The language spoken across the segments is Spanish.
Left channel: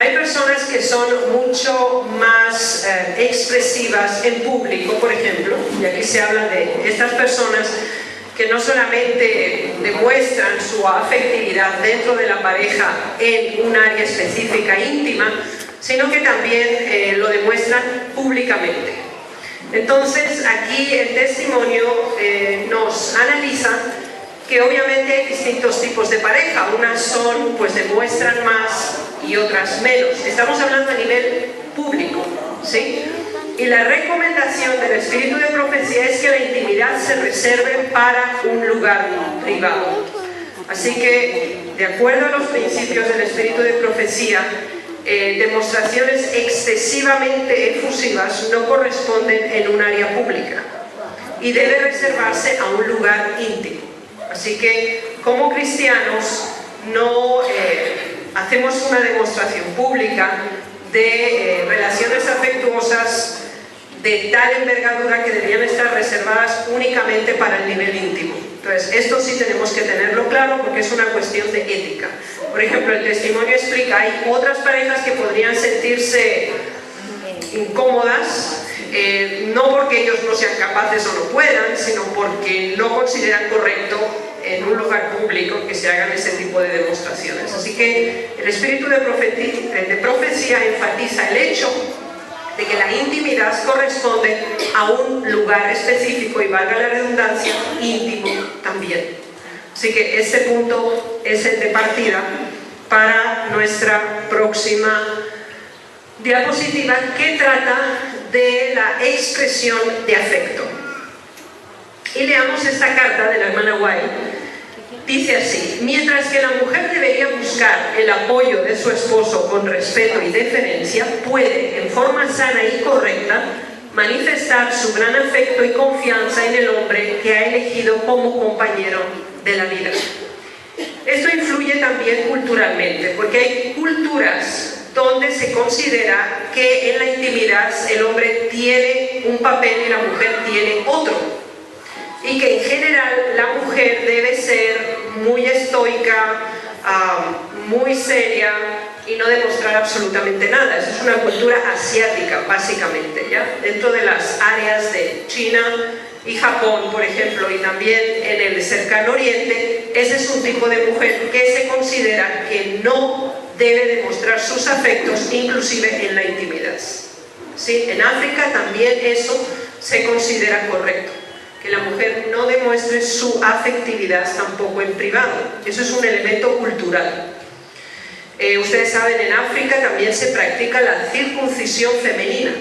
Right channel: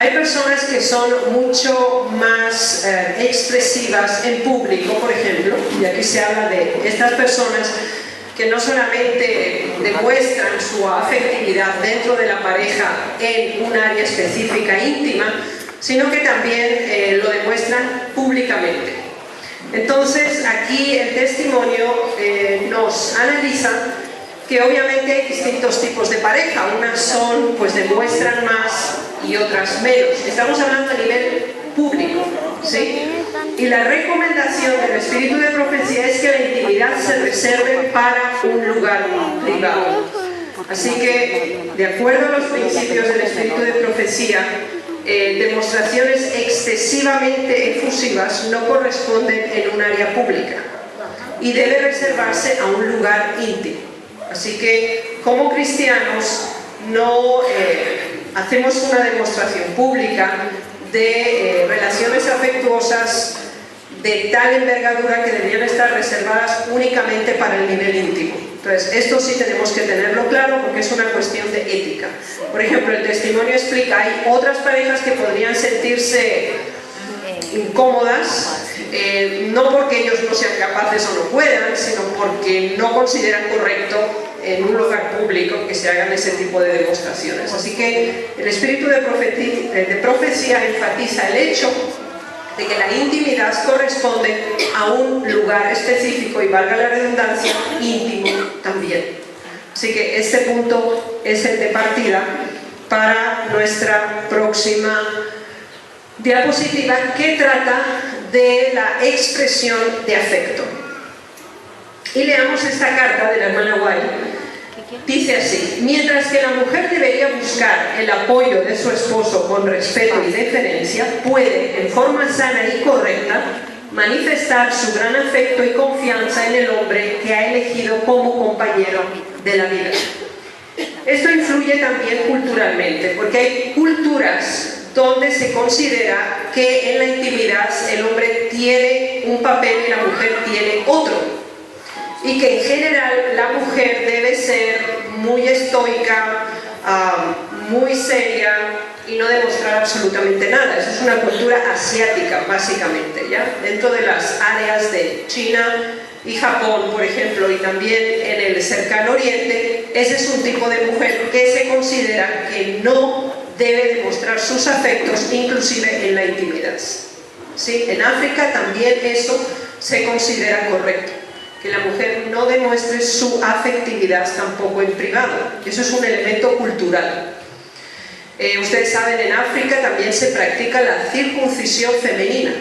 Hay personas que son mucho más expresivas en público, por ejemplo, y aquí se habla de estas personas que no solamente demuestran su afectividad dentro de la pareja en un área específica íntima, sino que también lo demuestran públicamente. Entonces, aquí el testimonio nos analiza que obviamente hay distintos tipos de pareja. Unas son, pues demuestran más y otras menos. Estamos hablando a nivel público, ¿sí? Y la recomendación del espíritu de profecía es que la intimidad se reserve para un lugar privado. Así que, de acuerdo a los principios del espíritu de profecía, demostraciones excesivamente efusivas no corresponden en un área pública y debe reservarse a un lugar íntimo. Así que, como cristianos, no hacemos una demostración pública de relaciones afectuosas de tal envergadura que deberían estar reservadas únicamente para el nivel íntimo. Entonces, esto sí tenemos que tenerlo claro porque es una cuestión de ética. Por ejemplo, el testimonio explica, hay otras parejas que podrían sentirse incómodas, no porque ellos no sean capaces o no puedan, sino porque no consideran correcto en un lugar público que se hagan ese tipo de demostraciones. Así que el espíritu de profecía enfatiza el hecho de que la intimidad corresponde a un lugar específico y, valga la redundancia, íntimo también. Así que este punto es el de partida para nuestra próxima diapositiva, que trata de la expresión de afecto. Y leamos esta carta de la hermana White. Dice así: mientras que la mujer debería buscar el apoyo de su esposo con respeto y deferencia, puede, en forma sana y correcta, manifestar su gran afecto y confianza en el hombre que ha elegido como compañero de la vida. Esto influye también culturalmente, porque hay culturas donde se considera que en la intimidad el hombre tiene un papel y la mujer tiene otro, y que en general la mujer debe ser muy estoica, muy seria y no demostrar absolutamente nada. Esa es una cultura asiática, básicamente, ¿ya? Dentro de las áreas de China y Japón, por ejemplo, y también en el cercano oriente, ese es un tipo de mujer que se considera que no debe demostrar sus afectos, inclusive en la intimidad. ¿Sí? En África también eso se considera correcto, que la mujer no demuestre su afectividad tampoco en privado. Eso es un elemento cultural. Ustedes saben, en África también se practica la circuncisión femenina.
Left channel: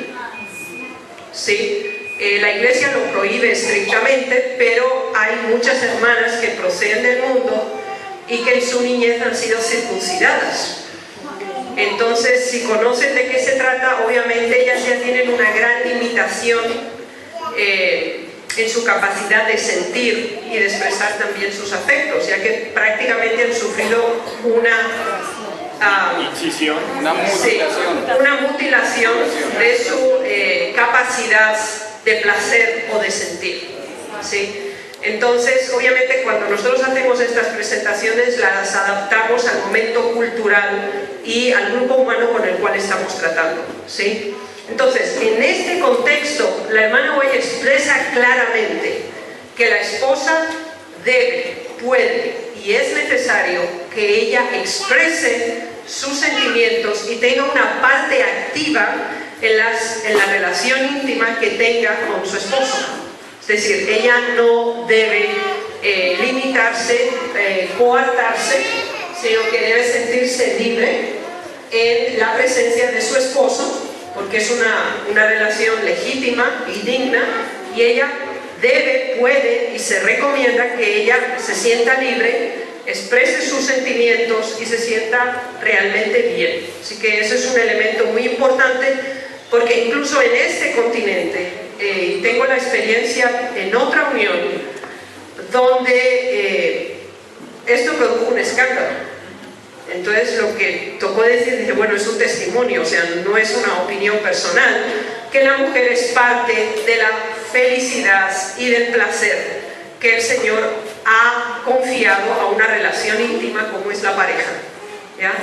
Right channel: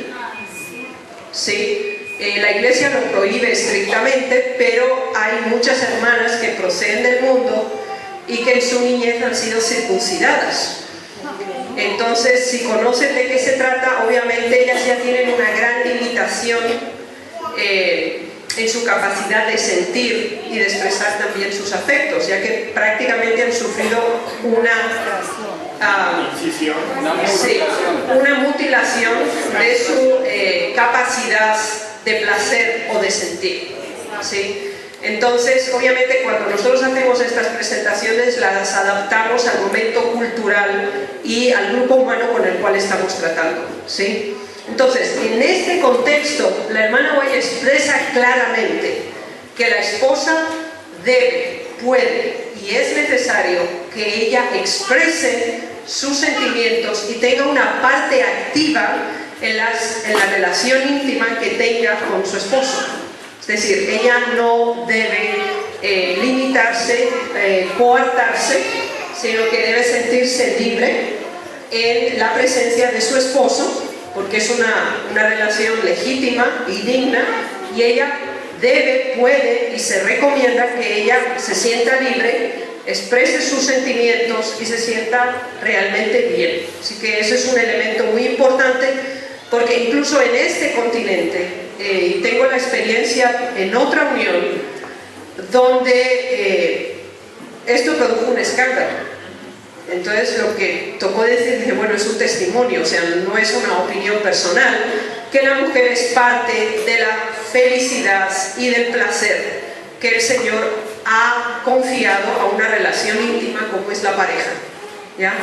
¿Sí? La iglesia lo prohíbe estrictamente, pero hay muchas hermanas que proceden del mundo y que en su niñez han sido circuncidadas. Entonces, si conocen de qué se trata, obviamente ellas ya tienen una gran limitación en su capacidad de sentir y de expresar también sus afectos, ya que prácticamente han sufrido una mutilación de su capacidad de placer o de sentir. ¿Sí? Entonces, obviamente, cuando nosotros hacemos estas presentaciones, las adaptamos al momento cultural y al grupo humano con el cual estamos tratando. ¿Sí? Entonces, en este contexto, la hermana White expresa claramente que la esposa debe, puede y es necesario que ella exprese sus sentimientos y tenga una parte activa en la relación íntima que tenga con su esposo. Es decir, ella no debe limitarse, coartarse, sino que debe sentirse libre en la presencia de su esposo, porque es una relación legítima y digna, y ella debe, puede y se recomienda que ella se sienta libre, exprese sus sentimientos y se sienta realmente bien. Así que ese es un elemento muy importante, porque incluso en este continente, y tengo la experiencia en otra unión, donde esto produjo un escándalo. Entonces lo que tocó decir, bueno, es un testimonio, o sea, no es una opinión personal, que la mujer es parte de la felicidad y del placer que el Señor ha confiado a una relación íntima como es la pareja, ¿ya?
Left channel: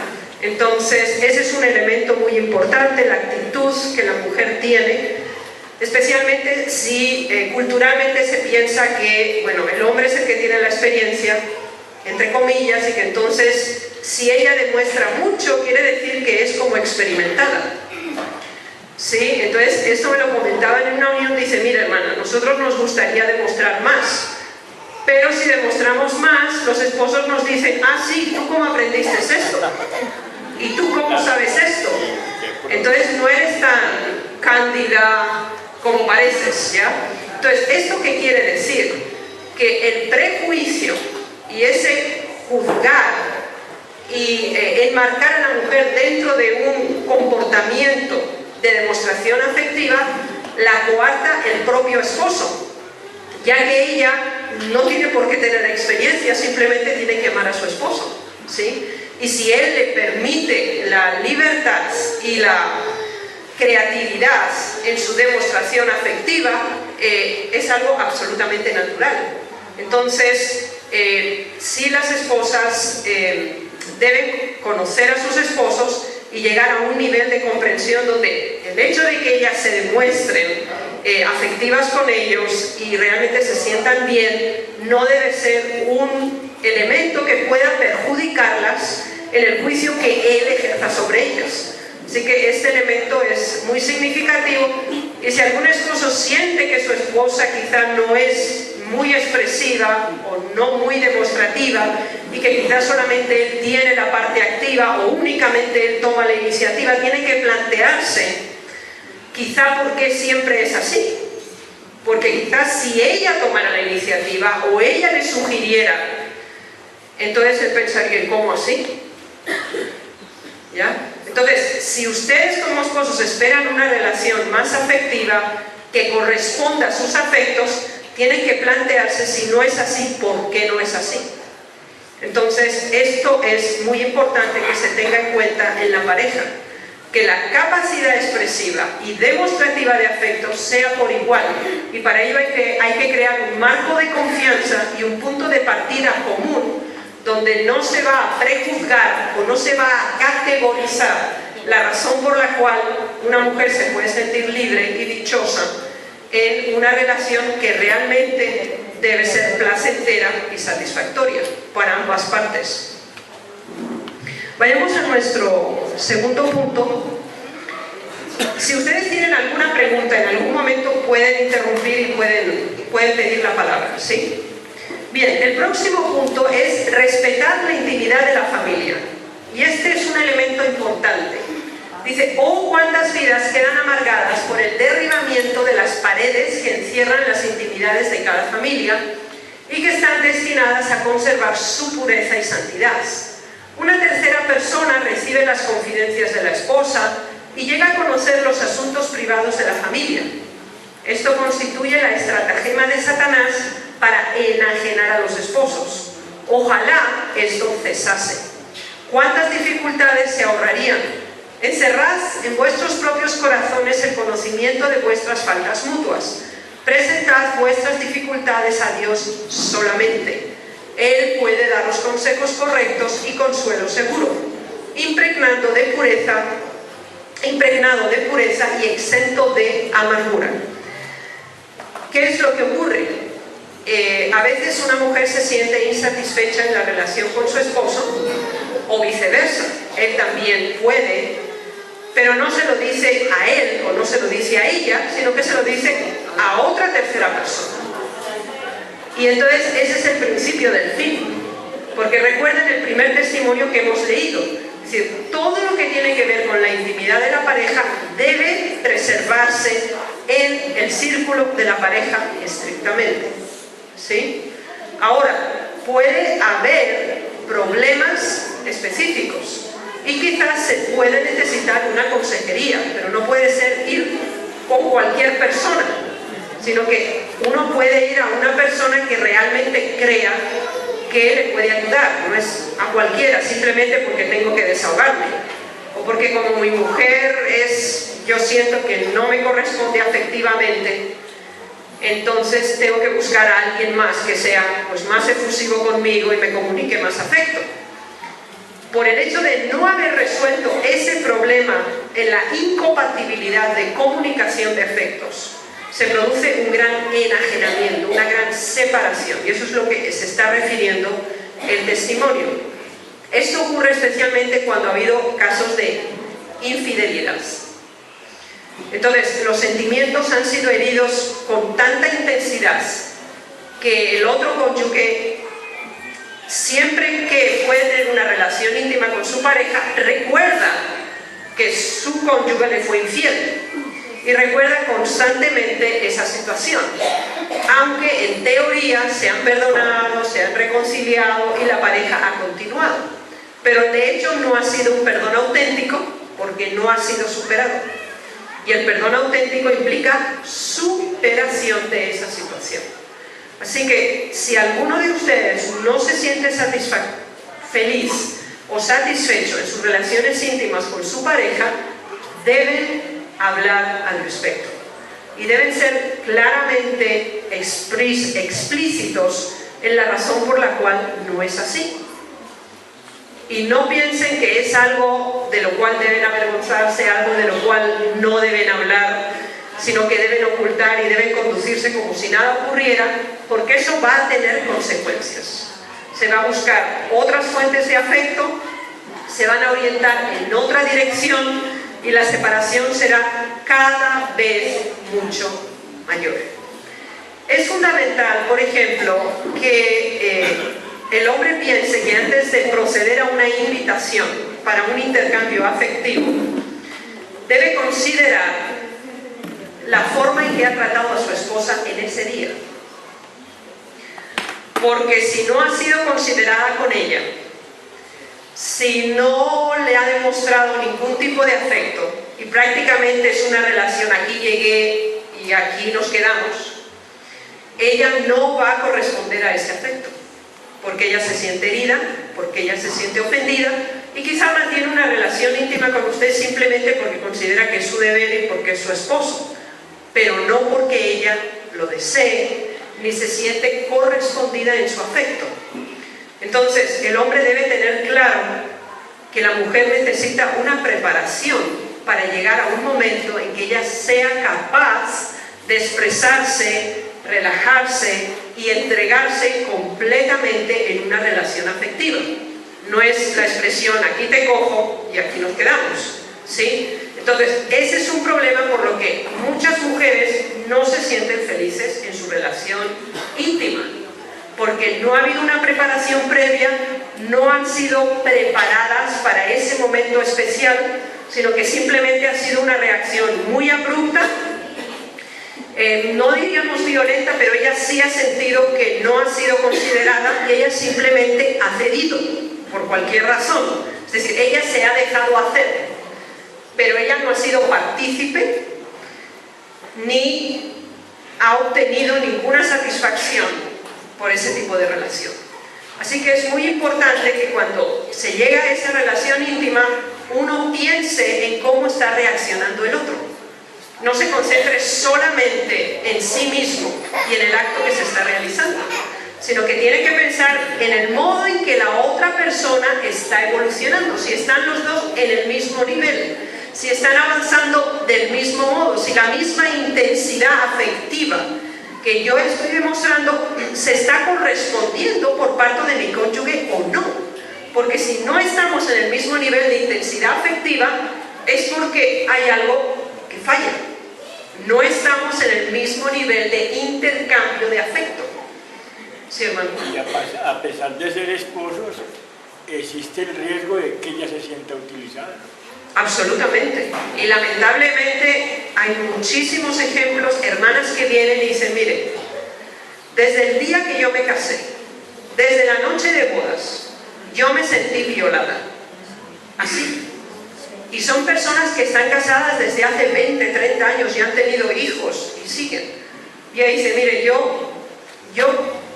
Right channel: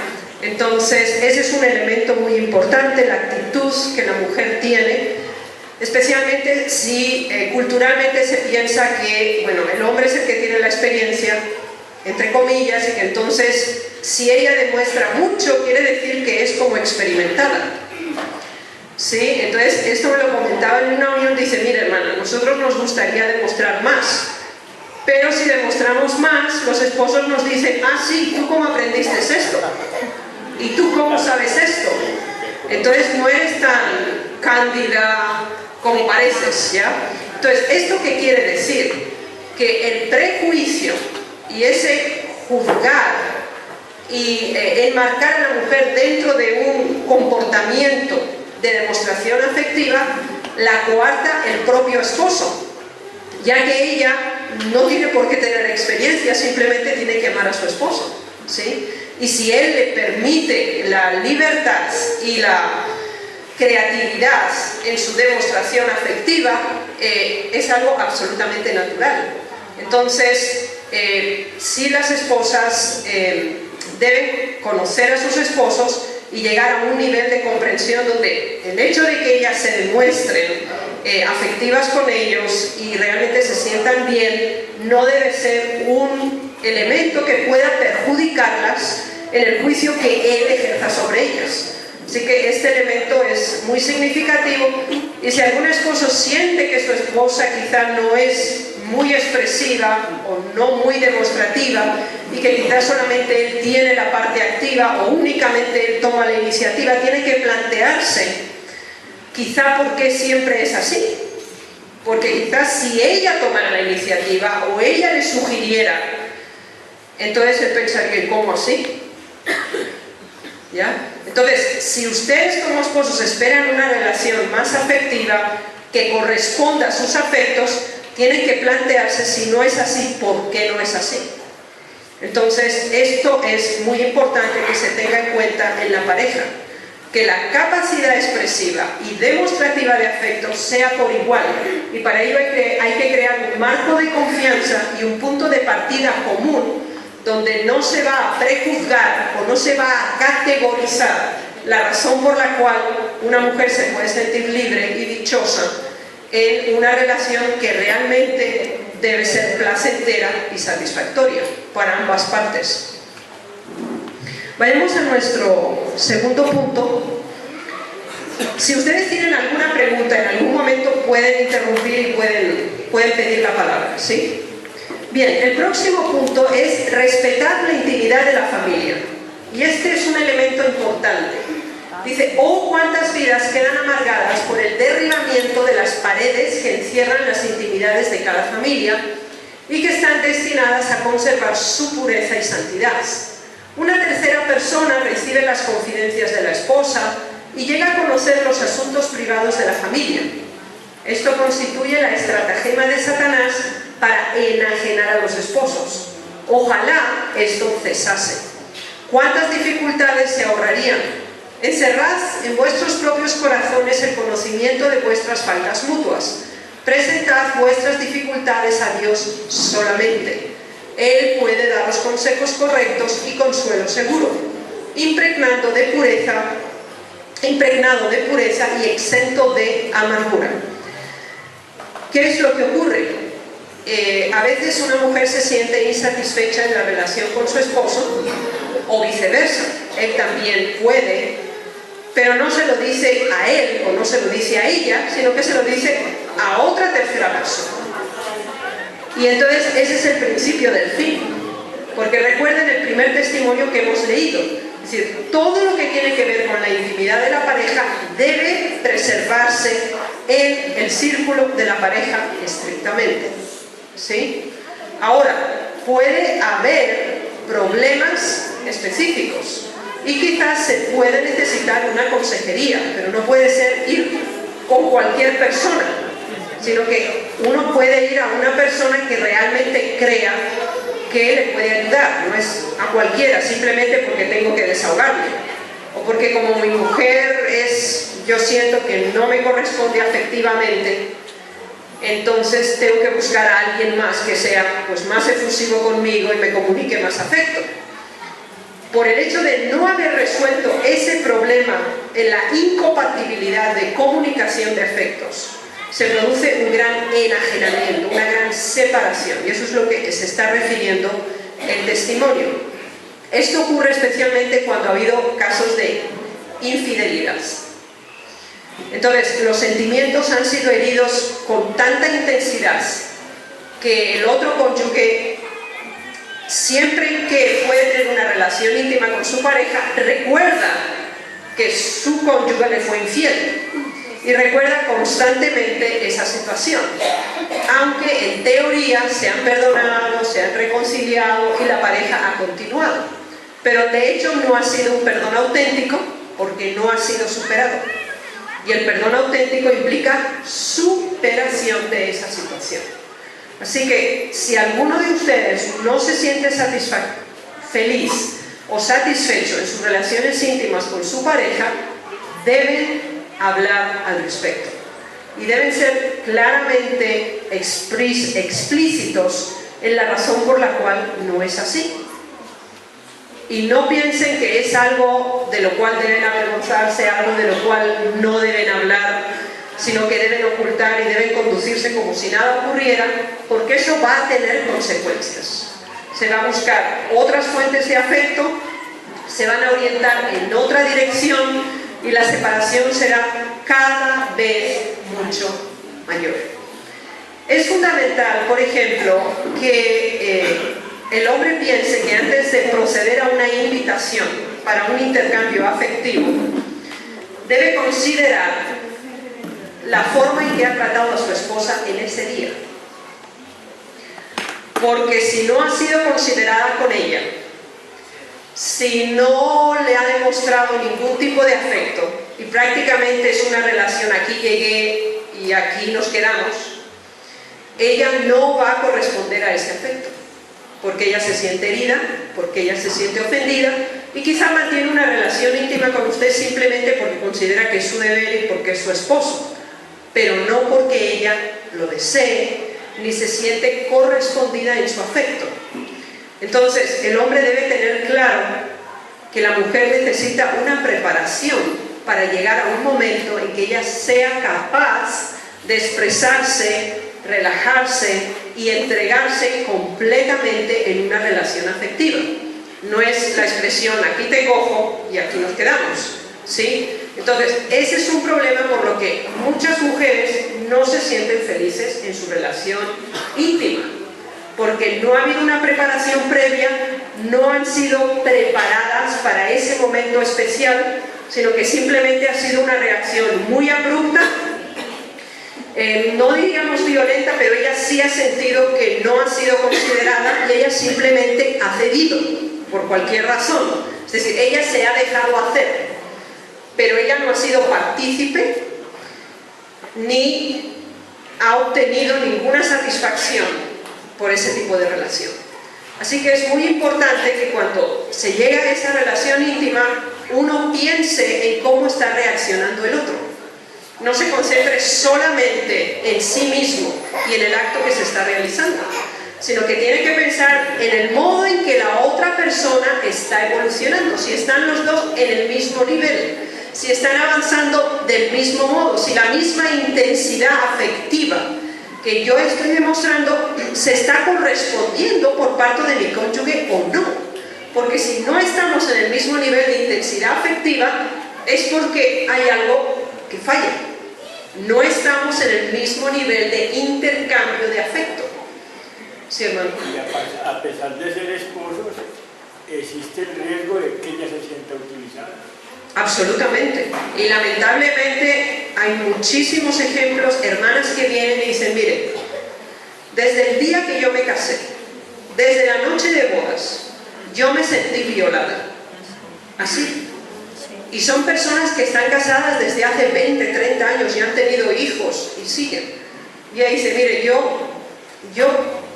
Entonces, ese es un elemento muy importante, la actitud que la mujer tiene, especialmente si culturalmente se piensa que, bueno, el hombre es el que tiene la experiencia, entre comillas, y que entonces, si ella demuestra mucho, quiere decir que es como experimentada. ¿Sí? Entonces, esto me lo comentaba en una reunión, dice, mira hermana, nosotros nos gustaría demostrar más, pero si demostramos más, los esposos nos dicen, ah, sí, ¿tú cómo aprendiste esto? ¿Y tú cómo sabes esto? Entonces no eres tan cándida como pareces, ¿ya? Entonces, ¿esto qué quiere decir? Que el prejuicio y ese juzgar y enmarcar a la mujer dentro de un comportamiento de demostración afectiva la coarta el propio esposo, ya que ella no tiene por qué tener experiencia, simplemente tiene que amar a su esposo, ¿sí? Y si él le permite la libertad y la creatividad en su demostración afectiva, es algo absolutamente natural. Entonces, si las esposas deben conocer a sus esposos y llegar a un nivel de comprensión donde el hecho de que ellas se demuestren afectivas con ellos y realmente se sientan bien, no debe ser un elemento que pueda perjudicarlas en el juicio que él ejerza sobre ellas. Así que este elemento es muy significativo, y si algún esposo siente que su esposa quizá no es muy expresiva o no muy demostrativa y que quizás solamente él tiene la parte activa o únicamente él toma la iniciativa, tiene que plantearse quizá por qué siempre es así. Porque quizás si ella tomara la iniciativa o ella le sugiriera, entonces él pensaría, ¿cómo así? ¿Ya? Entonces, si ustedes como esposos esperan una relación más afectiva que corresponda a sus afectos, tienen que plantearse si no es así, ¿por qué no es así? Entonces, esto es muy importante que se tenga en cuenta en la pareja, que la capacidad expresiva y demostrativa de afecto sea por igual, y para ello hay que crear un marco de confianza y un punto de partida común donde no se va a prejuzgar o no se va a categorizar la razón por la cual una mujer se puede sentir libre y dichosa en una relación que realmente debe ser placentera y satisfactoria para ambas partes. Vayamos a nuestro segundo punto. Si ustedes tienen alguna pregunta, en algún momento pueden interrumpir y pueden pedir la palabra, ¿sí? Bien, el próximo punto es respetar la intimidad de la familia. Y este es un elemento importante. Dice, oh, cuántas vidas quedan amargadas por el derribamiento de las paredes que encierran las intimidades de cada familia y que están destinadas a conservar su pureza y santidad. Una tercera persona recibe las confidencias de la esposa y llega a conocer los asuntos privados de la familia. Esto constituye la estratagema de Satanás para enajenar a los esposos. Ojalá esto cesase. ¿Cuántas dificultades se ahorrarían? Encerrad en vuestros propios corazones el conocimiento de vuestras faltas mutuas. Presentad vuestras dificultades a Dios solamente. Él puede daros consejos correctos y consuelo seguro, impregnado de pureza y exento de amargura. ¿Qué es lo que ocurre? A veces una mujer se siente insatisfecha en la relación con su esposo, o viceversa. Él también puede, pero no se lo dice a él o no se lo dice a ella, sino que se lo dice a otra tercera persona. Y entonces ese es el principio del fin, porque recuerden el primer testimonio que hemos leído. Es decir, todo lo que tiene que ver con la intimidad de la pareja debe preservarse en el círculo de la pareja estrictamente, ¿sí? Ahora, puede haber problemas específicos y quizás se puede necesitar una consejería, pero no puede ser ir con cualquier persona, sino que uno puede ir a una persona que realmente crea que le puede ayudar, no es a cualquiera simplemente porque tengo que desahogarme o porque como mi mujer yo siento que no me corresponde afectivamente, entonces tengo que buscar a alguien más que sea pues más efusivo conmigo y me comunique más afecto. por el hecho de no haber resuelto ese problema en la incompatibilidad de comunicación de afectos, se produce un gran enajenamiento, una gran separación, y eso es lo que se está refiriendo el testimonio. Esto ocurre especialmente cuando ha habido casos de infidelidad. Entonces, los sentimientos han sido heridos con tanta intensidad que el otro cónyuge, siempre que puede tener una relación íntima con su pareja, recuerda que su cónyuge le fue infiel y recuerda constantemente esa situación, aunque en teoría se han perdonado, se han reconciliado y la pareja ha continuado, pero de hecho no ha sido un perdón auténtico porque no ha sido superado, y el perdón auténtico implica superación de esa situación. Así que si alguno de ustedes no se siente feliz o satisfecho en sus relaciones íntimas con su pareja, deben hablar al respecto y deben ser claramente explícitos en la razón por la cual no es así. Y no piensen que es algo de lo cual deben avergonzarse, algo de lo cual no deben hablar, sino que deben ocultar y deben conducirse como si nada ocurriera, porque eso va a tener consecuencias. Se va a buscar otras fuentes de afecto, se van a orientar en otra dirección y la separación será cada vez mucho mayor. Es fundamental, por ejemplo, que el hombre piense que antes de proceder a una invitación para un intercambio afectivo, debe considerar la forma en que ha tratado a su esposa en ese día. Porque si no ha sido considerada con ella, si no le ha demostrado ningún tipo de afecto y prácticamente es una relación aquí llegué y aquí nos quedamos, ella no va a corresponder a ese afecto, porque ella se siente herida, porque ella se siente ofendida y quizá mantiene una relación íntima con usted simplemente porque considera que es su deber y porque es su esposo, pero no porque ella lo desee ni se siente correspondida en su afecto. Entonces, el hombre debe tener claro que la mujer necesita una preparación para llegar a un momento en que ella sea capaz de expresarse, relajarse y entregarse completamente en una relación afectiva. No es la expresión aquí te cojo y aquí nos quedamos, ¿sí? Entonces, ese es un problema por lo que muchas mujeres no se sienten felices en su relación íntima, porque no ha habido una preparación previa, no han sido preparadas para ese momento especial, sino que simplemente ha sido una reacción muy abrupta, no diríamos violenta, pero ella sí ha sentido que no ha sido considerada y ella simplemente ha cedido por cualquier razón. Es decir, ella se ha dejado hacer, pero ella no ha sido partícipe ni ha obtenido ninguna satisfacción por ese tipo de relación. Así que es muy importante que cuando se llega a esa relación íntima uno piense en cómo está reaccionando el otro. No se concentre solamente en sí mismo y en el acto que se está realizando, sino que tiene que pensar en el modo en que la otra persona está evolucionando, si están los dos en el mismo nivel, si están avanzando del mismo modo, si la misma intensidad afectiva que yo estoy demostrando se está correspondiendo por parte de mi cónyuge o no. Porque si no estamos en el mismo nivel de intensidad afectiva es porque hay algo que falla. No estamos en el mismo nivel de intercambio de afecto. Sí, hermano. Y a pesar de ser esposos, existe el riesgo de que ella se sienta utilizada. Absolutamente. Y lamentablemente hay muchísimos ejemplos, hermanas que vienen y dicen, mire, desde el día que yo me casé, desde la noche de bodas, yo me sentí violada. Así. Y son personas que están casadas desde hace 20, 30 años y han tenido hijos y siguen. Y ella dice, mire, yo,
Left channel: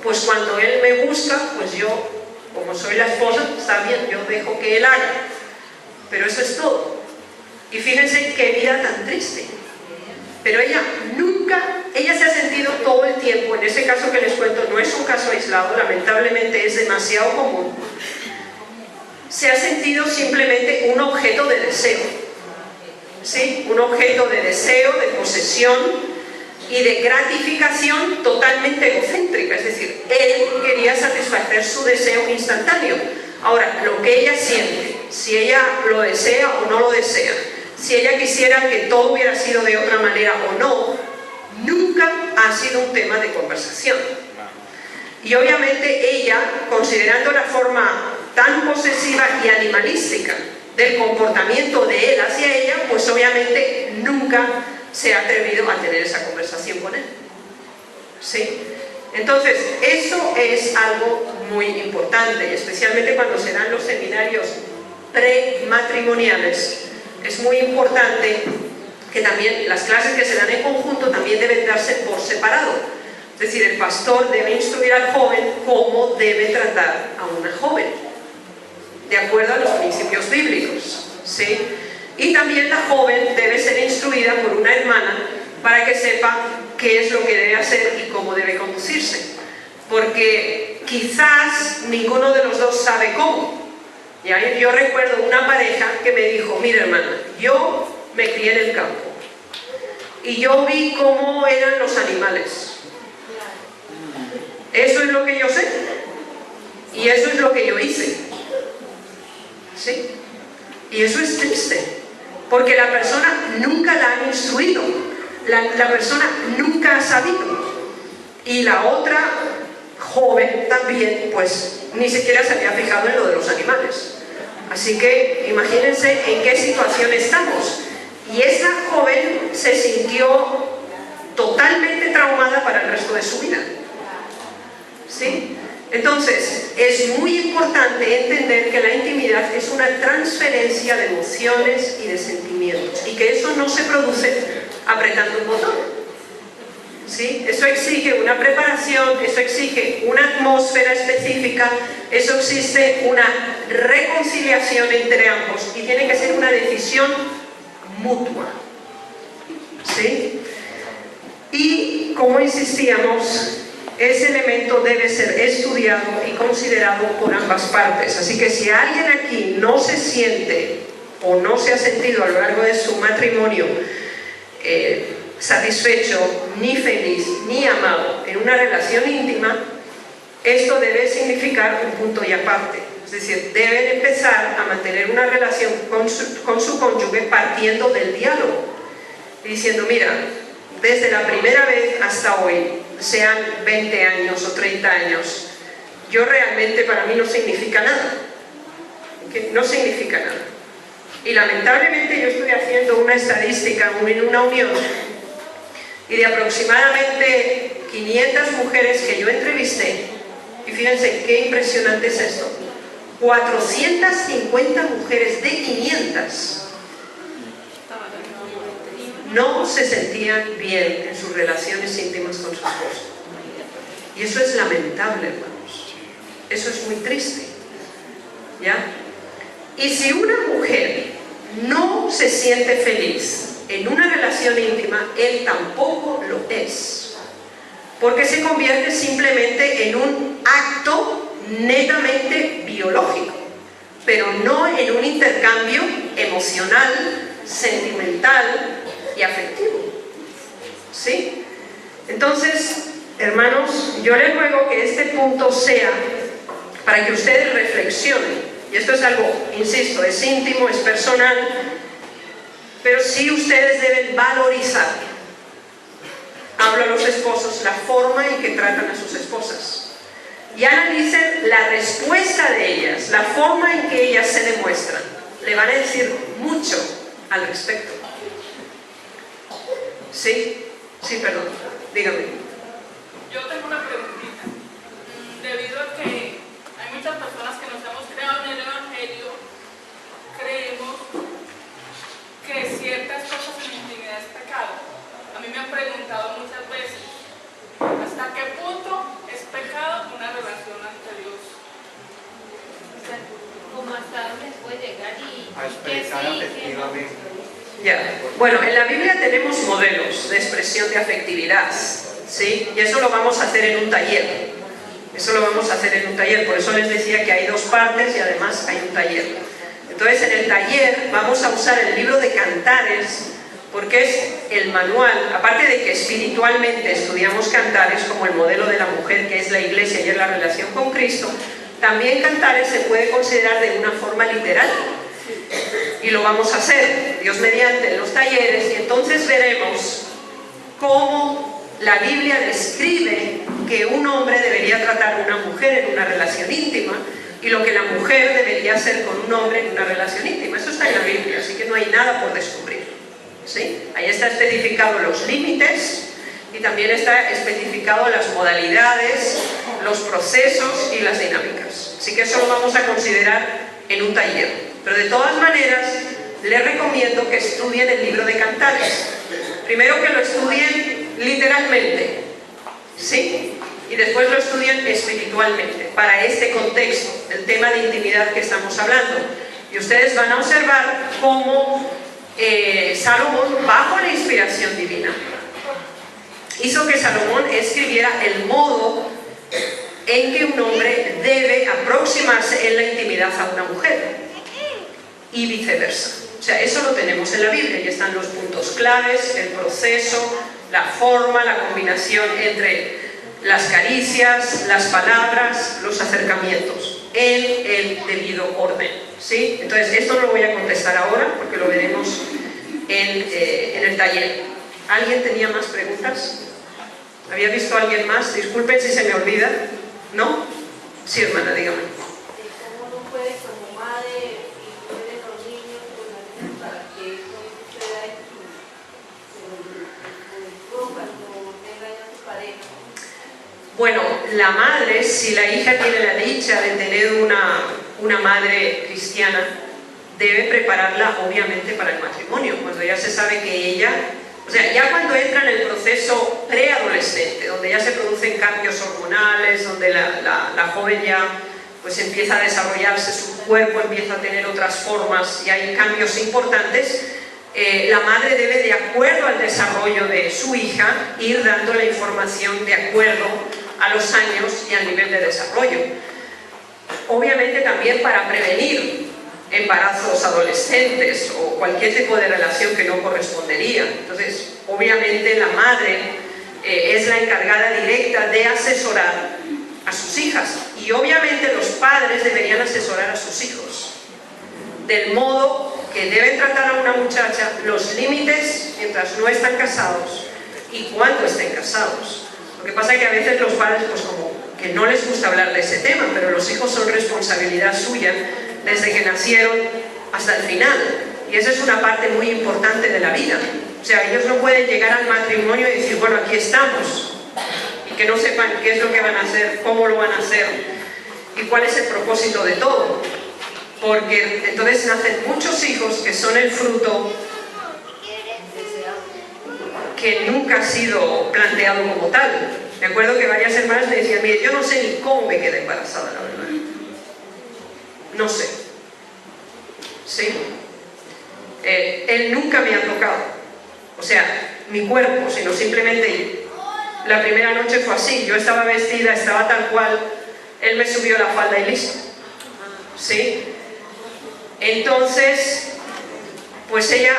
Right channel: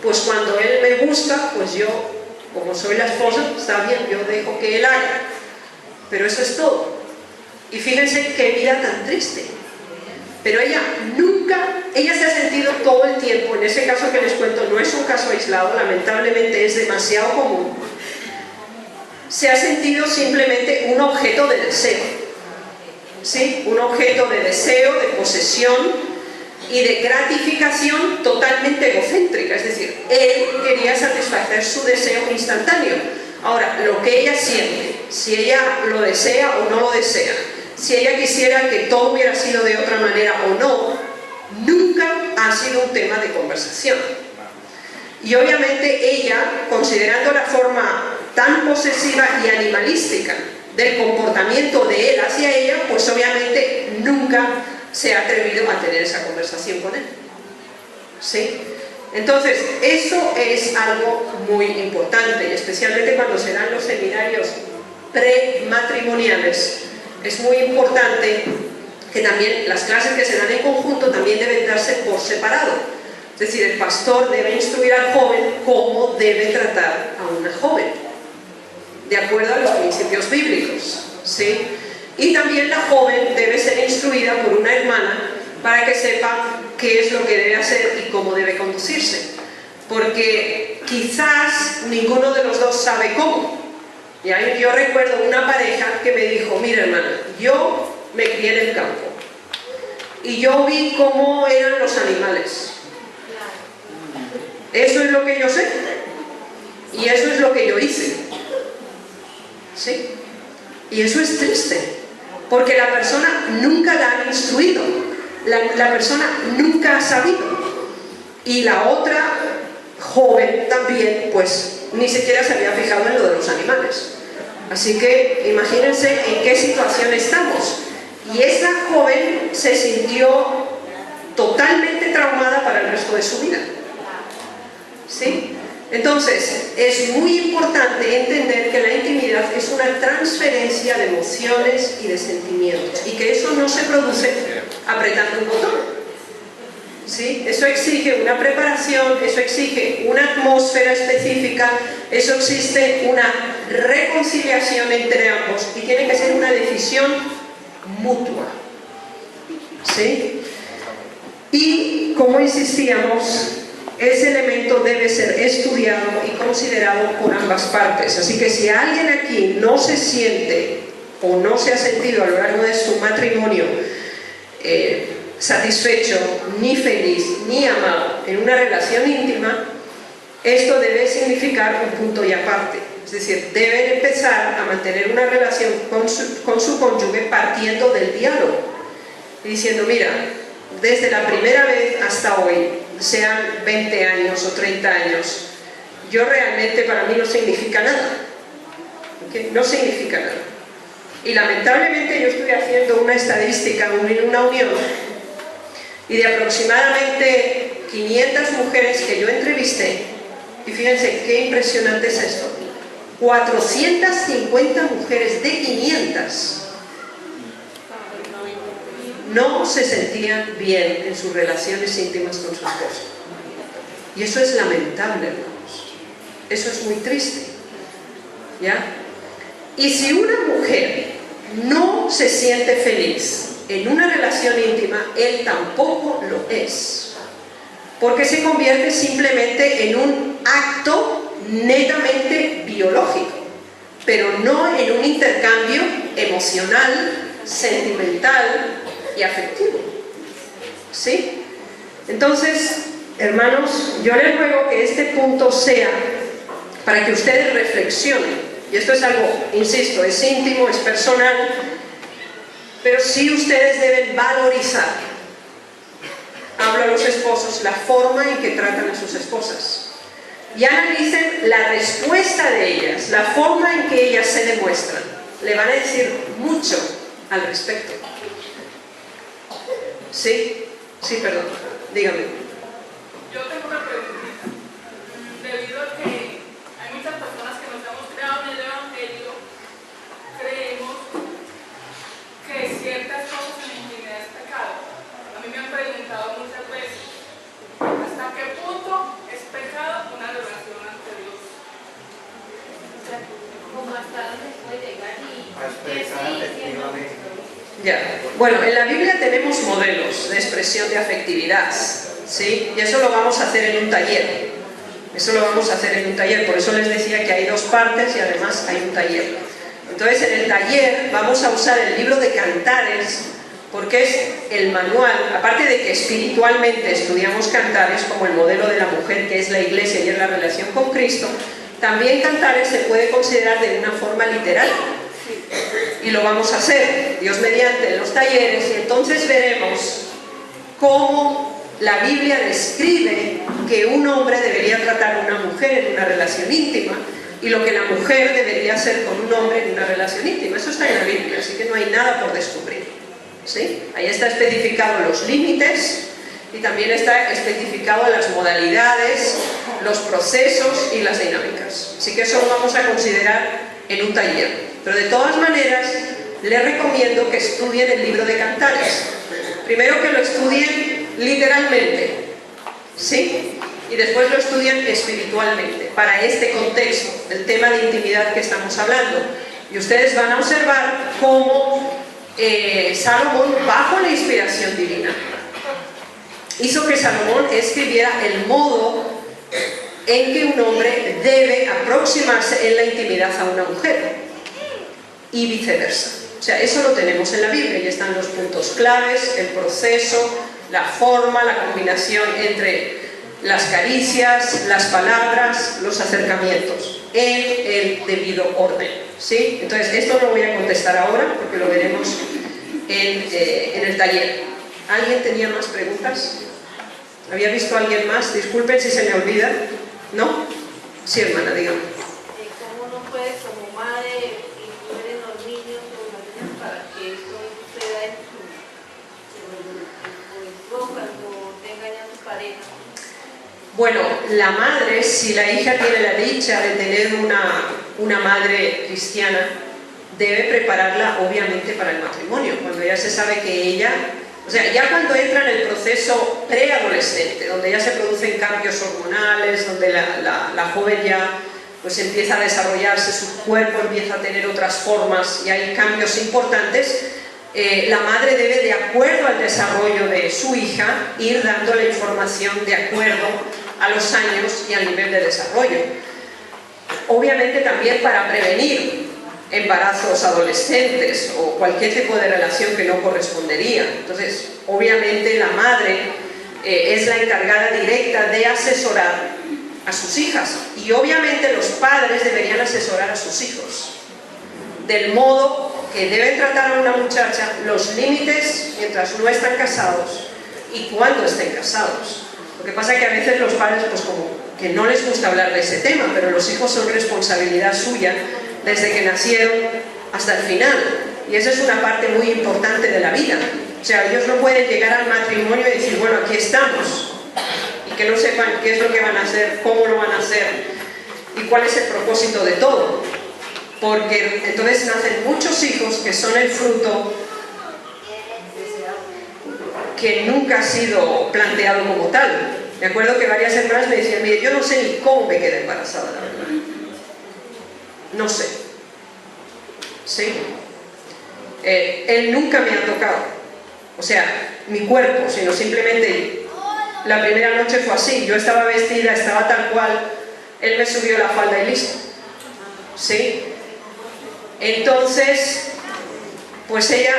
pues cuando él me busca, pues yo, como soy la esposa, está bien, yo dejo que él haga. Pero eso es todo. Y fíjense qué vida tan triste. Pero ella nunca, ella se ha sentido todo el tiempo, en ese caso que les cuento, no es un caso aislado, lamentablemente es demasiado común, se ha sentido simplemente un objeto de deseo, ¿sí? Un objeto de deseo, de posesión y de gratificación totalmente egocéntrica, es decir, él quería satisfacer su deseo instantáneo. Ahora, lo que ella siente, si ella lo desea o no lo desea, si ella quisiera que todo hubiera sido de otra manera o no, nunca ha sido un tema de conversación. Y obviamente ella, considerando la forma tan posesiva y animalística del comportamiento de él hacia ella, pues obviamente nunca se ha atrevido a tener esa conversación con él. ¿Sí? Entonces, eso es algo muy importante, especialmente cuando se dan los seminarios prematrimoniales. Es muy importante que también las clases que se dan en conjunto también deben darse por separado. Es decir, el pastor debe instruir al joven cómo debe tratar a una joven, de acuerdo a los principios bíblicos, ¿sí? Y también la joven debe ser instruida por una hermana para que sepa qué es lo que debe hacer y cómo debe conducirse. Porque quizás ninguno de los dos sabe cómo. ¿Ya? Yo recuerdo una pareja que me dijo, mira hermana, yo me crié en el campo y yo vi cómo eran los animales. Eso es lo que yo sé y eso es lo que yo hice. ¿Sí? Y eso es triste, porque la persona nunca la ha instruido, la persona nunca ha sabido, y la otra joven también pues ni siquiera se había fijado en lo de los animales. Así que imagínense en qué situación estamos. Y esa joven se sintió totalmente traumada para el resto de su vida. ¿Sí? Entonces, es muy importante entender que la intimidad es una transferencia de emociones y de sentimientos, y que eso no se produce apretando un botón. ¿Sí? Eso exige una preparación, eso exige una atmósfera específica, eso exige una reconciliación entre ambos, y tiene que ser una decisión mutua. ¿Sí? Y, como insistíamos, ese elemento debe ser estudiado y considerado por ambas partes. Así que si alguien aquí no se siente o no se ha sentido a lo largo de su matrimonio satisfecho, ni feliz, ni amado en una relación íntima, esto debe significar un punto y aparte. Es decir, deben empezar a mantener una relación con su cónyuge partiendo del diálogo, diciendo, mira, desde la primera vez hasta hoy, sean 20 años o 30 años, yo realmente, para mí no significa nada. ¿Okay? No significa nada. Y lamentablemente yo estoy haciendo una estadística en una unión, y de aproximadamente 500 mujeres que yo entrevisté, y fíjense qué impresionante es esto, 450 mujeres de 500 no se sentían bien en sus relaciones íntimas con su esposo. Y eso es lamentable, hermanos. Eso es muy triste. ¿Ya? Y si una mujer no se siente feliz en una relación íntima, él tampoco lo es. Porque se convierte simplemente en un acto netamente biológico, pero no en un intercambio emocional, sentimental y afectivo. ¿Sí? Entonces, hermanos, yo les ruego que este punto sea para que ustedes reflexionen. Y esto es algo, insisto, es íntimo, es personal, pero sí ustedes deben valorizar, hablo a los esposos, la forma en que tratan a sus esposas. Y analicen la respuesta de ellas, la forma en que ellas se demuestran. Le van a decir mucho al respecto. ¿Sí? Sí, perdón. Dígame. Yo tengo una preguntita. Debido a que hay muchas personas que nos hemos creado en el Evangelio, creemos que ciertas cosas en la intimidad es pecado. A mí me han preguntado muchas veces, ¿hasta qué punto es pecado una relación ante Dios? O sea, como hasta dónde puede llegar y que expresar sí, afectivamente. Ya. Bueno, en la Biblia tenemos modelos de expresión de afectividad, ¿sí? Y eso lo vamos a hacer en un taller. Eso lo vamos a hacer en un taller, por eso les decía que hay dos partes y además hay un taller. Entonces en el taller vamos a usar el libro de Cantares, porque es el manual, aparte de que espiritualmente estudiamos Cantares como el modelo de la mujer que es la iglesia y es la relación con Cristo, también Cantares se puede considerar de una forma literal. Y lo vamos a hacer, Dios mediante, en los talleres. Entonces veremos cómo la Biblia describe que un hombre debería tratar a una mujer en una relación íntima y lo que la mujer debería hacer con un hombre en una relación íntima. Eso está en la Biblia, así que no hay nada por descubrir, ¿sí? Ahí está especificado los límites y también está especificado las modalidades, los procesos y las dinámicas. Así que eso lo vamos a considerar en un taller. Pero de todas maneras, les recomiendo que estudien el libro de Cantares. Primero que lo estudien literalmente, ¿sí? Y después lo estudien espiritualmente, para este contexto del tema de intimidad que estamos hablando. Y ustedes van a observar cómo Salomón, bajo la inspiración divina, hizo que Salomón escribiera el modo en que un hombre debe aproximarse en la intimidad a una mujer y viceversa. O sea, eso lo tenemos en la Biblia y están los puntos claves, el proceso, la forma, la combinación entre las caricias, las palabras, los acercamientos en el debido orden, ¿sí? Entonces esto lo voy a contestar ahora porque lo veremos en el taller. ¿Alguien tenía más preguntas? ¿Había visto a alguien más? Disculpen si se me olvida. ¿No? Sí, hermana, dígame. ¿Cómo uno puede como madre incluir en los niños o las niñas para que esto suceda en su cuando tenga ya su pareja? Bueno, la madre, si la hija tiene la dicha de tener una madre cristiana, debe prepararla obviamente para el matrimonio, cuando ya se sabe que ella, o sea, ya cuando entra en el proceso preadolescente, donde ya se producen cambios hormonales, donde la joven ya pues empieza a desarrollarse, su cuerpo empieza a tener otras formas y hay cambios importantes, la madre debe, de acuerdo al desarrollo de su hija, ir dando la información de acuerdo a los años y al nivel de desarrollo. Obviamente también para prevenir embarazos adolescentes o cualquier tipo de relación que no correspondería. Entonces, obviamente la madre es la encargada directa de asesorar a sus hijas y obviamente los padres deberían asesorar a sus hijos del modo que deben tratar a una muchacha, los límites mientras no están casados y cuando estén casados. Lo que pasa es que a veces los padres pues como que no les gusta hablar de ese tema, pero los hijos son responsabilidad suya desde que nacieron hasta el final y esa es una parte muy importante de la vida. O sea, ellos no pueden llegar al matrimonio y decir, bueno, aquí estamos y que no sepan qué es lo que van a hacer, cómo lo van a hacer y cuál es el propósito de todo, porque entonces nacen muchos hijos que son el fruto que nunca ha sido planteado como tal. Me acuerdo que varias hermanas me decían, mire, yo no sé ni cómo me quedé embarazada, la verdad. No sé. Sí. Él nunca me ha tocado. O sea, mi cuerpo, sino simplemente la primera noche fue así. Yo estaba vestida, estaba tal cual. Él me subió la falda y listo. ¿Sí? Entonces, pues ella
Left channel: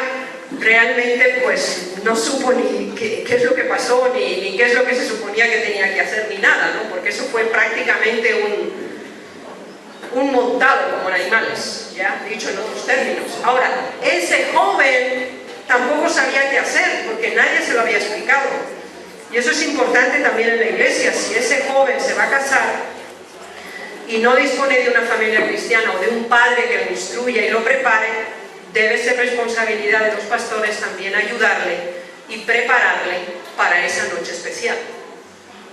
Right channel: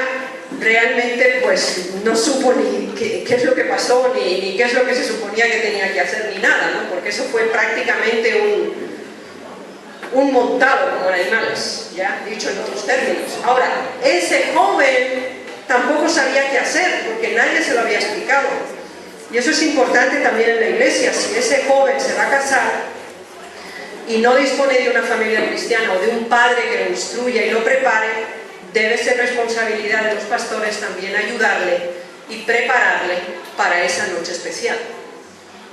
realmente pues no supo ni qué es lo que pasó, ni qué es lo que se suponía que tenía que hacer, ni nada, ¿no? Porque eso fue prácticamente un montado como en animales, ya dicho en otros términos. Ahora, ese joven tampoco sabía qué hacer, porque nadie se lo había explicado. Y eso es importante también en la iglesia. Si ese joven se va a casar y no dispone de una familia cristiana o de un padre que lo instruya y lo prepare, debe ser responsabilidad de los pastores también ayudarle y prepararle para esa noche especial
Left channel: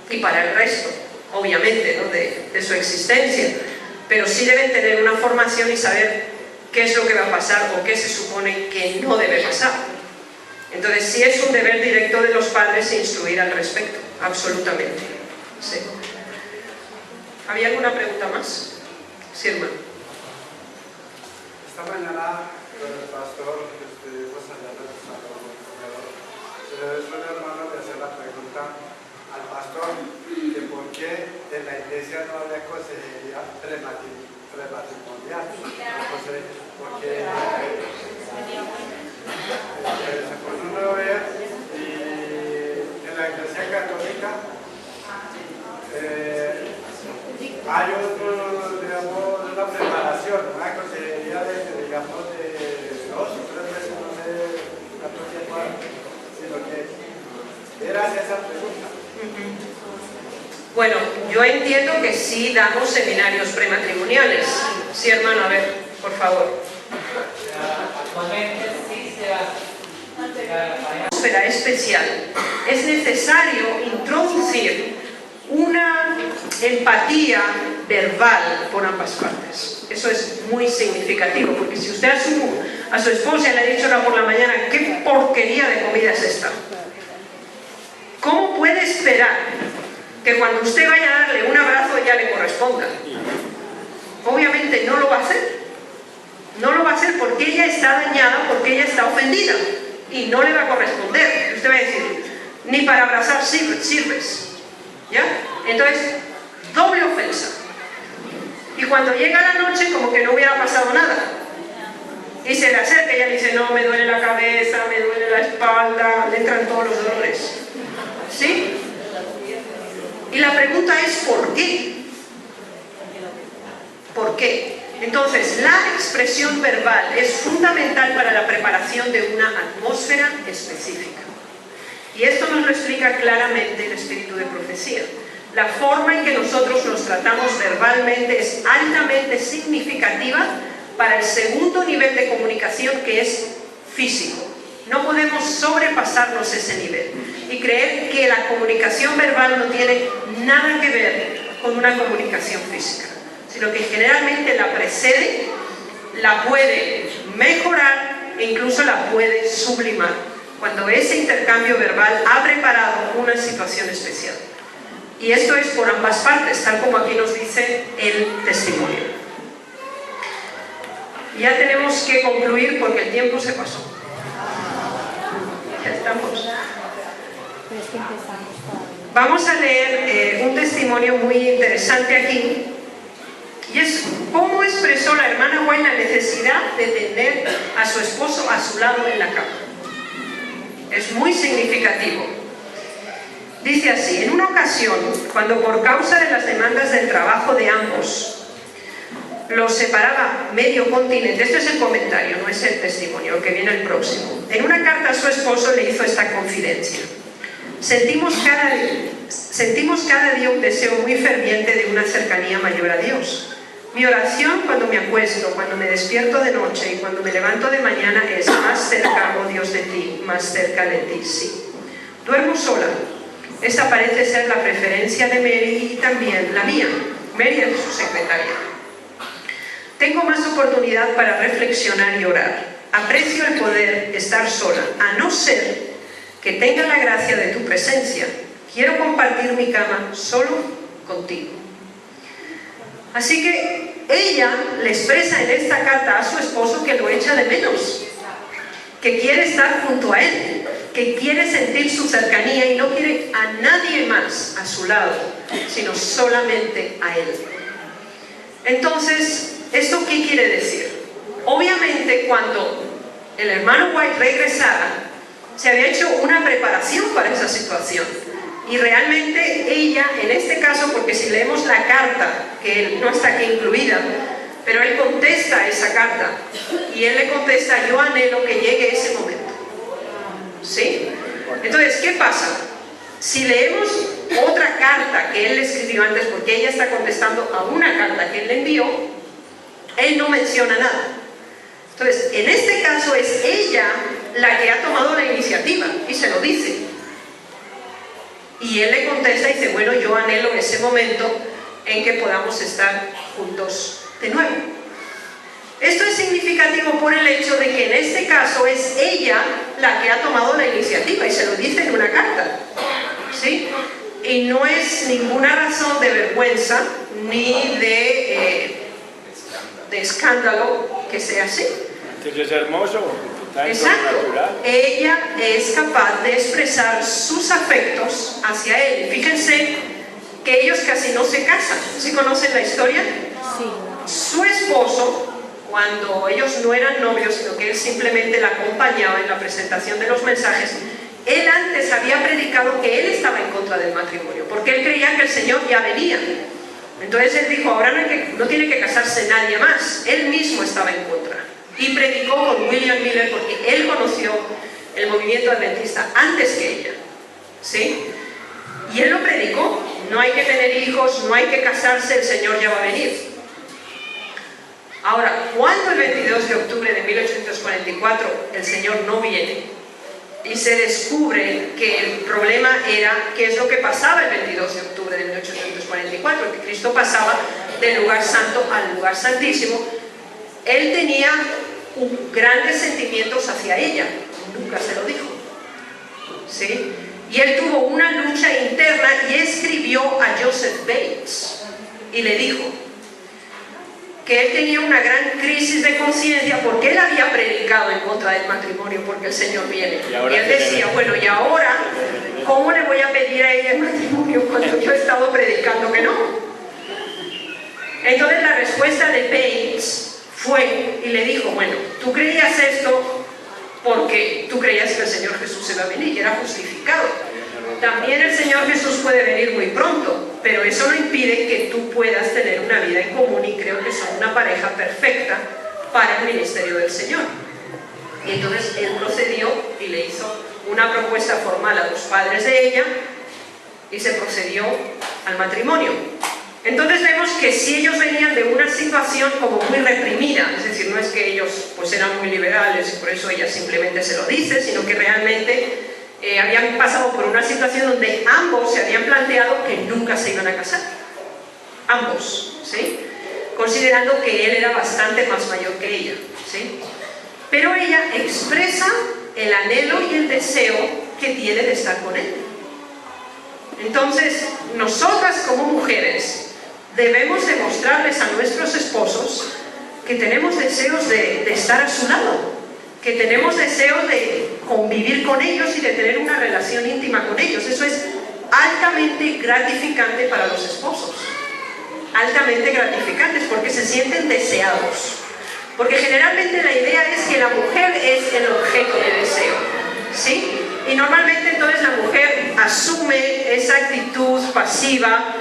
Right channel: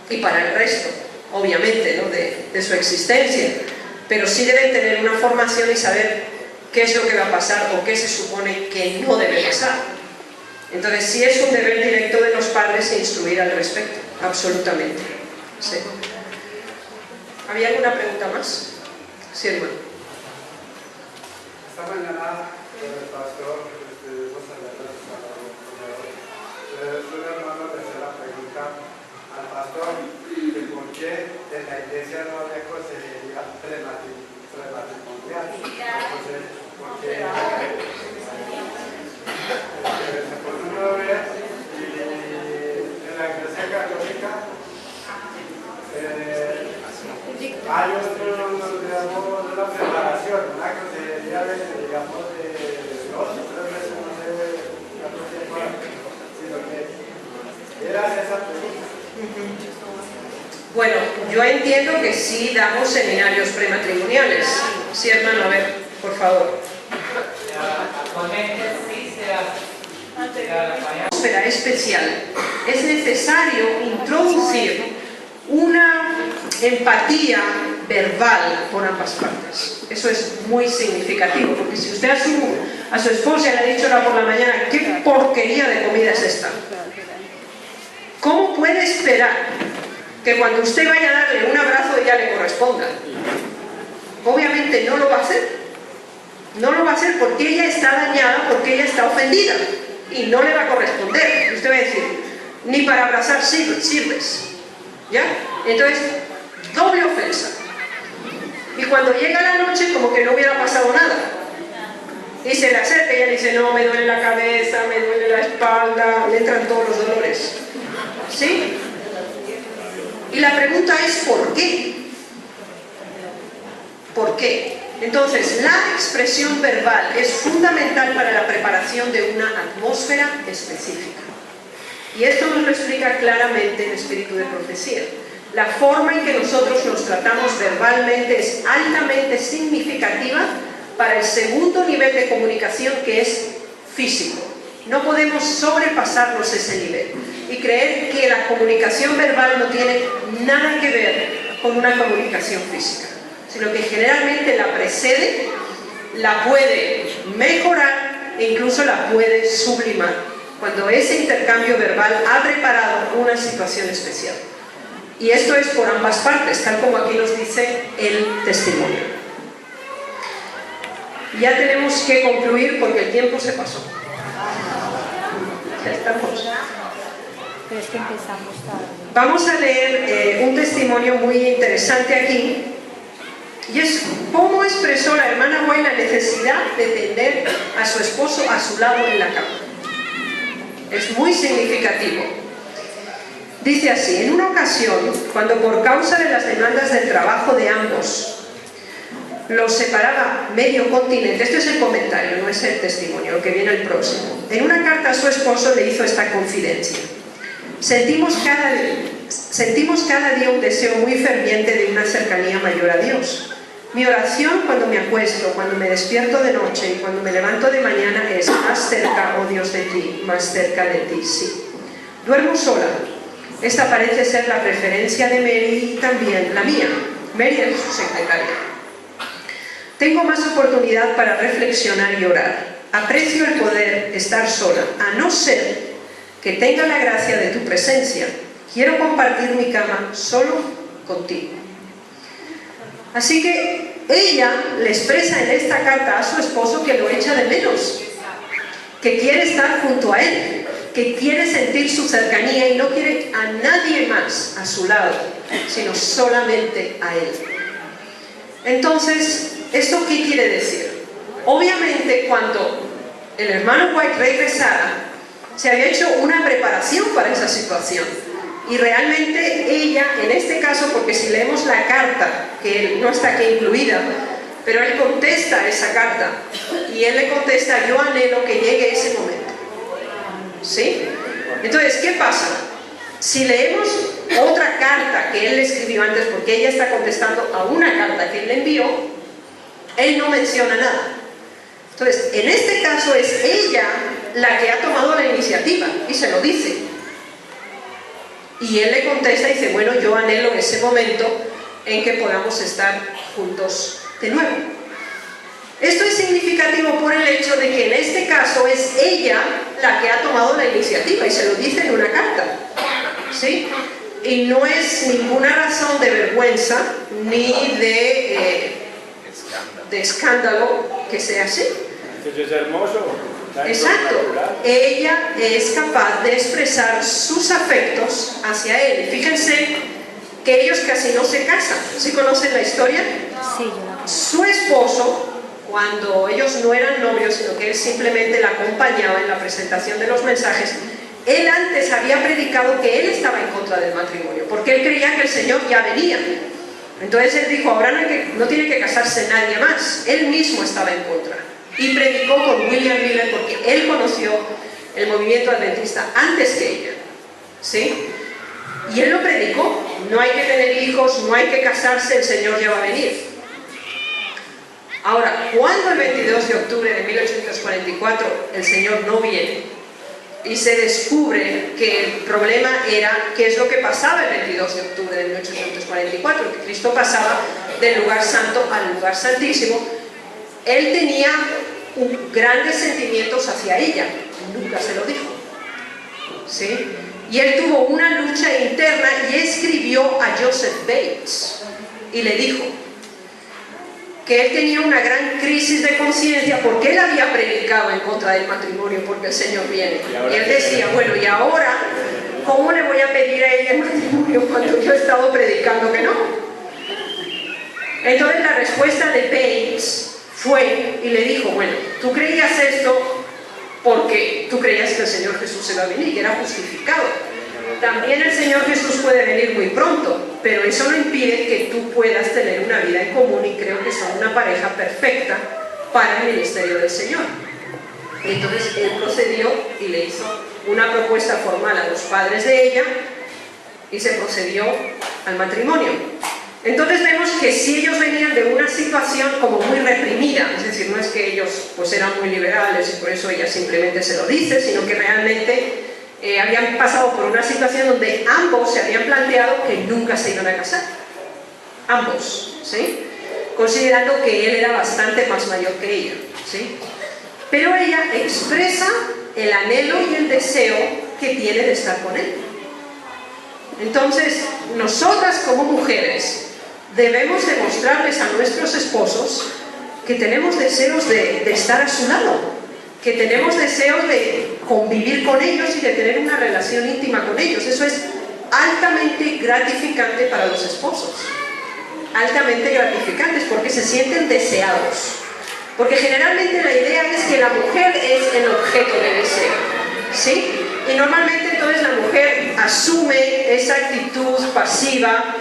y para el resto, obviamente, ¿no? de su existencia, pero sí deben tener una formación y saber qué es lo que va a pasar o qué se supone que no debe pasar. Entonces sí es un deber directo de los padres instruir al respecto, absolutamente. Sí. ¿Había alguna pregunta más? Sí, hermano. Esta mañana el pastor saliendo del salón, una hermana le hacía la pregunta al pastor que por qué en la iglesia no había consejería prematrimonial? Entonces, porque se pone una novia y en la iglesia católica hay otro, digamos, una preparación, una consejería de, digamos, de 2 o 3 meses, no sé cuánto tiempo, sino que era esa pregunta. Bueno, yo entiendo que sí damos seminarios prematrimoniales. Sí, hermano, a ver, por favor. Actualmente sí se hace. Atmósfera especial. Es necesario introducir una empatía verbal con ambas partes. Eso es muy significativo, porque si usted a su esposa le ha dicho ahora por la mañana, ¿qué porquería de comida es esta? ¿Cómo puede esperar que cuando usted vaya a darle un abrazo ella le corresponda? Obviamente no lo va a hacer. No lo va a hacer porque ella está dañada, porque ella está ofendida y no le va a corresponder. Usted va a decir, ni para abrazar sirves. ¿Ya? Entonces, doble ofensa. Y cuando llega la noche, como que no hubiera pasado nada. Y se le acerca y ella dice, no, me duele la cabeza, me duele la espalda, me entran todos los dolores. ¿Sí? Y la pregunta es, ¿por qué? ¿Por qué? Entonces, la expresión verbal es fundamental para la preparación de una atmósfera específica. Y esto nos lo explica claramente el espíritu de profecía. La forma en que nosotros nos tratamos verbalmente es altamente significativa para el segundo nivel de comunicación, que es físico. No podemos sobrepasarnos ese nivel y creer que la comunicación verbal no tiene nada que ver con una comunicación física, sino que generalmente la precede, la puede mejorar e incluso la puede sublimar cuando ese intercambio verbal ha preparado una situación especial. Y esto es por ambas partes, tal como aquí nos dice el testimonio. Ya tenemos que concluir porque el tiempo se pasó. Ya estamos. Vamos a leer un testimonio muy interesante aquí, y es cómo expresó la hermana White la necesidad de tener a su esposo a su lado en la cama. Es muy significativo. Dice así: en una ocasión, cuando por causa de las demandas del trabajo de ambos los separaba medio continente, este es el comentario, no es el testimonio, lo que viene el próximo. En una carta a su esposo le hizo esta confidencia: sentimos cada día un deseo muy ferviente de una cercanía mayor a Dios. Mi oración cuando me acuesto, cuando me despierto de noche y cuando me levanto de mañana es: más cerca, oh Dios, de ti, más cerca de ti, sí. Duermo sola. Esta parece ser la preferencia de Mary y también la mía. Mary es su secretaria. Tengo más oportunidad para reflexionar y orar. Aprecio el poder estar sola, a no ser que tenga la gracia de tu presencia. Quiero compartir mi cama solo contigo. Así que ella le expresa en esta carta a su esposo que lo echa de menos, que quiere estar junto a él, que quiere sentir su cercanía y no quiere a nadie más a su lado, sino solamente a él. Entonces, ¿esto qué quiere decir? Obviamente, cuando el hermano White regresara, se había hecho una preparación para esa situación. Y realmente ella, en este caso, porque si leemos la carta, que no está aquí incluida, pero él contesta esa carta, y él le contesta: yo anhelo que llegue ese momento. ¿Sí? Entonces, ¿qué pasa? Si leemos otra carta que él escribió antes, porque ella está contestando a una carta que él le envió, él no menciona nada. Entonces, en este caso es ella la que ha tomado la iniciativa y se lo dice. Y él le contesta y dice: bueno, yo anhelo ese momento en que podamos estar juntos de nuevo. Esto es significativo por el hecho de que en este caso es ella la que ha tomado la iniciativa y se lo dice en una carta. ¿Sí? Y no es ninguna razón de vergüenza ni de escándalo que sea así. Eso es hermoso. Exacto. Ella es capaz de expresar sus afectos hacia él. Fíjense que ellos casi no se casan. ¿Sí conocen la historia? Sí. Su esposo, cuando ellos no eran novios, sino que él simplemente la acompañaba en la presentación de los mensajes, él antes había predicado que él estaba en contra del matrimonio, porque él creía que el Señor ya venía. Entonces él dijo, ahora no tiene que casarse nadie más. Él mismo estaba en contra. Y predicó con William Miller porque él conoció el movimiento adventista antes que ella. ¿Sí? Y él lo predicó. No hay que tener hijos, no hay que casarse, el Señor ya va a venir. Ahora, cuando el 22 de octubre de 1844 el Señor no viene y se descubre que el problema era qué es lo que pasaba el 22 de octubre de 1844, que Cristo pasaba del lugar santo al lugar santísimo, él tenía grandes sentimientos hacia ella, nunca se lo dijo, ¿sí? Y él tuvo una lucha interna y escribió a Joseph Bates y le dijo que él tenía una gran crisis de conciencia porque él había predicado en contra del matrimonio porque el Señor viene. Y él decía, bueno, y ahora, ¿cómo le voy a pedir a ella el matrimonio cuando yo he estado predicando que no? Entonces la respuesta de Bates fue y le dijo, bueno, tú creías esto porque tú creías que el Señor Jesús se va a venir y era justificado. También el Señor Jesús puede venir muy pronto, pero eso no impide que tú puedas tener una vida en común y creo que son una pareja perfecta para el ministerio del Señor. Y entonces él procedió y le hizo una propuesta formal a los padres de ella y se procedió al matrimonio. Entonces vemos que si ellos venían de una situación como muy reprimida, es decir, no es que ellos pues eran muy liberales y por eso ella simplemente se lo dice, sino que realmente habían pasado por una situación donde ambos se habían planteado que nunca se iban a casar. Ambos, ¿sí? Considerando que él era bastante más mayor que ella, ¿sí? Pero ella expresa el anhelo y el deseo que tiene de estar con él. Entonces, nosotras como mujeres debemos demostrarles a nuestros esposos que tenemos deseos de estar a su lado, que tenemos deseos de convivir con ellos y de tener una relación íntima con ellos. Eso es altamente gratificante para los esposos, altamente gratificantes porque se sienten deseados, porque generalmente la idea es que la mujer es el objeto de deseo, ¿sí? Y normalmente entonces la mujer asume esa actitud pasiva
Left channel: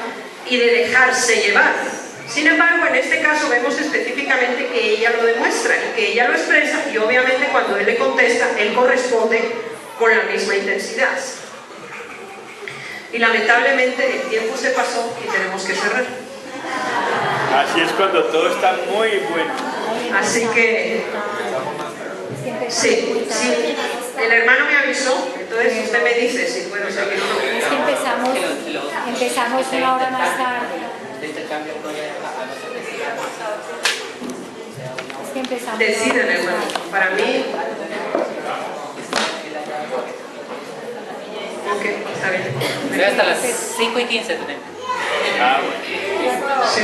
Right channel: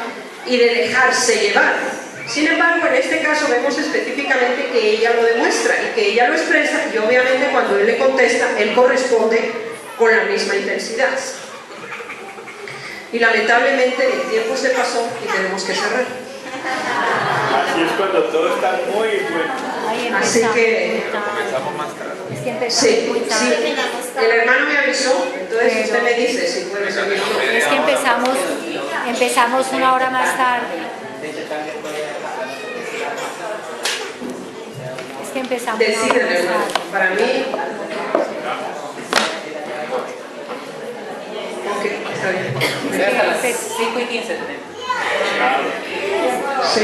y de dejarse llevar. Sin embargo, en este caso vemos específicamente que ella lo demuestra y que ella lo expresa y obviamente cuando él le contesta, él corresponde con la misma intensidad. Y lamentablemente el tiempo se pasó y tenemos que cerrar. Así es cuando todo está muy bueno. Así que... Sí, sí. El hermano me avisó, entonces usted me dice si puedo seguir. Es que empezamos una hora más tarde. Es que empezamos. Deciden, hermano. Para mí. Ok, está bien. Hasta las 5:15 tenemos. Sí.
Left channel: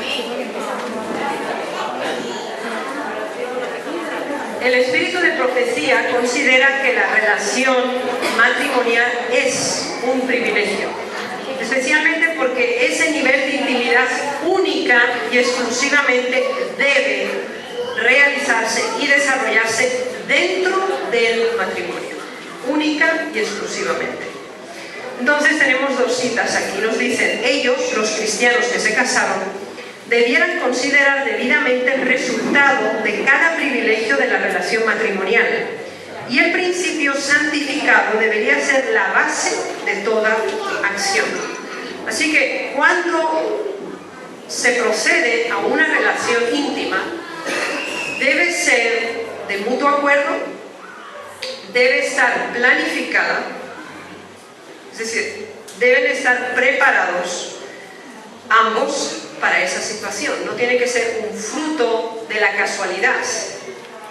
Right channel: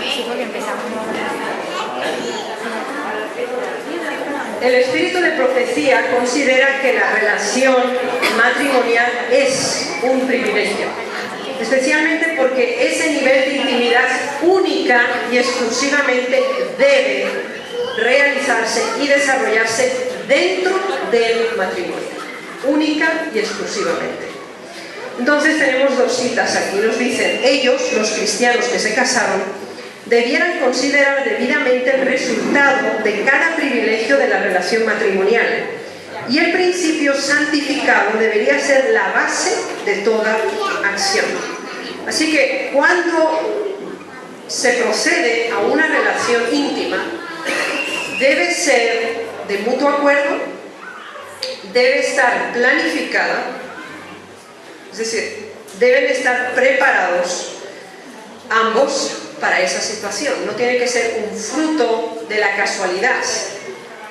Sí, porque empezamos una hora más tarde. El espíritu de profecía considera que la relación matrimonial es un privilegio, especialmente porque ese nivel de intimidad única y exclusivamente debe realizarse y desarrollarse dentro del matrimonio, única y exclusivamente. Entonces tenemos dos citas aquí, nos dicen, ellos, los cristianos que se casaron, debieran considerar debidamente el resultado de cada privilegio de la relación matrimonial y el principio santificado debería ser la base de toda acción. Así que cuando se procede a una relación íntima debe ser de mutuo acuerdo, debe estar planificada, es decir, deben estar preparados ambos para esa situación. No tiene que ser un fruto de la casualidad,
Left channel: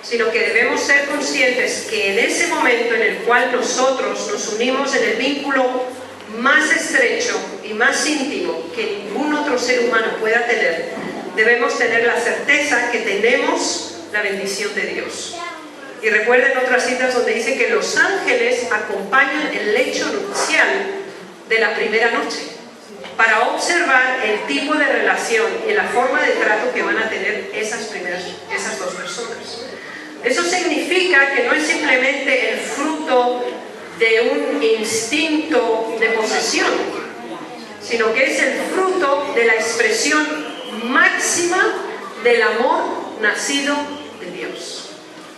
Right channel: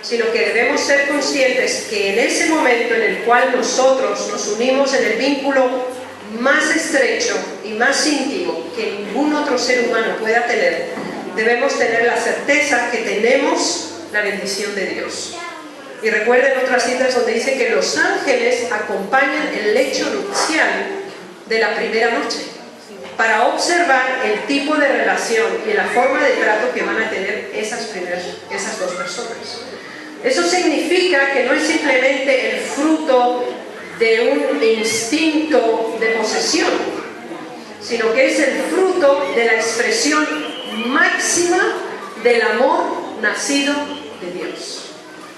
sino que debemos ser conscientes que en ese momento en el cual nosotros nos unimos en el vínculo más estrecho y más íntimo que ningún otro ser humano pueda tener, debemos tener la certeza que tenemos la bendición de Dios. Y recuerden otras citas donde dice que los ángeles acompañan el lecho nupcial de la primera noche, para observar el tipo de relación y la forma de trato que van a tener esas dos personas. Eso significa que no es simplemente el fruto de un instinto de posesión, sino que es el fruto de la expresión máxima del amor nacido de Dios.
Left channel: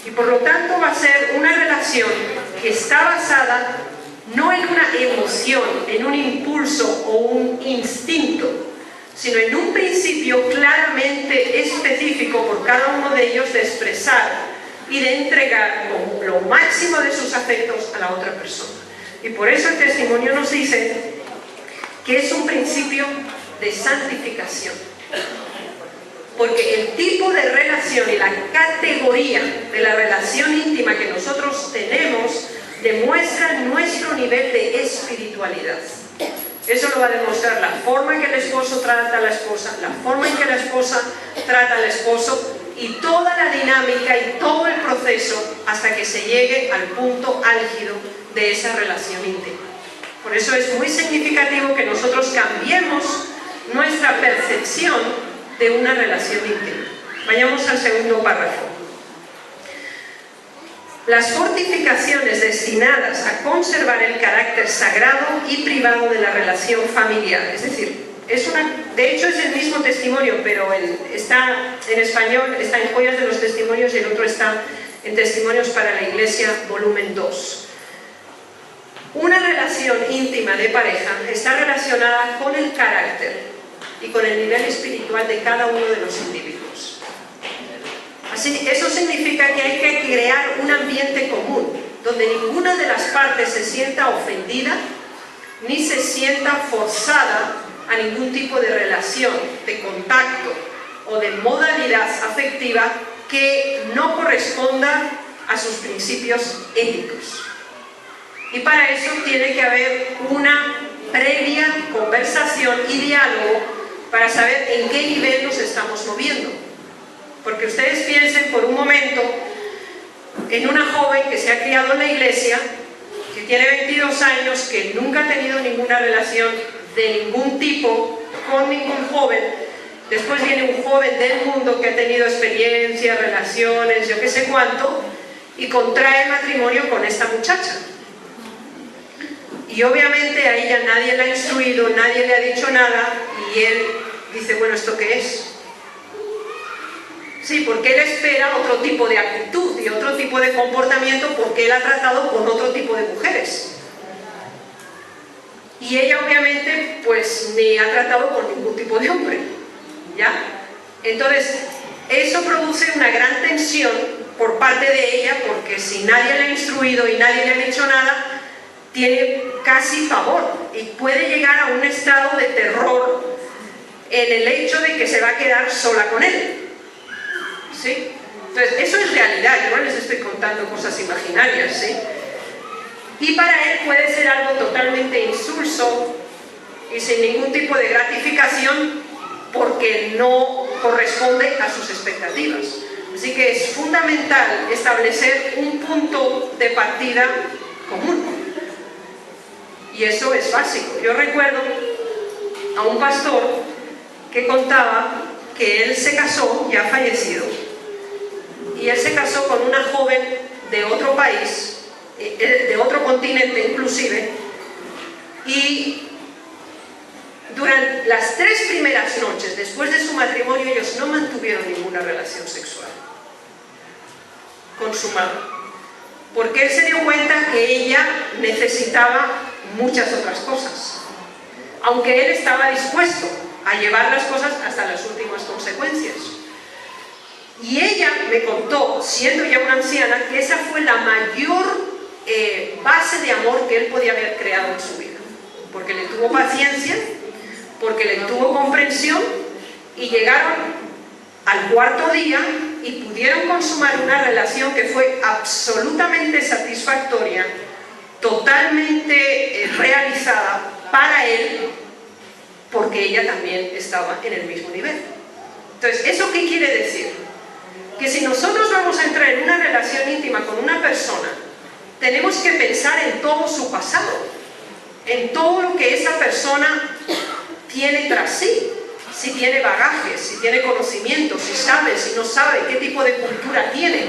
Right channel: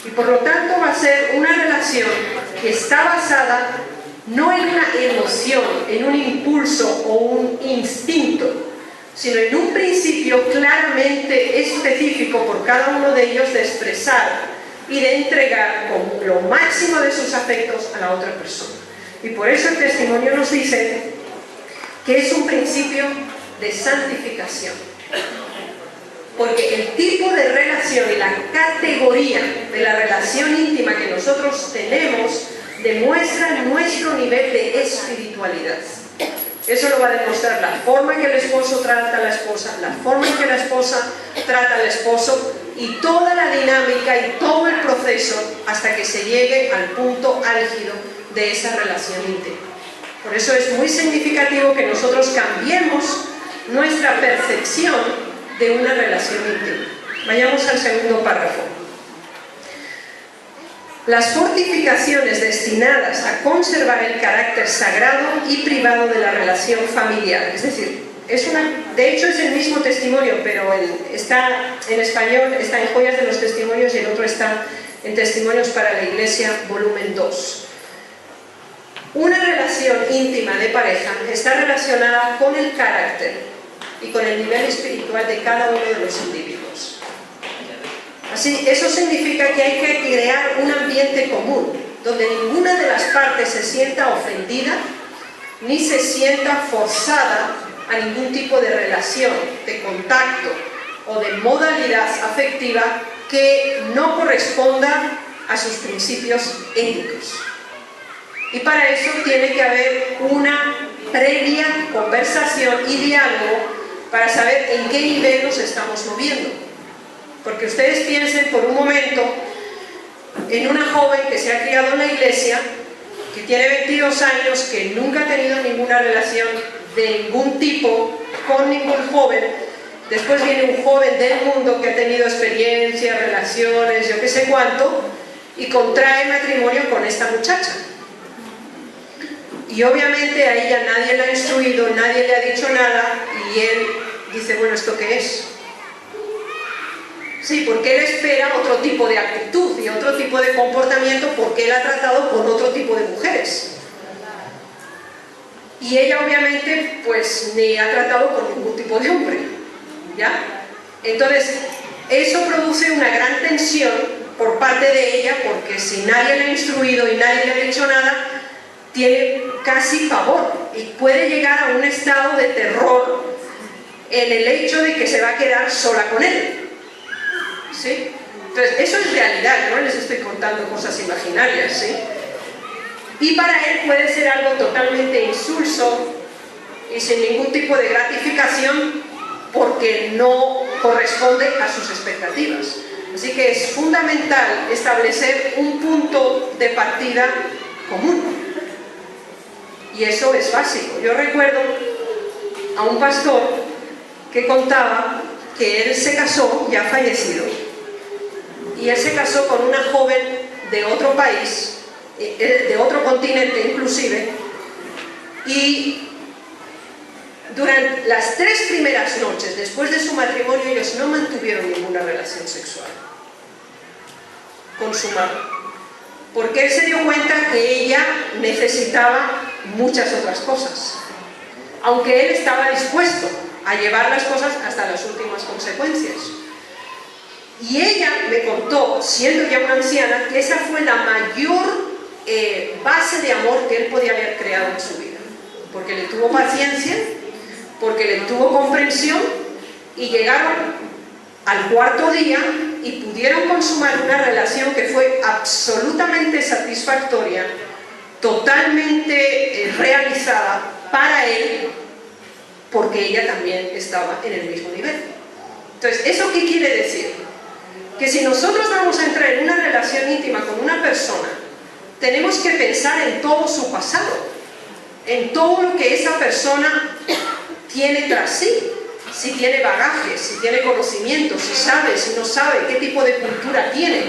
Y por lo tanto va a ser una relación que está basada no en una emoción, en un impulso o un instinto, sino en un principio claramente específico por cada uno de ellos de expresar y de entregar con lo máximo de sus afectos a la otra persona. Y por eso el testimonio nos dice que es un principio de santificación. Porque el tipo de relación y la categoría de la relación íntima que nosotros tenemos demuestra nuestro nivel de espiritualidad. Eso lo va a demostrar la forma en que el esposo trata a la esposa, la forma en que la esposa trata al esposo y toda la dinámica y todo el proceso hasta que se llegue al punto álgido de esa relación íntima. Por eso es muy significativo que nosotros cambiemos nuestra percepción de una relación íntima. Vayamos al segundo párrafo. Las fortificaciones destinadas a conservar el carácter sagrado y privado de la relación familiar. Es decir, de hecho es el mismo testimonio, pero está en español, está en Joyas de los Testimonios y el otro está en Testimonios para la Iglesia, volumen 2. Una relación íntima de pareja está relacionada con el carácter y con el nivel espiritual de cada uno de los individuos. Así, eso significa que hay que crear un ambiente común, donde ninguna de las partes se sienta ofendida, ni se sienta forzada a ningún tipo de relación, de contacto o de modalidad afectiva que no corresponda a sus principios éticos. Y para eso tiene que haber una previa conversación y diálogo para saber en qué nivel nos estamos moviendo. Porque ustedes piensen por un momento en una joven que se ha criado en la iglesia, que tiene 22 años, que nunca ha tenido ninguna relación de ningún tipo con ningún joven. Después viene un joven del mundo que ha tenido experiencias, relaciones, yo qué sé cuánto, y contrae matrimonio con esta muchacha. Y obviamente a ella nadie la ha instruido, nadie le ha dicho nada, y él dice, bueno, ¿esto qué es? Sí, porque él espera otro tipo de actitud y otro tipo de comportamiento porque él ha tratado con otro tipo de mujeres. Y ella obviamente pues ni ha tratado con ningún tipo de hombre, ¿ya? Entonces, eso produce una gran tensión por parte de ella porque si nadie le ha instruido y nadie le ha dicho nada, tiene casi pavor y puede llegar a un estado de terror en el hecho de que se va a quedar sola con él. ¿Sí? Entonces, eso es realidad, no les estoy contando cosas imaginarias, ¿sí? Y para él puede ser algo totalmente insulso y sin ningún tipo de gratificación porque no corresponde a sus expectativas. Así que es fundamental establecer un punto de partida común. Y eso es básico. Yo recuerdo a un pastor que contaba que él se casó, ya fallecido, y él se casó con una joven de otro país, de otro continente inclusive, y durante las 3 primeras noches después de su matrimonio ellos no mantuvieron ninguna relación sexual consumada, porque él se dio cuenta que ella necesitaba muchas otras cosas, aunque él estaba dispuesto a llevar las cosas hasta las últimas consecuencias. Y ella me contó, siendo ya una anciana, que esa fue la mayor base de amor que él podía haber creado en su vida, porque le tuvo paciencia, porque le tuvo comprensión, y llegaron al 4.º día y pudieron consumar una relación que fue absolutamente satisfactoria, totalmente realizada para él, porque ella también estaba en el mismo nivel. Entonces, ¿eso qué quiere decir? Que si nosotros vamos a entrar en una relación íntima con una persona, tenemos que pensar en todo su pasado. en todo lo que esa persona tiene tras sí, si tiene bagaje, si tiene conocimiento, si sabe, si no sabe, qué tipo de cultura tiene.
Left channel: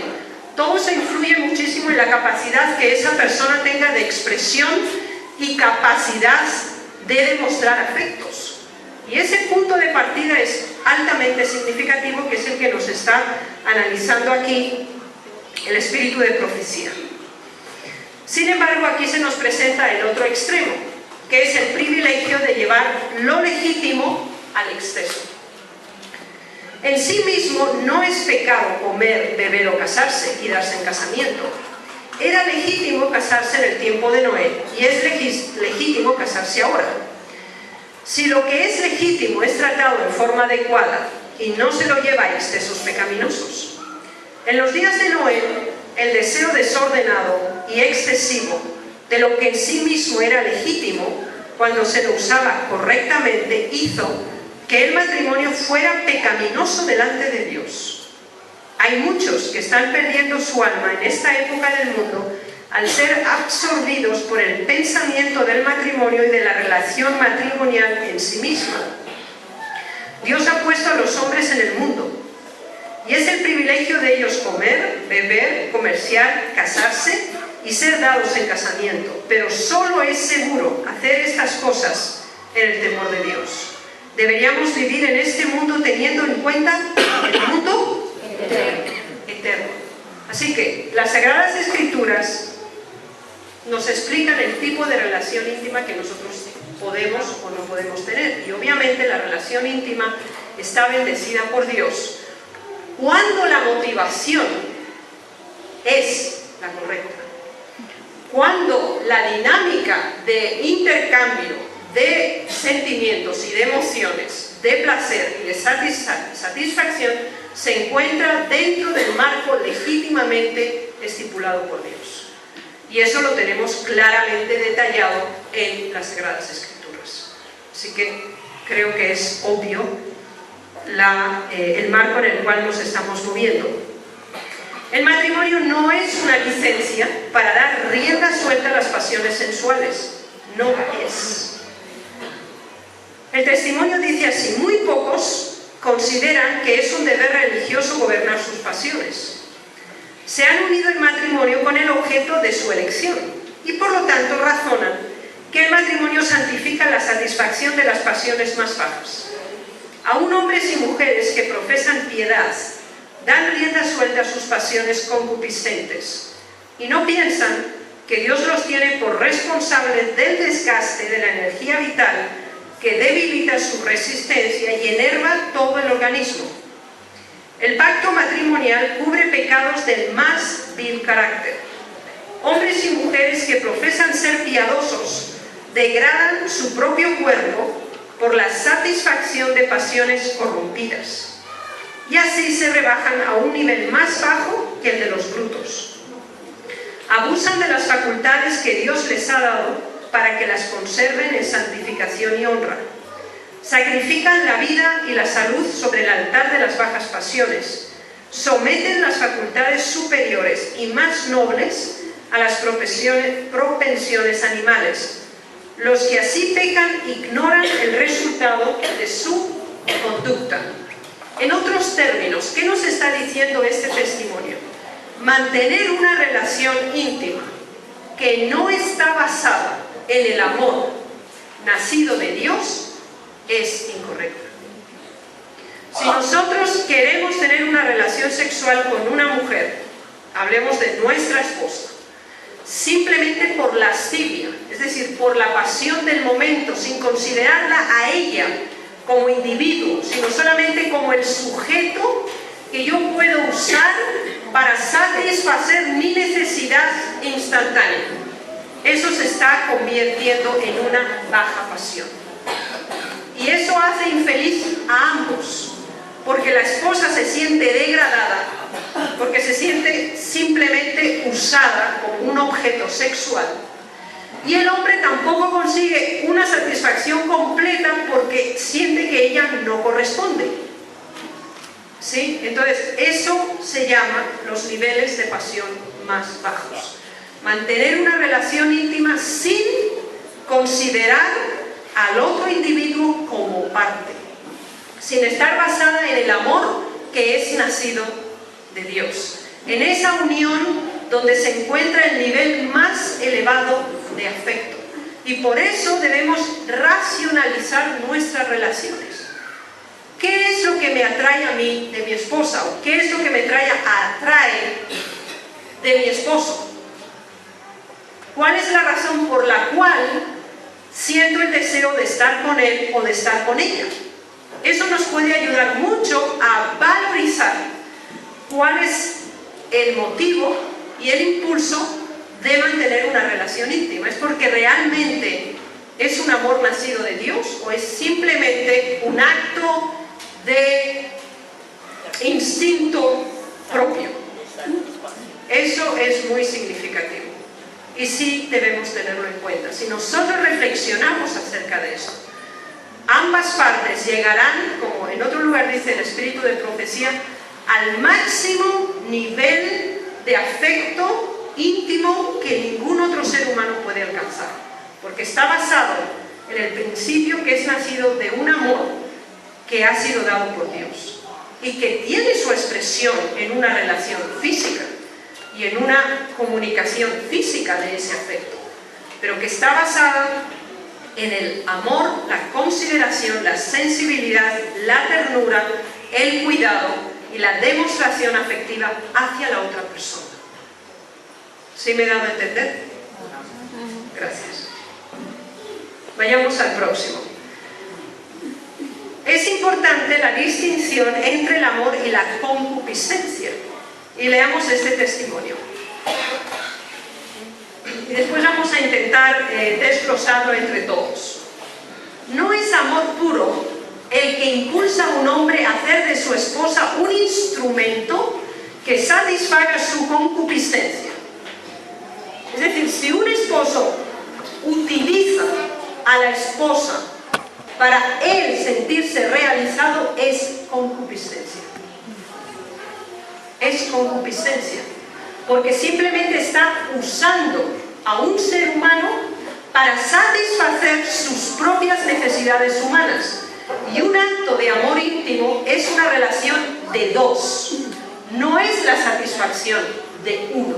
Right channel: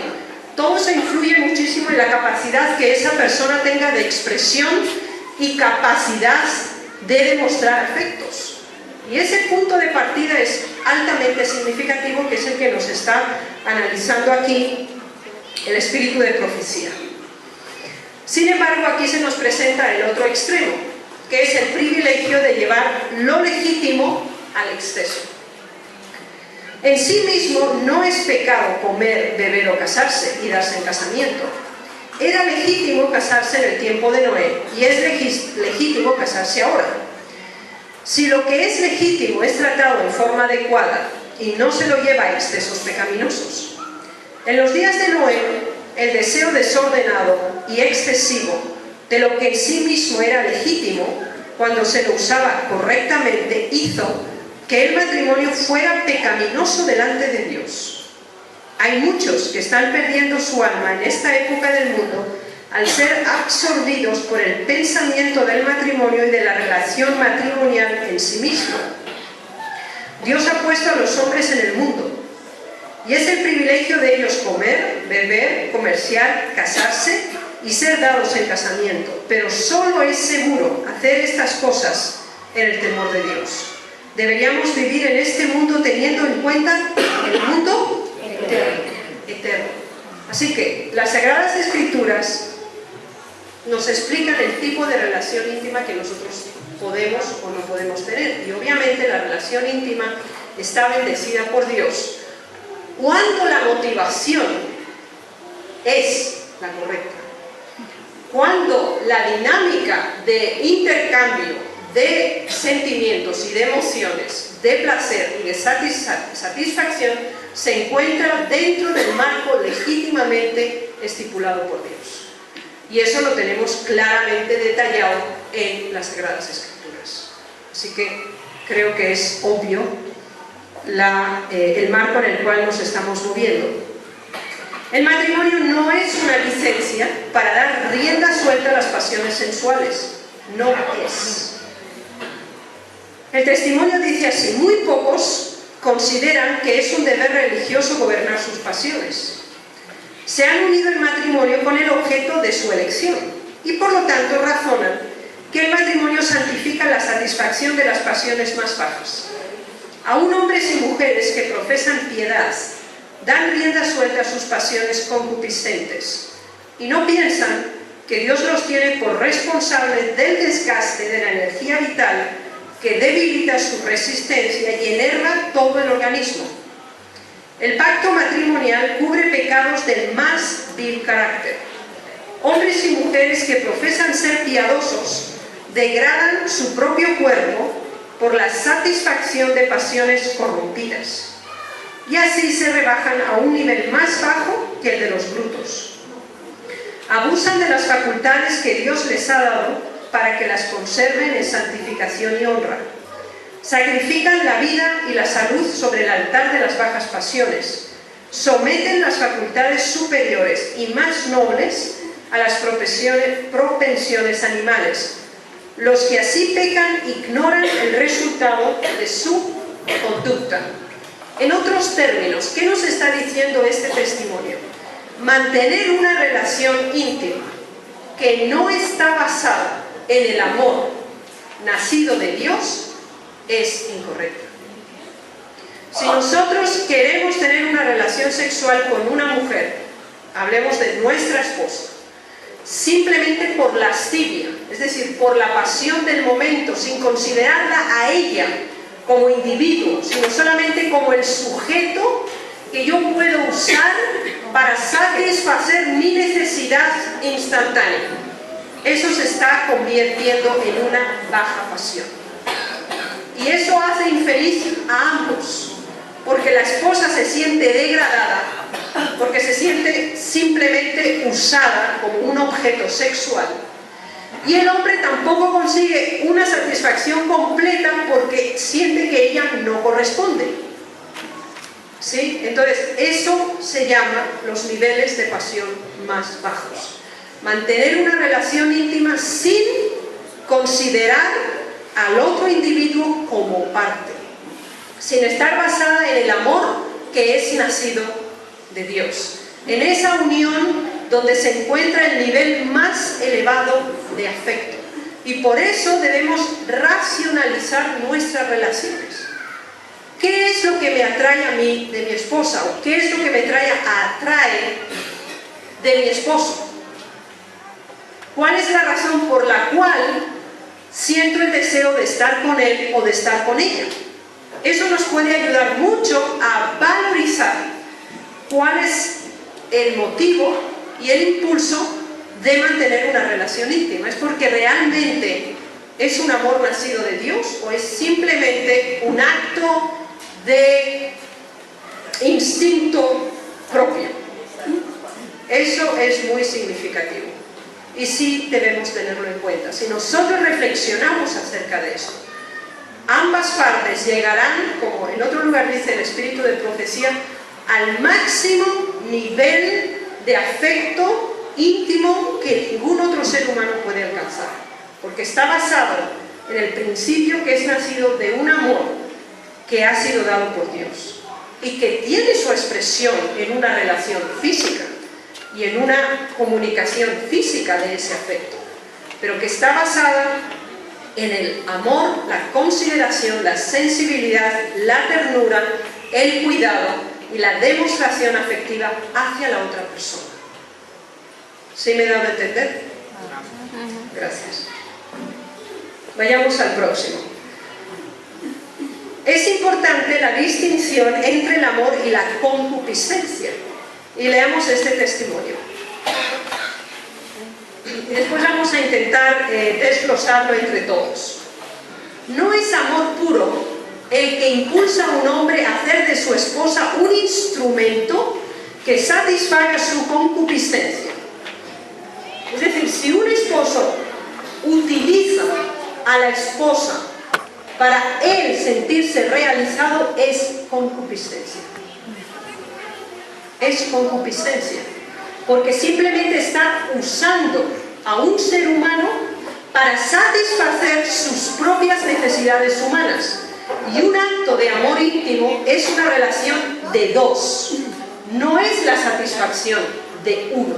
Todo eso influye muchísimo en la capacidad que esa persona tenga de expresión y capacidad de demostrar afectos. Y ese punto de partida es altamente significativo, que es el que nos está analizando aquí el espíritu de profecía. Sin embargo, aquí se nos presenta el otro extremo, que es el privilegio de llevar lo legítimo al exceso. En sí mismo no es pecado comer, beber o casarse y darse en casamiento. Era legítimo casarse en el tiempo de Noé y es legítimo casarse ahora. Si lo que es legítimo es tratado en forma adecuada y no se lo lleva a excesos pecaminosos. En los días de Noé, el deseo desordenado y excesivo de lo que en sí mismo era legítimo, cuando se lo usaba correctamente, hizo que el matrimonio fuera pecaminoso delante de Dios. Hay muchos que están perdiendo su alma en esta época del mundo al ser absorbidos por el pensamiento del matrimonio y de la relación matrimonial en sí misma. Dios ha puesto a los hombres en el mundo y es el privilegio de ellos comer, beber, comerciar, casarse y ser dados en casamiento, pero solo es seguro hacer estas cosas en el temor de Dios. Deberíamos vivir en este mundo teniendo en cuenta el mundo eterno. Así que las Sagradas Escrituras nos explican el tipo de relación íntima que nosotros podemos o no podemos tener. Y obviamente la relación íntima está bendecida por Dios cuando la motivación es la correcta. Cuando la dinámica de intercambio de sentimientos y de emociones, de placer y de satisfacción se encuentra dentro del marco legítimamente estipulado por Dios. Y eso lo tenemos claramente detallado en las Sagradas Escrituras. Así que creo que es obvio el marco en el cual nos estamos moviendo. El matrimonio no es una licencia para dar rienda suelta a las pasiones sensuales. No es. El testimonio dice así: muy pocos consideran que es un deber religioso gobernar sus pasiones. Se han unido en matrimonio con el objeto de su elección y por lo tanto razonan que el matrimonio santifica la satisfacción de las pasiones más bajas. Aún hombres y mujeres que profesan piedad dan rienda suelta a sus pasiones concupiscentes y no piensan que Dios los tiene por responsables del desgaste de la energía vital que debilita su resistencia y enerva todo el organismo. El pacto matrimonial cubre pecados del más vil carácter. Hombres y mujeres que profesan ser piadosos degradan su propio cuerpo por la satisfacción de pasiones corrompidas y así se rebajan a un nivel más bajo que el de los brutos. Abusan de las facultades que Dios les ha dado para que las conserven en santificación y honra. Sacrifican la vida y la salud sobre el altar de las bajas pasiones. Someten las facultades superiores y más nobles a las propensiones animales. Los que así pecan ignoran el resultado de su conducta. En otros términos, ¿qué nos está diciendo este testimonio? Mantener una relación íntima que no está basada en el amor nacido de Dios es incorrecto. Si nosotros queremos tener una relación sexual con una mujer, hablemos de nuestra esposa, simplemente por lascivia, es decir, por la pasión del momento, sin considerarla a ella como individuo, sino solamente como el sujeto que yo puedo usar para satisfacer mi necesidad instantánea, eso se está convirtiendo en una baja pasión. Y eso hace infeliz a ambos, porque la esposa se siente degradada, porque se siente simplemente usada como un objeto sexual. Y el hombre tampoco consigue una satisfacción completa porque siente que ella no corresponde. ¿Sí? Entonces, eso se llama los niveles de pasión más bajos. Mantener una relación íntima sin considerar al otro individuo como parte, sin estar basada en el amor que es nacido de Dios, en esa unión donde se encuentra el nivel más elevado de afecto. Y por eso debemos racionalizar nuestras relaciones. ¿Qué es lo que me atrae a mí de mi esposa? ¿O qué es lo que me atrae de mi esposo? ¿Cuál es la razón por la cual siento el deseo de estar con él o de estar con ella? Eso nos puede ayudar mucho a valorizar cuál es el motivo y el impulso de mantener una relación íntima. ¿Es porque realmente es un amor nacido de Dios o es simplemente un acto de instinto propio? Eso es muy significativo y sí debemos tenerlo en cuenta. Si nosotros reflexionamos acerca de esto, ambas partes llegarán, como en otro lugar dice el espíritu de profecía, al máximo nivel de afecto íntimo que ningún otro ser humano puede alcanzar, porque está basado en el principio que es nacido de un amor que ha sido dado por Dios y que tiene su expresión en una relación física y en una comunicación física de ese afecto, pero que está basada en el amor, la consideración, la sensibilidad, la ternura, el cuidado y la demostración afectiva hacia la otra persona. ¿Sí me he dado a entender? Gracias. Vayamos al próximo. Es importante la distinción entre el amor y la concupiscencia. Y leamos este testimonio. Y después vamos a intentar desglosarlo entre todos. No es amor puro el que impulsa a un hombre a hacer de su esposa un instrumento que satisfaga su concupiscencia. Es decir, si un esposo utiliza a la esposa para él sentirse realizado, es concupiscencia. Es concupiscencia, porque simplemente está usando a un ser humano para satisfacer sus propias necesidades humanas. Y un acto de amor íntimo es una relación de dos, no es la satisfacción de uno.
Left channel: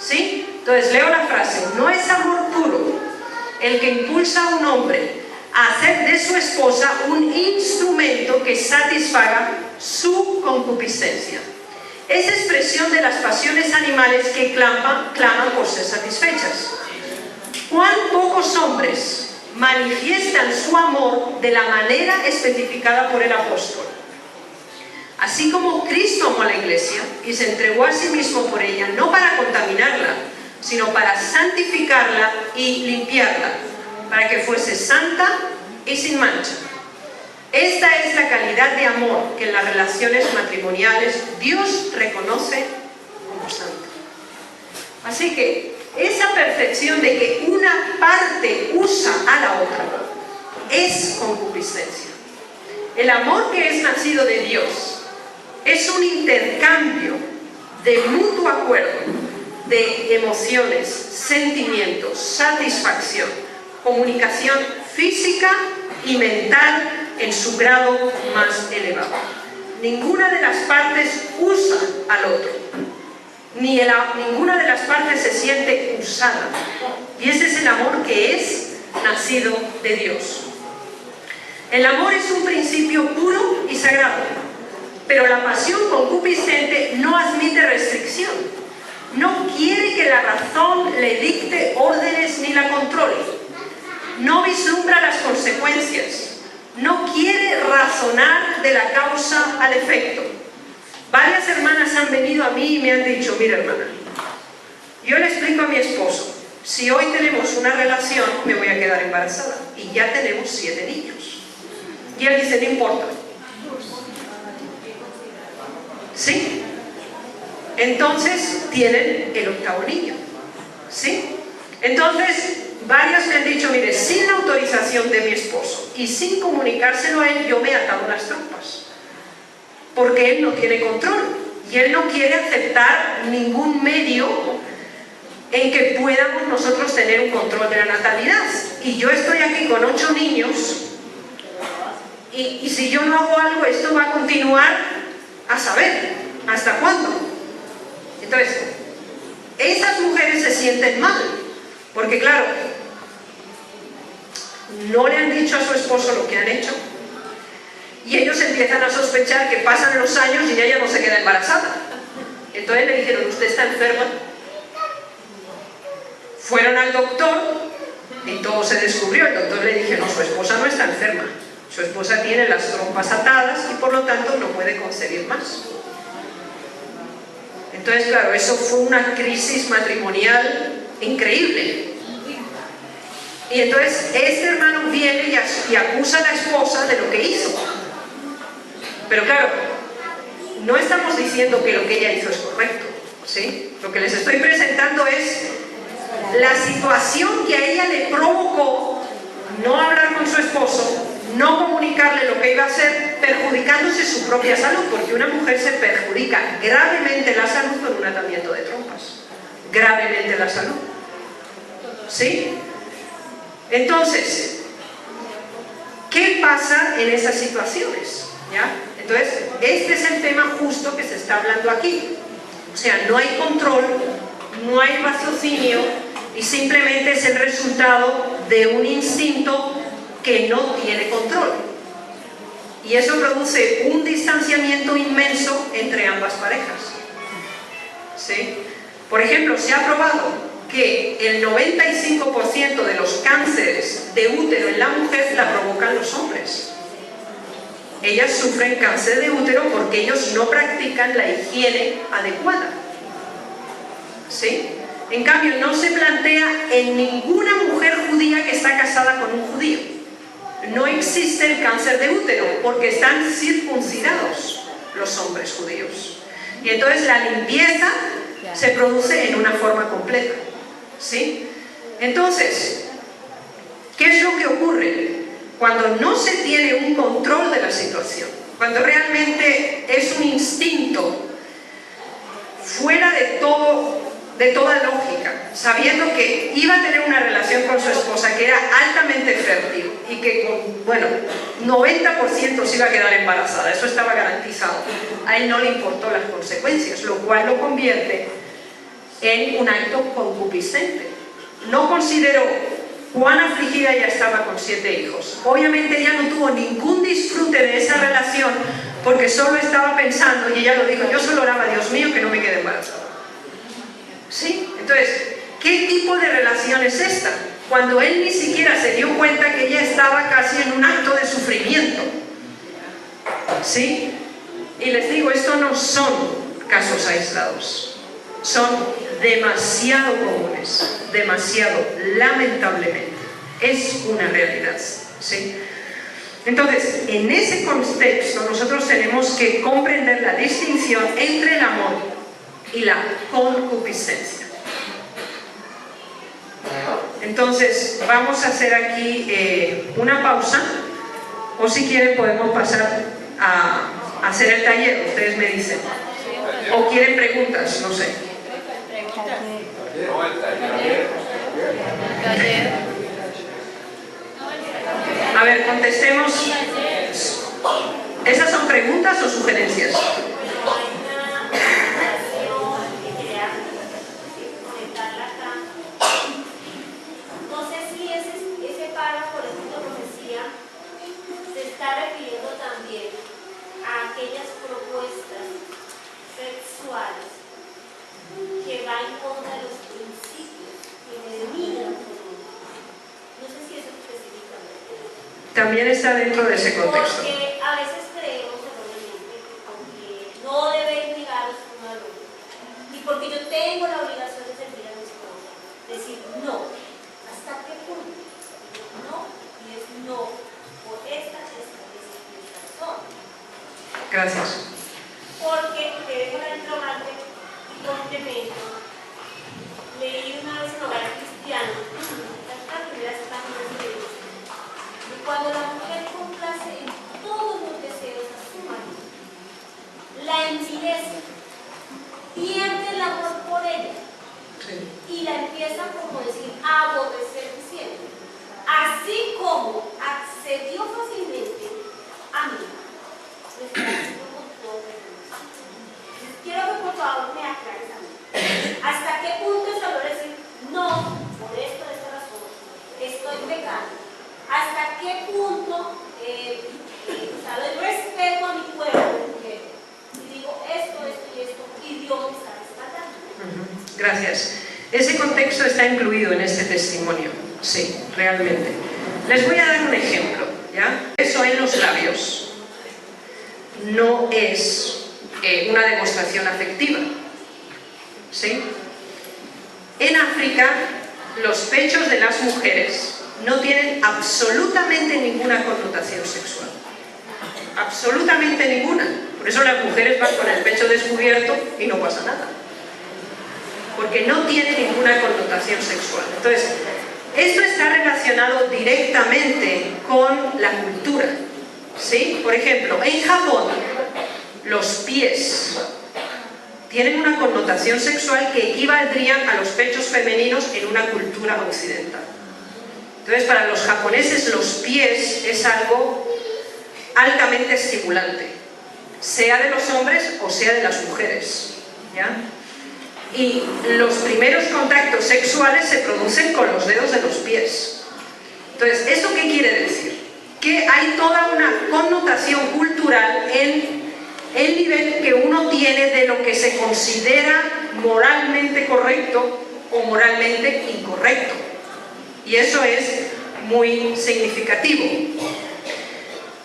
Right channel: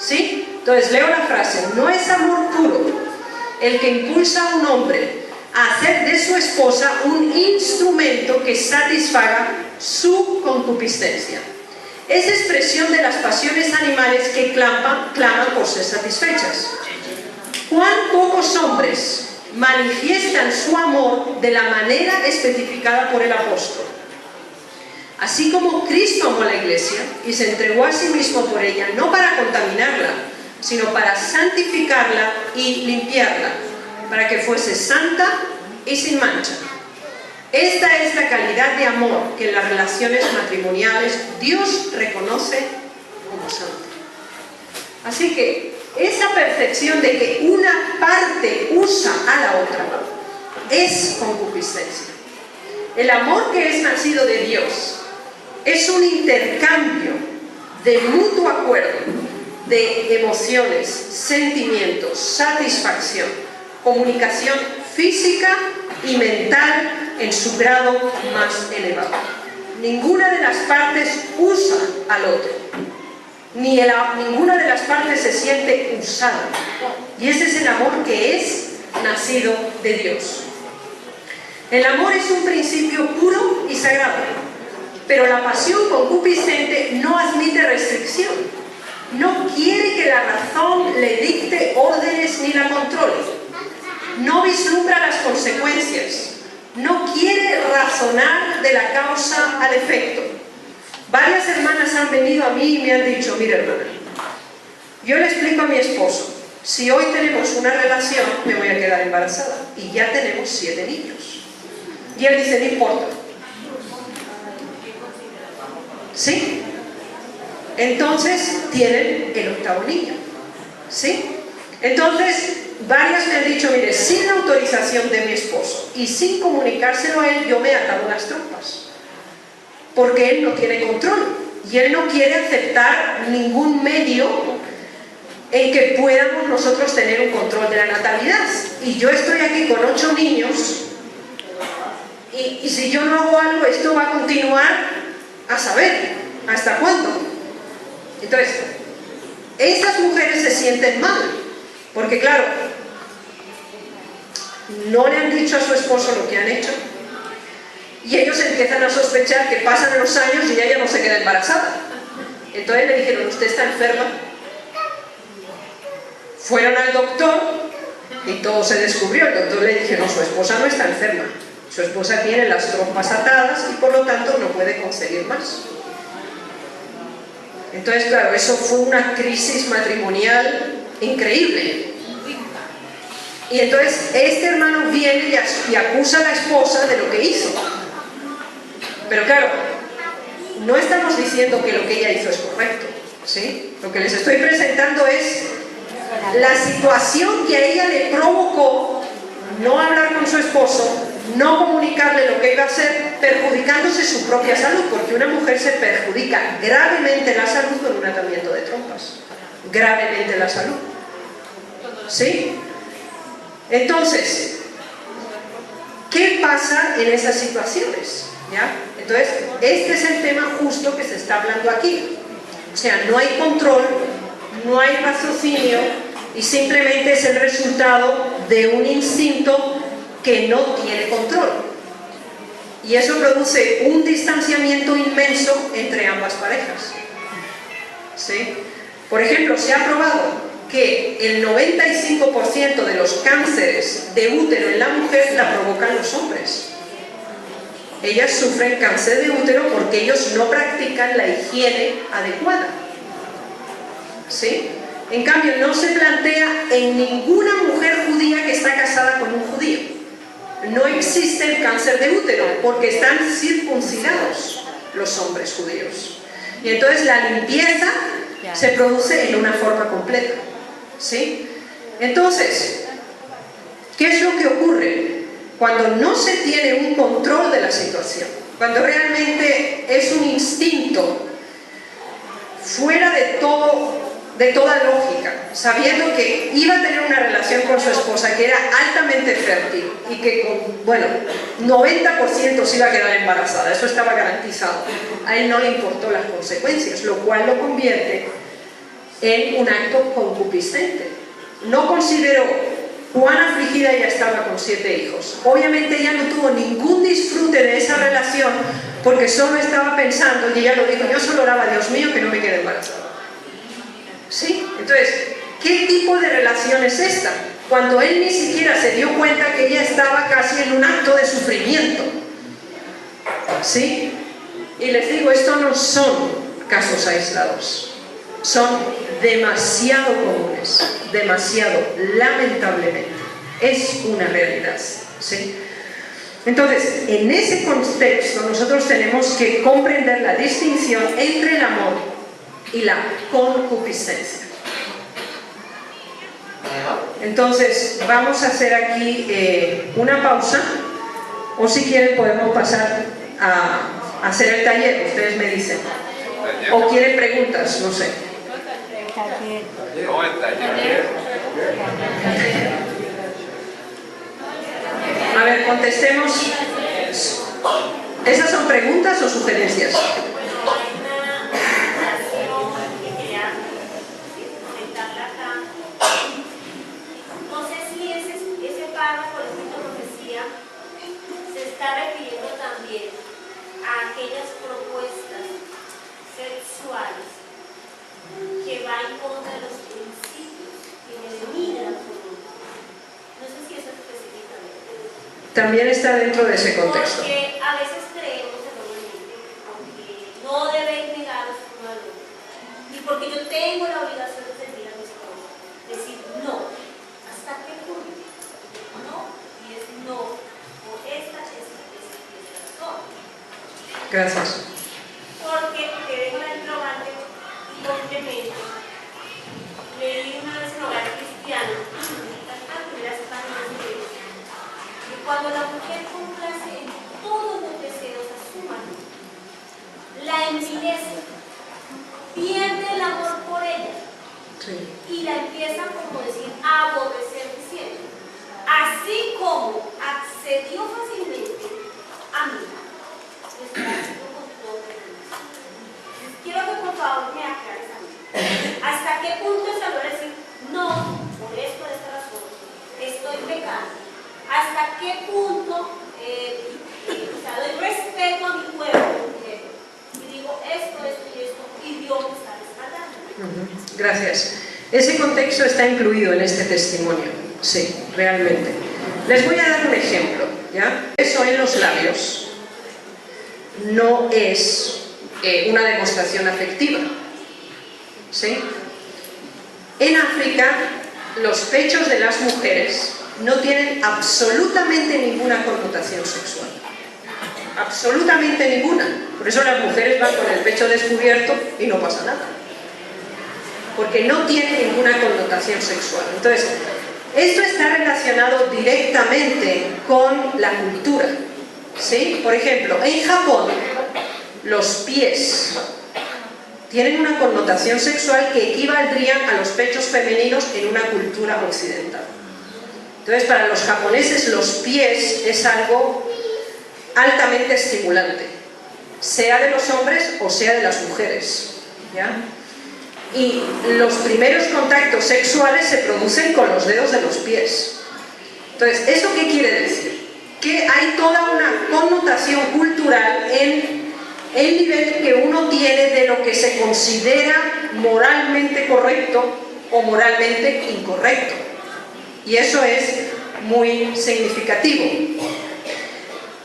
¿Sí? Entonces leo la frase: no es amor puro el que impulsa a un hombre a hacer de su esposa un instrumento que satisfaga su concupiscencia. Es expresión de las pasiones animales que claman por ser satisfechas. ¿Cuán pocos hombres manifiestan su amor de la manera especificada por el apóstol? Así como Cristo amó a la iglesia y se entregó a sí mismo por ella, no para contaminarla, sino para santificarla y limpiarla, para que fuese santa y sin mancha. Esta es la calidad de amor que en las relaciones matrimoniales Dios reconoce como santa. Así que esa percepción de que una parte usa a la otra es concupiscencia. El amor que es nacido de Dios es un intercambio de mutuo acuerdo de emociones, sentimientos, satisfacción, comunicación física y mental en su grado más elevado. Ninguna de las partes usa al otro, ninguna de las partes se siente usada, y ese es el amor que es nacido de Dios. El amor es un principio puro y sagrado, pero la pasión concupiscente no admite restricción. No quiere que la razón le dicte órdenes ni la controle. No vislumbra las consecuencias. No quiere razonar de la causa al efecto. Varias hermanas han venido a mí y me han dicho: mira, hermana, yo le explico a mi esposo, si hoy tenemos una relación, me voy a quedar embarazada. Y ya tenemos 7 niños. Y él dice: no importa. ¿Sí? Entonces tienen el 8º niño. ¿Sí? Entonces, varias me han dicho: mire, sin la autorización de mi esposo y sin comunicárselo a él, yo me he atado las trompas, porque él no tiene control y él no quiere aceptar ningún medio en que podamos nosotros tener un control de la natalidad. Y yo estoy aquí con 8 niños y si yo no hago algo, esto va a continuar a saber hasta cuándo. Entonces, estas mujeres se sienten mal, porque claro, no le han dicho a su esposo lo que han hecho, y ellos empiezan a sospechar que pasan los años y ella no se queda embarazada. Entonces le dijeron, ¿usted está enferma? Fueron al doctor y todo se descubrió. El doctor le dijo, no, su esposa no está enferma, su esposa tiene las trompas atadas y por lo tanto no puede concebir más. Entonces, claro, eso fue una crisis matrimonial increíble. Y entonces este hermano viene y acusa a la esposa de lo que hizo. Pero claro, no estamos diciendo que lo que ella hizo es correcto, ¿sí? Lo que les estoy presentando es la situación que a ella le provocó no hablar con su esposo, no comunicarle lo que iba a hacer, perjudicándose su propia salud, porque una mujer se perjudica gravemente la salud con un atamiento de trompas. Gravemente la salud. ¿Sí? Entonces, ¿qué pasa en esas situaciones? ¿Ya? Entonces, este es el tema justo que se está hablando aquí. O sea, no hay control, no hay raciocinio y simplemente es el resultado de un instinto que no tiene control. Y eso produce un distanciamiento inmenso entre ambas parejas. ¿Sí? Por ejemplo, se ha probado que el 95% de los cánceres de útero en la mujer la provocan los hombres. Ellas sufren cáncer de útero porque ellos no practican la higiene adecuada. ¿Sí? En cambio, no se plantea en ninguna mujer judía que está casada con un judío. No existe el cáncer de útero porque están circuncidados los hombres judíos. Y entonces la limpieza se produce en una forma completa. ¿Sí? Entonces, ¿qué es lo que ocurre? Cuando no se tiene un control de la situación, cuando realmente es un instinto fuera de toda lógica, sabiendo que iba a tener una relación con su esposa que era altamente fértil y que con, bueno, 90% se iba a quedar embarazada, eso estaba garantizado. A él no le importó las consecuencias, lo cual lo convierte en un acto concupiscente. No consideró cuán afligida ella estaba con 7 hijos. Obviamente ella no tuvo ningún disfrute de esa relación porque solo estaba pensando, y ella lo dijo, yo solo oraba, Dios mío, que no me quede embarazada. ¿Sí? Entonces, ¿qué tipo de relación es esta? Cuando él ni siquiera se dio cuenta que ella estaba casi en un acto de sufrimiento. ¿Sí? Y les digo, esto no son casos aislados. Son demasiado comunes, demasiado, lamentablemente. Es una realidad. ¿Sí? Entonces, en ese contexto nosotros tenemos que comprender la distinción entre el amor y la concupiscencia. Entonces, vamos a hacer aquí una pausa, o si quieren podemos pasar a hacer el taller, ustedes me dicen. O quieren preguntas, no sé. A ver, contestemos. ¿Esas son preguntas o sugerencias? No sé si ese párrafo de esta profecía se está refiriendo también a aquellas propuestas sexuales que van en contra de los principios que eliminan su mundo. No sé si eso específicamente. También está dentro de ese contexto. Porque a veces creemos erróneamente que porque no debéis negaros uno al otro y porque yo tengo la obligación de servir a mi esposa, decir no, ¿hasta qué punto? No, y es no, por esta razón. Gracias. Porque te dejo la interrogante y complemento. Leí una vez en Hogar Cristiano, las primeras páginas de que cuando la mujer complace en todos los deseos a su marido, la envilece, pierde el amor por ella y la empieza, como decir, a aborrecer diciendo, así como accedió fácilmente a mí, lo está haciendo con todo permiso. Quiero que por favor me aclares a mí. ¿Hasta qué punto es hablar decir, no, por esta razón, estoy pecando? ¿Hasta qué punto doy respeto a mi pueblo y digo esto y esto, y Dios me está respaldando? Gracias. Ese contexto está incluido en este testimonio, sí, realmente. Les voy a dar un ejemplo, ¿ya? Eso en los labios no es una demostración afectiva, ¿sí? En África, los pechos de las mujeres no tienen absolutamente ninguna connotación sexual. Absolutamente ninguna. Por eso las mujeres van con el pecho descubierto y no pasa nada. Porque no tiene ninguna connotación sexual. Entonces, esto está relacionado directamente con la cultura, ¿sí? Por ejemplo, en Japón, los pies tienen una connotación sexual que equivaldrían a los pechos femeninos en una cultura occidental. Entonces, para los japoneses, los pies es algo altamente estimulante, sea de los hombres o sea de las mujeres, ¿ya? Y los primeros contactos sexuales se producen con los dedos de los pies. Entonces, ¿eso qué quiere decir? Que hay toda una connotación cultural en el nivel que uno tiene de lo que se considera moralmente correcto o moralmente incorrecto. Y eso es muy significativo.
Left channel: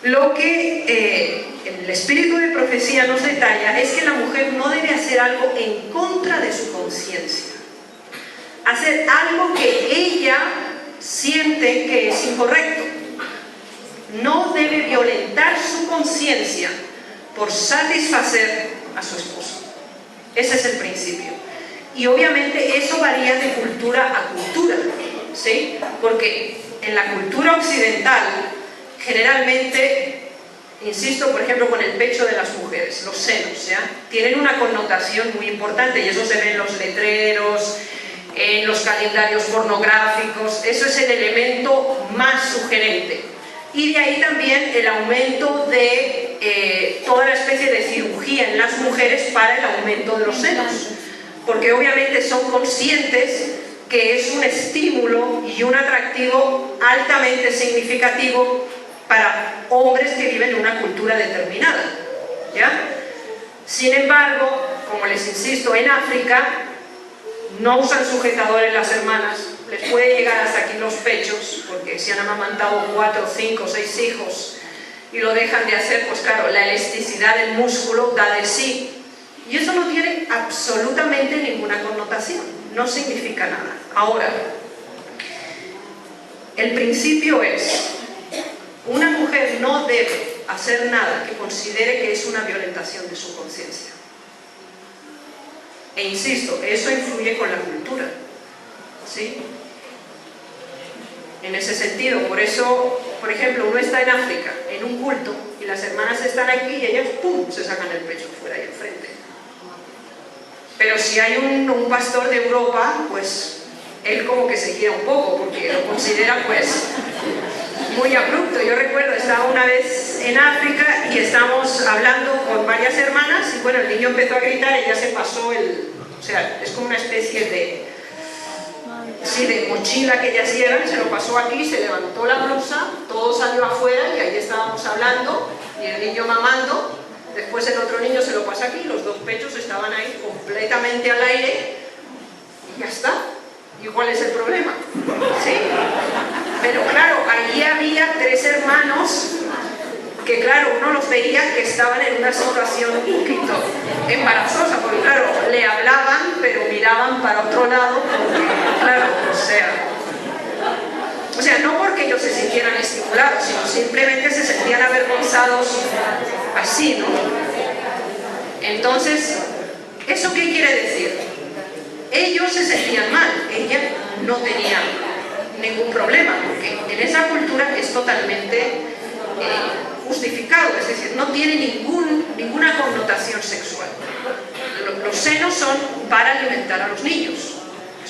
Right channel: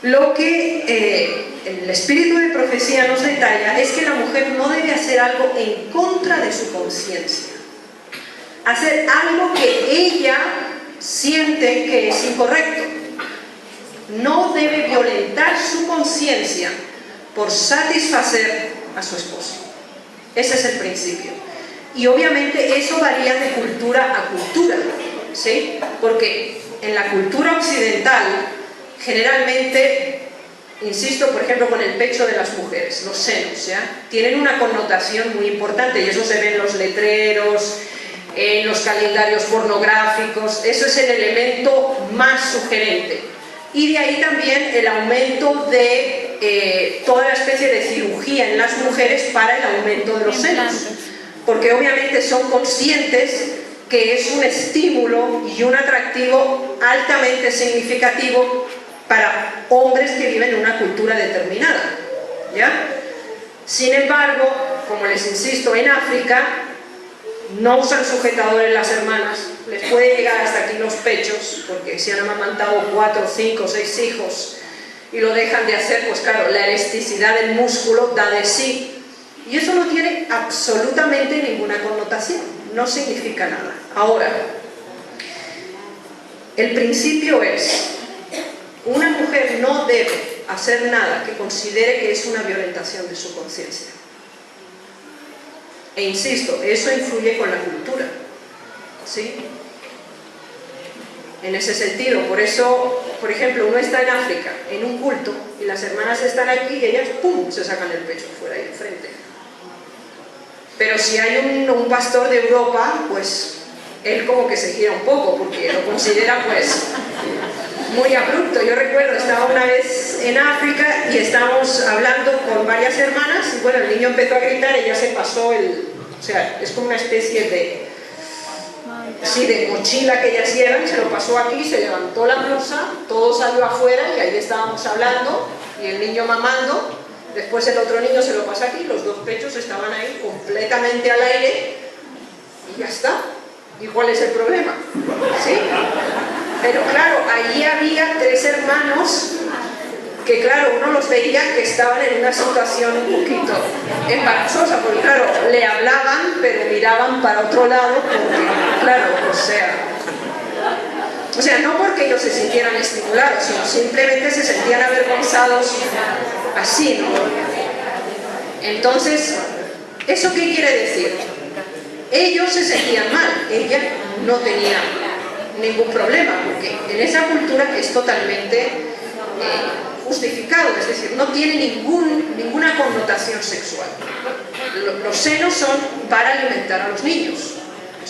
Lo que el espíritu de profecía nos detalla es que la mujer no debe hacer algo en contra de su conciencia. Hacer algo que ella siente que es incorrecto. No debe violentar su conciencia por satisfacer a su esposo. Ese es el principio. Y obviamente eso varía de cultura a cultura, ¿sí? Porque en la cultura occidental, generalmente, insisto, por ejemplo, con el pecho de las mujeres, los senos, ¿ya? Tienen una connotación muy importante y eso se ve en los letreros, en los calendarios pornográficos. Eso es el elemento más sugerente. Y de ahí también el aumento de toda la especie de cirugía en las mujeres para el aumento de los senos. Porque obviamente son conscientes que es un estímulo y un atractivo altamente significativo para hombres que viven en una cultura determinada, ¿ya? Sin embargo, como les insisto, en África no usan sujetadores las hermanas, les puede llegar hasta aquí los pechos, porque si han amamantado 4, 5, 6 hijos y lo dejan de hacer, pues claro, la elasticidad del músculo da de sí. Y eso no tiene absolutamente ninguna connotación, no significa nada. Ahora, el principio es, una mujer no debe hacer nada que considere que es una violentación de su conciencia. E insisto, eso influye con la cultura, ¿sí? En ese sentido, por eso, por ejemplo, uno está en África, en un culto, y las hermanas están aquí y ellas, ¡pum!, se sacan el pecho fuera ahí enfrente. Pero si hay un pastor de Europa, pues él como que se gira un poco, porque lo considera pues muy abrupto. Yo recuerdo, estaba una vez en África y estábamos hablando con varias hermanas y bueno, el niño empezó a gritar y ya se pasó o sea, es como una especie de mochila que ellas llevan, se lo pasó aquí, se levantó la blusa, todo salió afuera y ahí estábamos hablando y el niño mamando. Después el otro niño se lo pasa aquí, los dos pechos estaban ahí completamente al aire y ya está. ¿Y cuál es el problema? ¿Sí? Pero claro, allí había 3 hermanos que claro, uno los veía que estaban en una situación un poquito embarazosa, porque claro, le hablaban pero miraban para otro lado, porque, claro, o sea, no porque ellos se sintieran estimulados, sino simplemente se sentían avergonzados así, ¿no? Entonces, ¿eso qué quiere decir? Ellos se sentían mal, ella no tenía ningún problema, porque en esa cultura es totalmente justificado, es decir, no tiene ninguna connotación sexual. Los senos son para alimentar a los niños,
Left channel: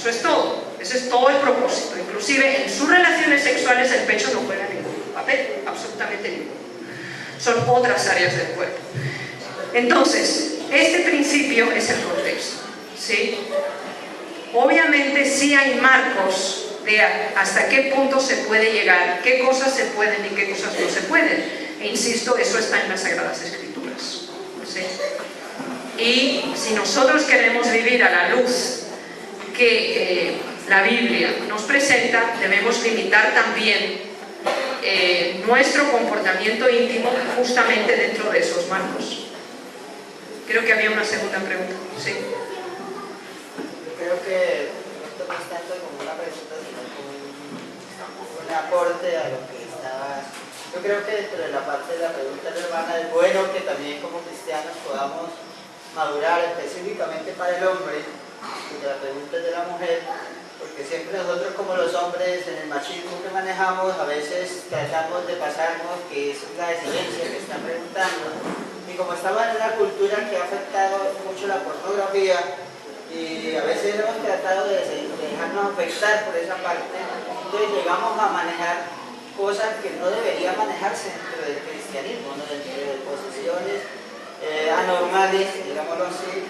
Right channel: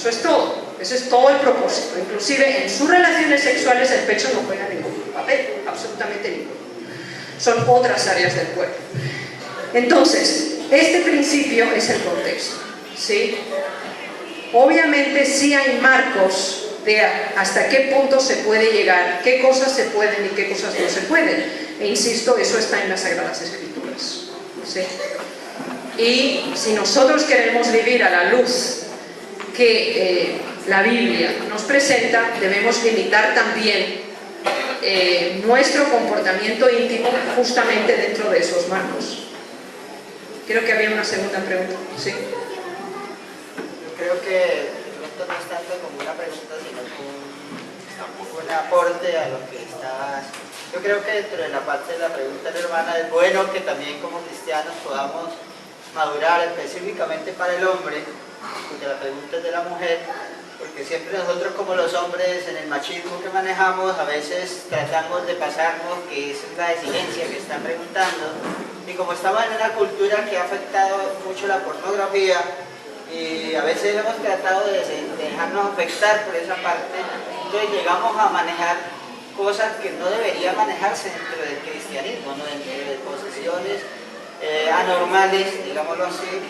Eso es todo. Ese es todo el propósito. Inclusive en sus relaciones sexuales el pecho no juega ningún papel, absolutamente ninguno. Son otras áreas del cuerpo. Entonces, este principio es el contexto, ¿sí? Obviamente sí hay marcos de hasta qué punto se puede llegar, qué cosas se pueden y qué cosas no se pueden. E insisto, eso está en las Sagradas Escrituras, ¿sí? Y si nosotros queremos vivir a la luz que la Biblia nos presenta, debemos limitar también nuestro comportamiento íntimo justamente dentro de esos marcos. Creo que había una segunda pregunta. ¿Sí? Creo que esto no es tanto como una pregunta, sino como un aporte a lo que está. Yo creo que dentro de la parte de la pregunta de la hermana es bueno que también como cristianos podamos madurar específicamente para el hombre, porque la pregunta es de la mujer, porque siempre nosotros como los hombres en el machismo que manejamos a veces tratamos de pasarnos que es la exigencia que están preguntando, y como estamos en una cultura que ha afectado mucho la pornografía y a veces hemos tratado de dejarnos afectar por esa parte, entonces llegamos a manejar cosas que no deberían manejarse dentro del cristianismo, ¿no? Dentro de posesiones anormales, digámoslo así,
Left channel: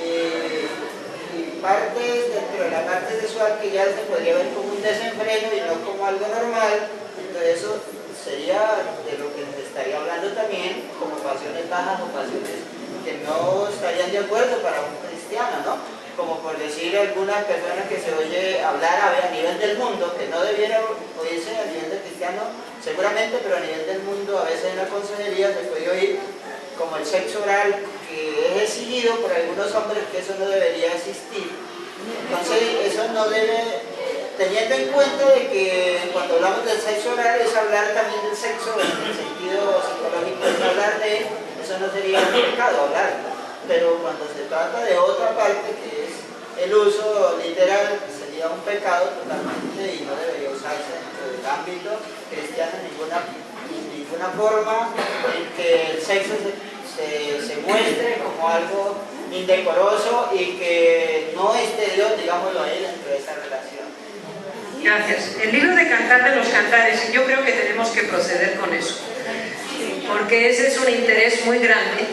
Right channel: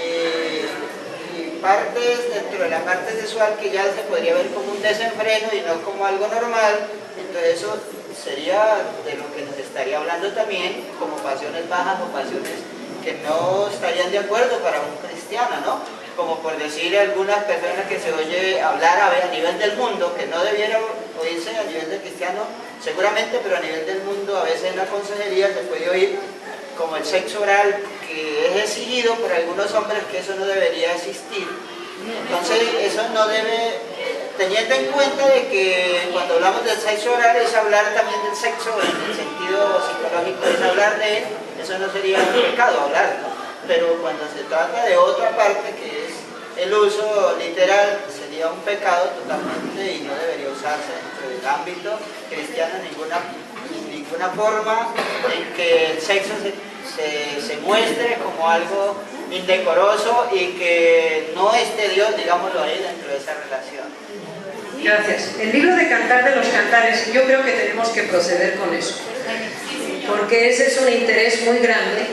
y partes dentro de la parte sexual que ya se podría ver como un desenfreno y no como algo normal. Entonces eso sería de lo que nos estaría hablando también como pasiones bajas o pasiones que no estarían de acuerdo para un cristiano, ¿no? Como por decir algunas personas que se oye hablar a nivel del mundo, que no debiera oírse a nivel del cristiano, seguramente, pero a nivel del mundo a veces en la consejería se puede oír como el sexo oral, que es exigido por algunos hombres, que eso no debería existir. Entonces eso no debe, teniendo en cuenta de que cuando hablamos del sexo oral es hablar también del sexo en el sentido psicológico, es hablar de él, eso no sería un pecado hablarlo. Pero cuando se trata de otra parte, que es el uso literal, sería un pecado totalmente y no debería usarse dentro del ámbito cristiano en ninguna forma en que el sexo se muestre como algo indecoroso y que no esté Dios, digámoslo ahí, dentro de esa relación. Gracias. El libro de Cantar de los Cantares, yo creo que tenemos que proceder con eso, porque ese es un interés muy grande.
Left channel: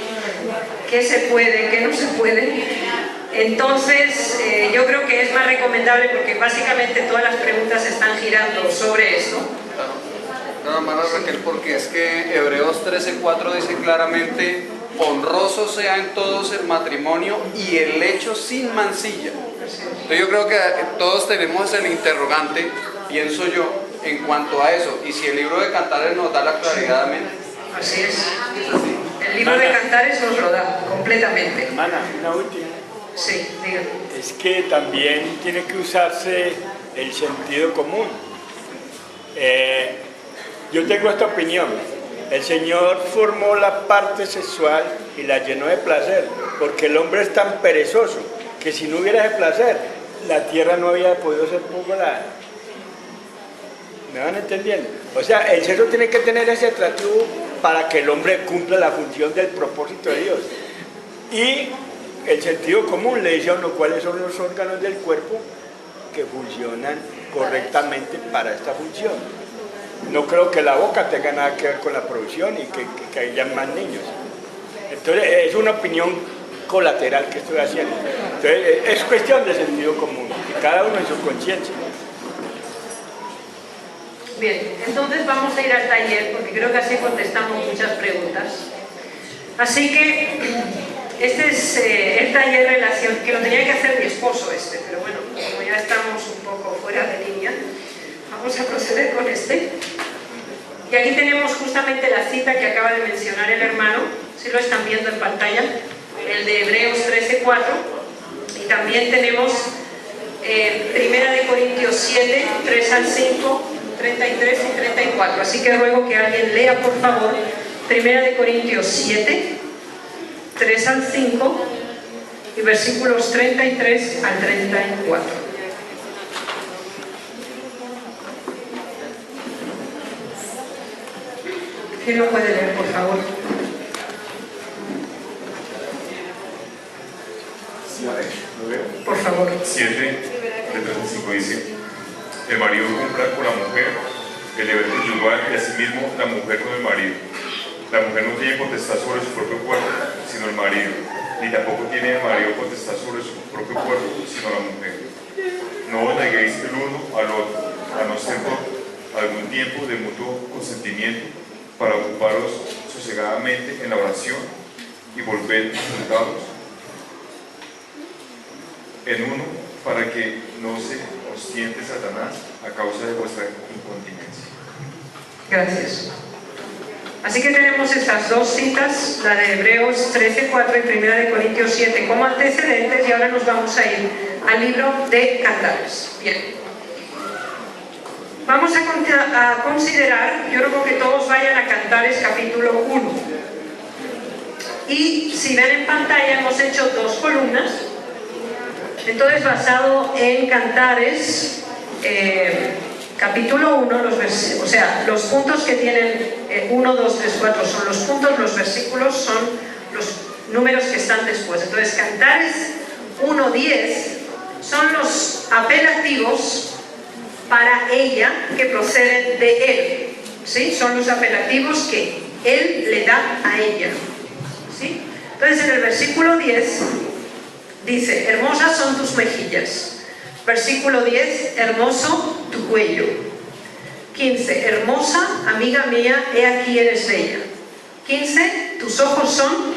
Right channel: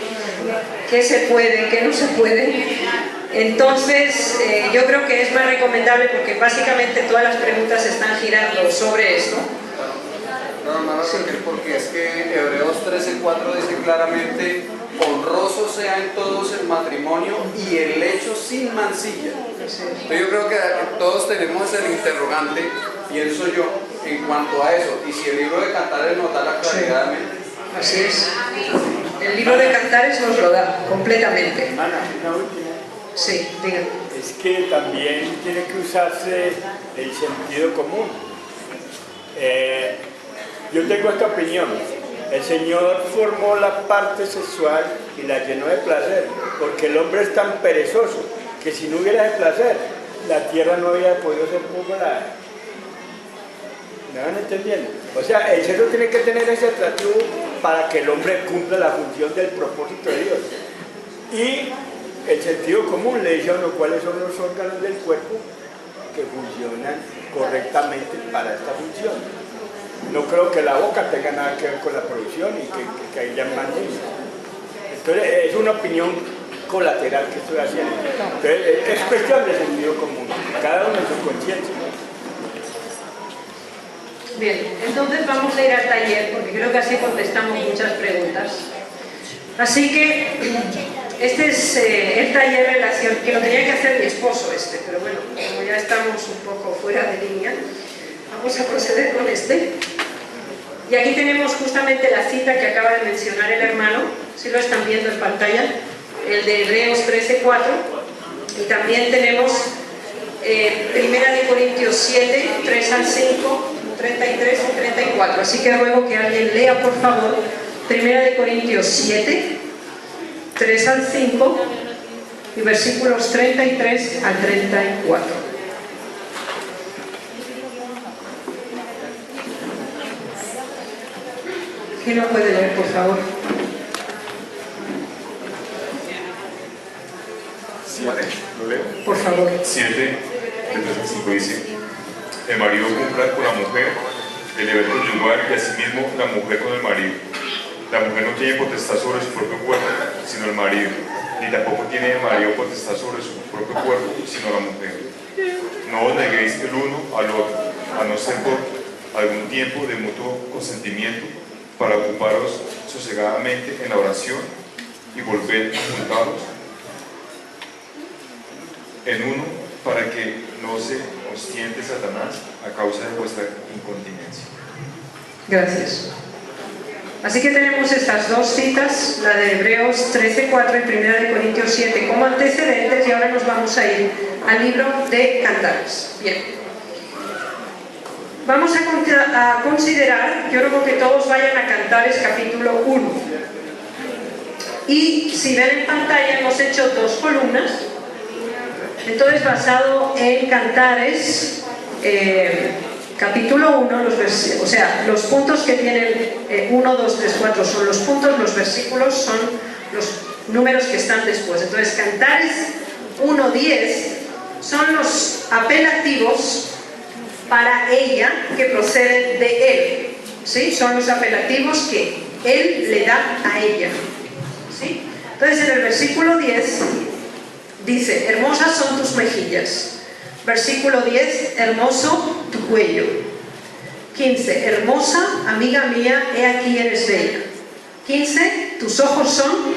¿Qué se puede, qué no se puede? Entonces, yo creo que es más recomendable, porque básicamente todas las preguntas están girando sobre esto. No, hermano Raquel, porque es que Hebreos 13:4 dice claramente: honroso sea en todos el matrimonio y el lecho sin mancilla. Entonces yo creo que todos tenemos el interrogante, pienso yo, en cuanto a eso, y si el libro de Cantares nos da la claridad. Así es. El libro de Cantares nos lo da completamente. Ana, una última. Sí, diga. Es que también tiene que usarse el sentido común. Yo tengo esta opinión. El Señor formó la parte sexual y la llenó de placer, porque el hombre es tan perezoso que si no hubiera ese placer, la tierra no había podido ser poblada. ¿Me van entendiendo? O sea, el sexo tiene que tener ese atractivo para que el hombre cumpla la función del propósito de Dios. Y el sentido común le dice a uno cuáles son los órganos del cuerpo que funcionan correctamente para esta función. No creo que la boca tenga nada que ver con la producción y que hayan más niños. Entonces, es una opinión colateral que estoy haciendo. Entonces, es cuestión de sentido común, cada uno en su conciencia. Bien, entonces vamos a ir al taller, porque creo que así contestamos muchas preguntas. Así que este es el taller de relación, que lo tenía que hacer mi esposo pero bueno, como ya estamos un poco fuera de línea, vamos a proceder con este. Y aquí tenemos justamente la cita que acaba de mencionar el hermano, si lo están viendo en pantalla, el de Hebreos 13:4, y también tenemos 1 Corintios 7, 3 al 5, 33 y 34. Así que ruego que alguien lea, por favor, 1 Corintios 7, 3 al 5 y versículos 33 al 34. ¿Quién lo puede leer, por favor? ¿Lo leo? Por favor. 7, 1 5 dice: el marido cumpla con la mujer el deber conyugal y asimismo la mujer con el marido. La mujer no tiene potestad sobre su propio cuerpo, sino el marido, ni tampoco tiene el marido potestad sobre su propio cuerpo, sino la mujer. No os neguéis el uno al otro, a no ser por algún tiempo de mutuo consentimiento, para ocuparos sosegadamente en la oración y volver juntados en uno, para que no se os tiente Satanás a causa de vuestra incontinencia. Gracias. Así que tenemos estas dos citas, la de Hebreos 13:4 y 1 de Corintios 7 como antecedentes, y ahora nos vamos a ir al libro de Cantares. Bien. Vamos a considerar, yo creo que todos vayan a Cantares capítulo 1. Y si ven en pantalla hemos hecho 2 columnas. Entonces, basado en Cantares capítulo 1, o sea, los puntos que tienen 1, 2, 3, 4 son los puntos, los versículos son los números que están después. Entonces, Cantares 1, 10 son los apelativos para ella que proceden de él, ¿sí? Son los apelativos que él le da a ella, ¿sí? Entonces, en el versículo 10 dice: hermosas son tus mejillas. Versículo 10, hermoso tu cuello. 15, hermosa amiga mía, he aquí eres bella. 15, tus ojos son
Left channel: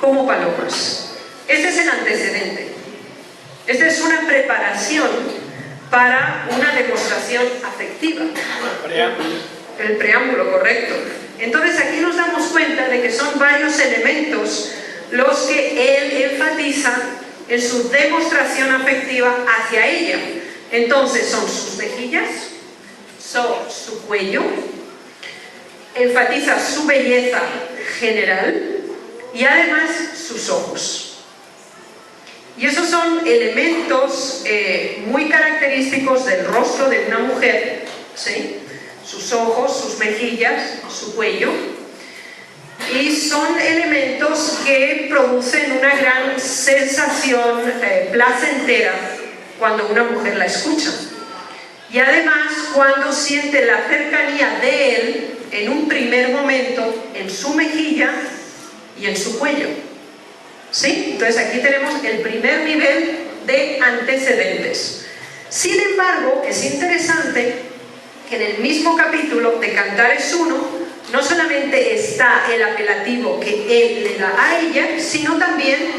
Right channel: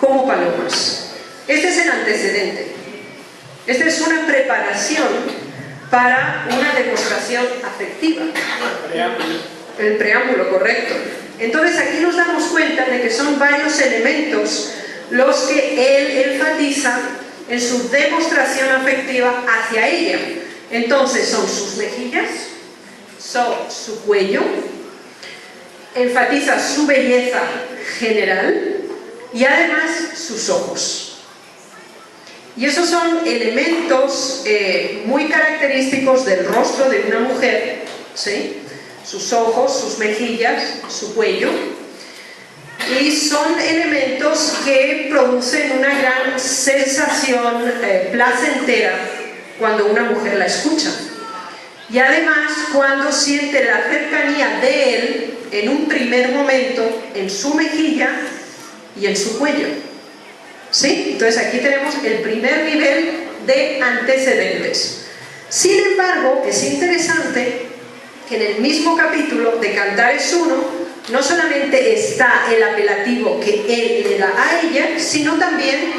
como palomas. Este es el antecedente. Esta es una preparación para una demostración afectiva. El preámbulo, correcto. Entonces aquí nos damos cuenta de que son varios elementos los que él enfatiza en su demostración afectiva hacia ella. Entonces son sus mejillas, son su cuello, enfatiza su belleza general y además sus ojos. Y esos son elementos muy característicos del rostro de una mujer, ¿sí? Sus ojos, sus mejillas, su cuello. Y son elementos que producen una gran sensación placentera cuando una mujer la escucha. Y además cuando siente la cercanía de él en un primer momento en su mejilla y en su cuello. ¿Sí? Entonces aquí tenemos el primer nivel de antecedentes. Sin embargo, es interesante que en el mismo capítulo de Cantares 1 no solamente está el apelativo que él le da a ella, sino también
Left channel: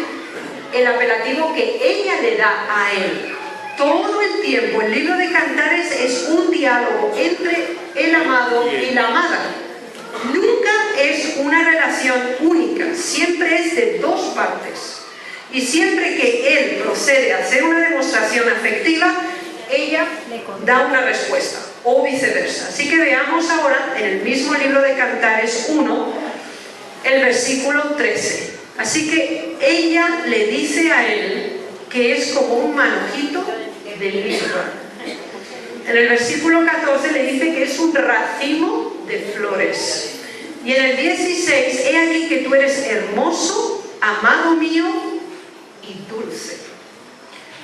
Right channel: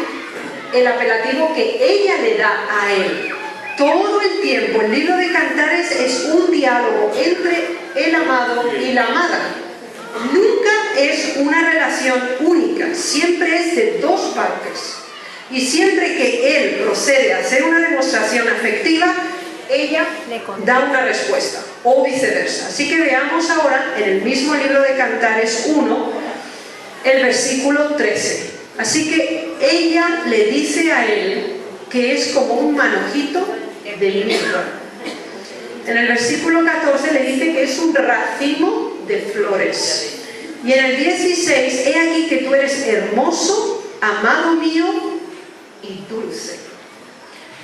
el apelativo que ella le da a él. Todo el tiempo el libro de Cantares es un diálogo entre el amado y la amada. Nunca es una relación única, siempre es de dos partes. Y siempre que él procede a hacer una demostración afectiva, ella da una respuesta, o viceversa. Así que veamos ahora en el mismo libro de Cantares 1, el versículo 13. Así que ella le dice a él que es como un manojito de mirra. En el versículo 14 le dice que es un racimo de flores. Y en el 16, he aquí que tú eres hermoso, amado mío y dulce.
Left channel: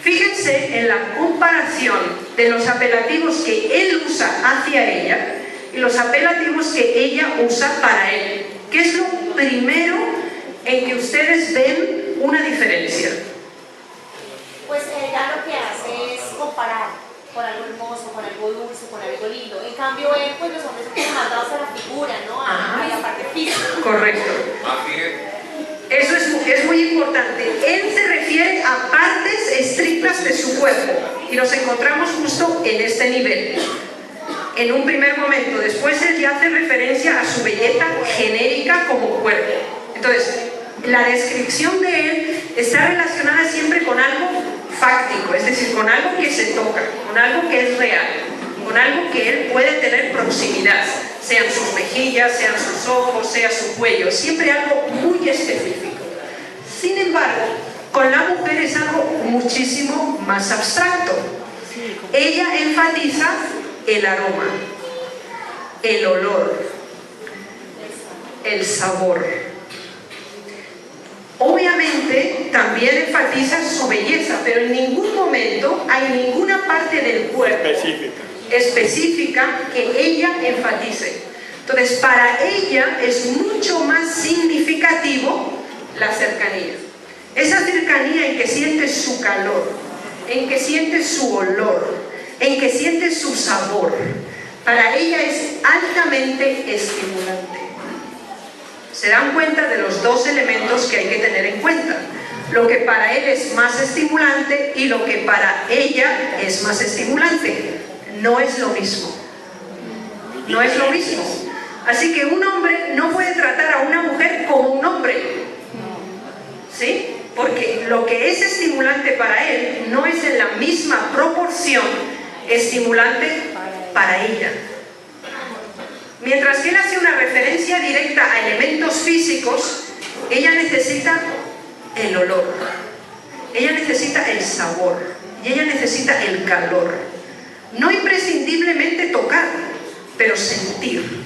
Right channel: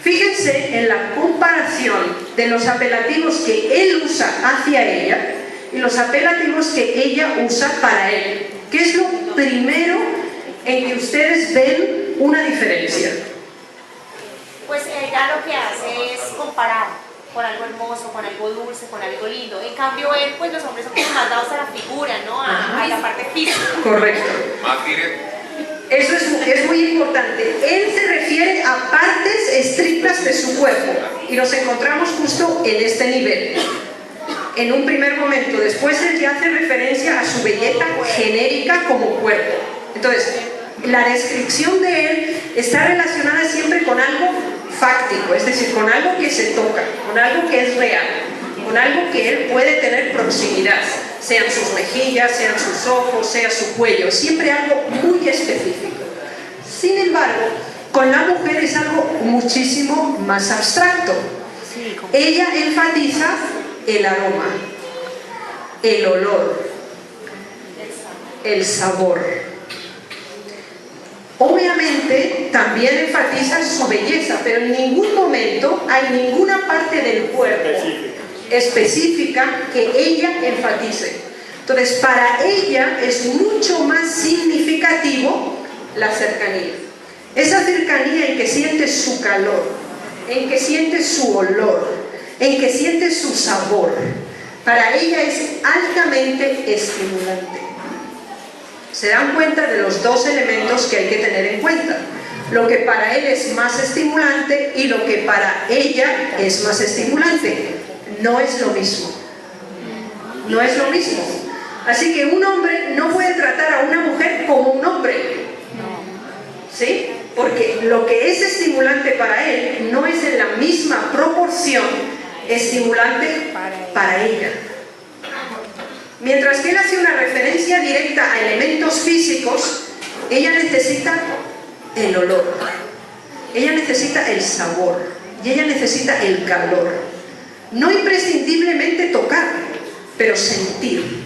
Fíjense en la comparación de los apelativos que él usa hacia ella y los apelativos que ella usa para él. ¿Qué es lo primero en que ustedes ven una diferencia? Pues ella lo que hace es comparar con algo hermoso, con algo dulce, con algo lindo. En cambio, él, pues los hombres son como más dados a la figura, ¿no? A la parte física. Correcto. Eso es muy importante. Él se refiere a partes estrictas de su cuerpo y los encontramos justo en este nivel. En un primer momento, después él ya hace referencia a su belleza genérica como cuerpo. Entonces, la descripción de él está relacionada siempre con algo fáctico, es decir, con algo que se toca, con algo que es real, con algo que él puede tener proximidad, sean sus mejillas, sean sus ojos, sea su cuello, siempre algo muy específico. Sin embargo, con la mujer es algo muchísimo más abstracto. Ella enfatiza el aroma, el olor, el sabor. Obviamente también enfatiza su belleza, pero en ningún momento hay ninguna parte del cuerpo específica que ella enfatice. Entonces, para ella es mucho más significativo la cercanía. Esa cercanía en que sientes su calor, en que sientes su olor, en que sientes su sabor, para ella es altamente estimulante. Se dan cuenta de los dos elementos que hay que tener en cuenta. Lo que para él es más estimulante y lo que para ella es más estimulante. No es lo mismo. No es lo mismo. Así que un hombre no puede tratar a una mujer como un hombre. ¿Sí? Porque lo que es estimulante para él no es en la misma proporción estimulante para ella. Mientras que él hace una referencia directa a elementos físicos, ella necesita el olor, ella necesita el sabor y ella necesita el calor. No imprescindiblemente tocar, pero sentir.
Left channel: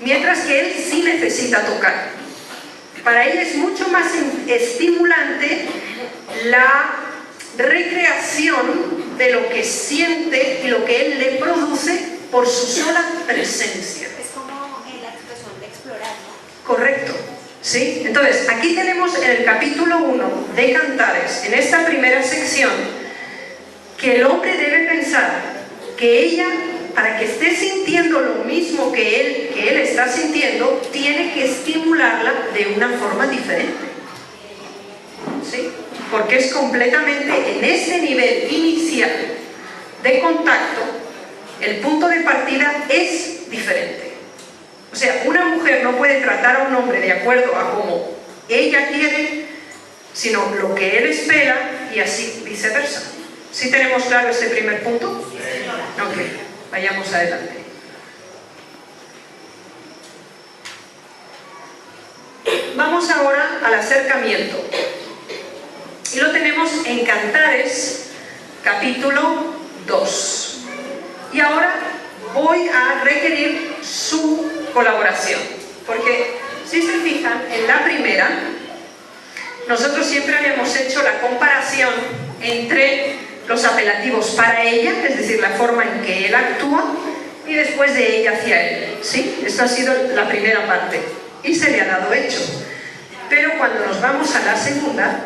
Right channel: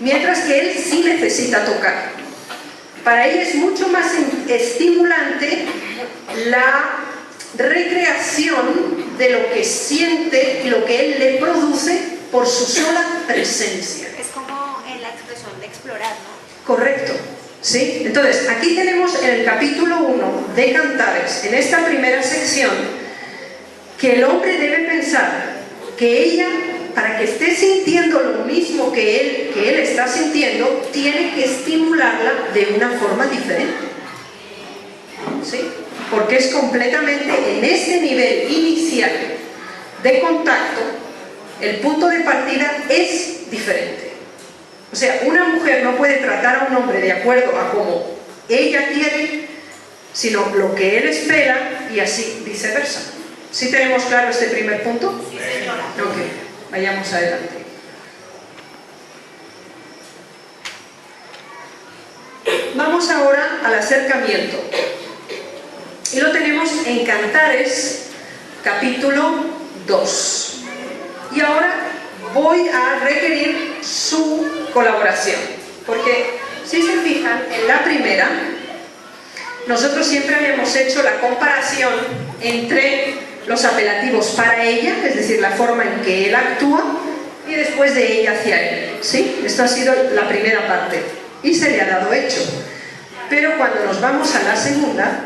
Mientras que él sí necesita tocar. Para ella es mucho más estimulante la recreación de lo que siente y lo que él le produce por su sola presencia. Es como en la expresión de explorar, ¿no? Correcto, ¿sí? Entonces, aquí tenemos en el capítulo 1 de Cantares, en esta primera sección, que el hombre debe pensar que ella, para que esté sintiendo lo mismo que él está sintiendo, tiene que estimularla de una forma diferente. ¿Sí? Porque es completamente en ese nivel inicial de contacto, el punto de partida es diferente. O sea, una mujer no puede tratar a un hombre de acuerdo a como ella quiere, sino lo que él espera y así viceversa. ¿Sí tenemos claro este primer punto? Sí, señora. Ok, vayamos adelante. Vamos ahora al acercamiento. Y lo tenemos en Cantares, capítulo 2. Y ahora voy a requerir su colaboración. Porque, si se fijan, en la primera, nosotros siempre habíamos hecho la comparación entre los apelativos para ella, es decir, la forma en que él actúa, y después de ella hacia él. ¿Sí? Esto ha sido la primera parte. Y se le ha dado hecho. Pero cuando nos vamos a la segunda,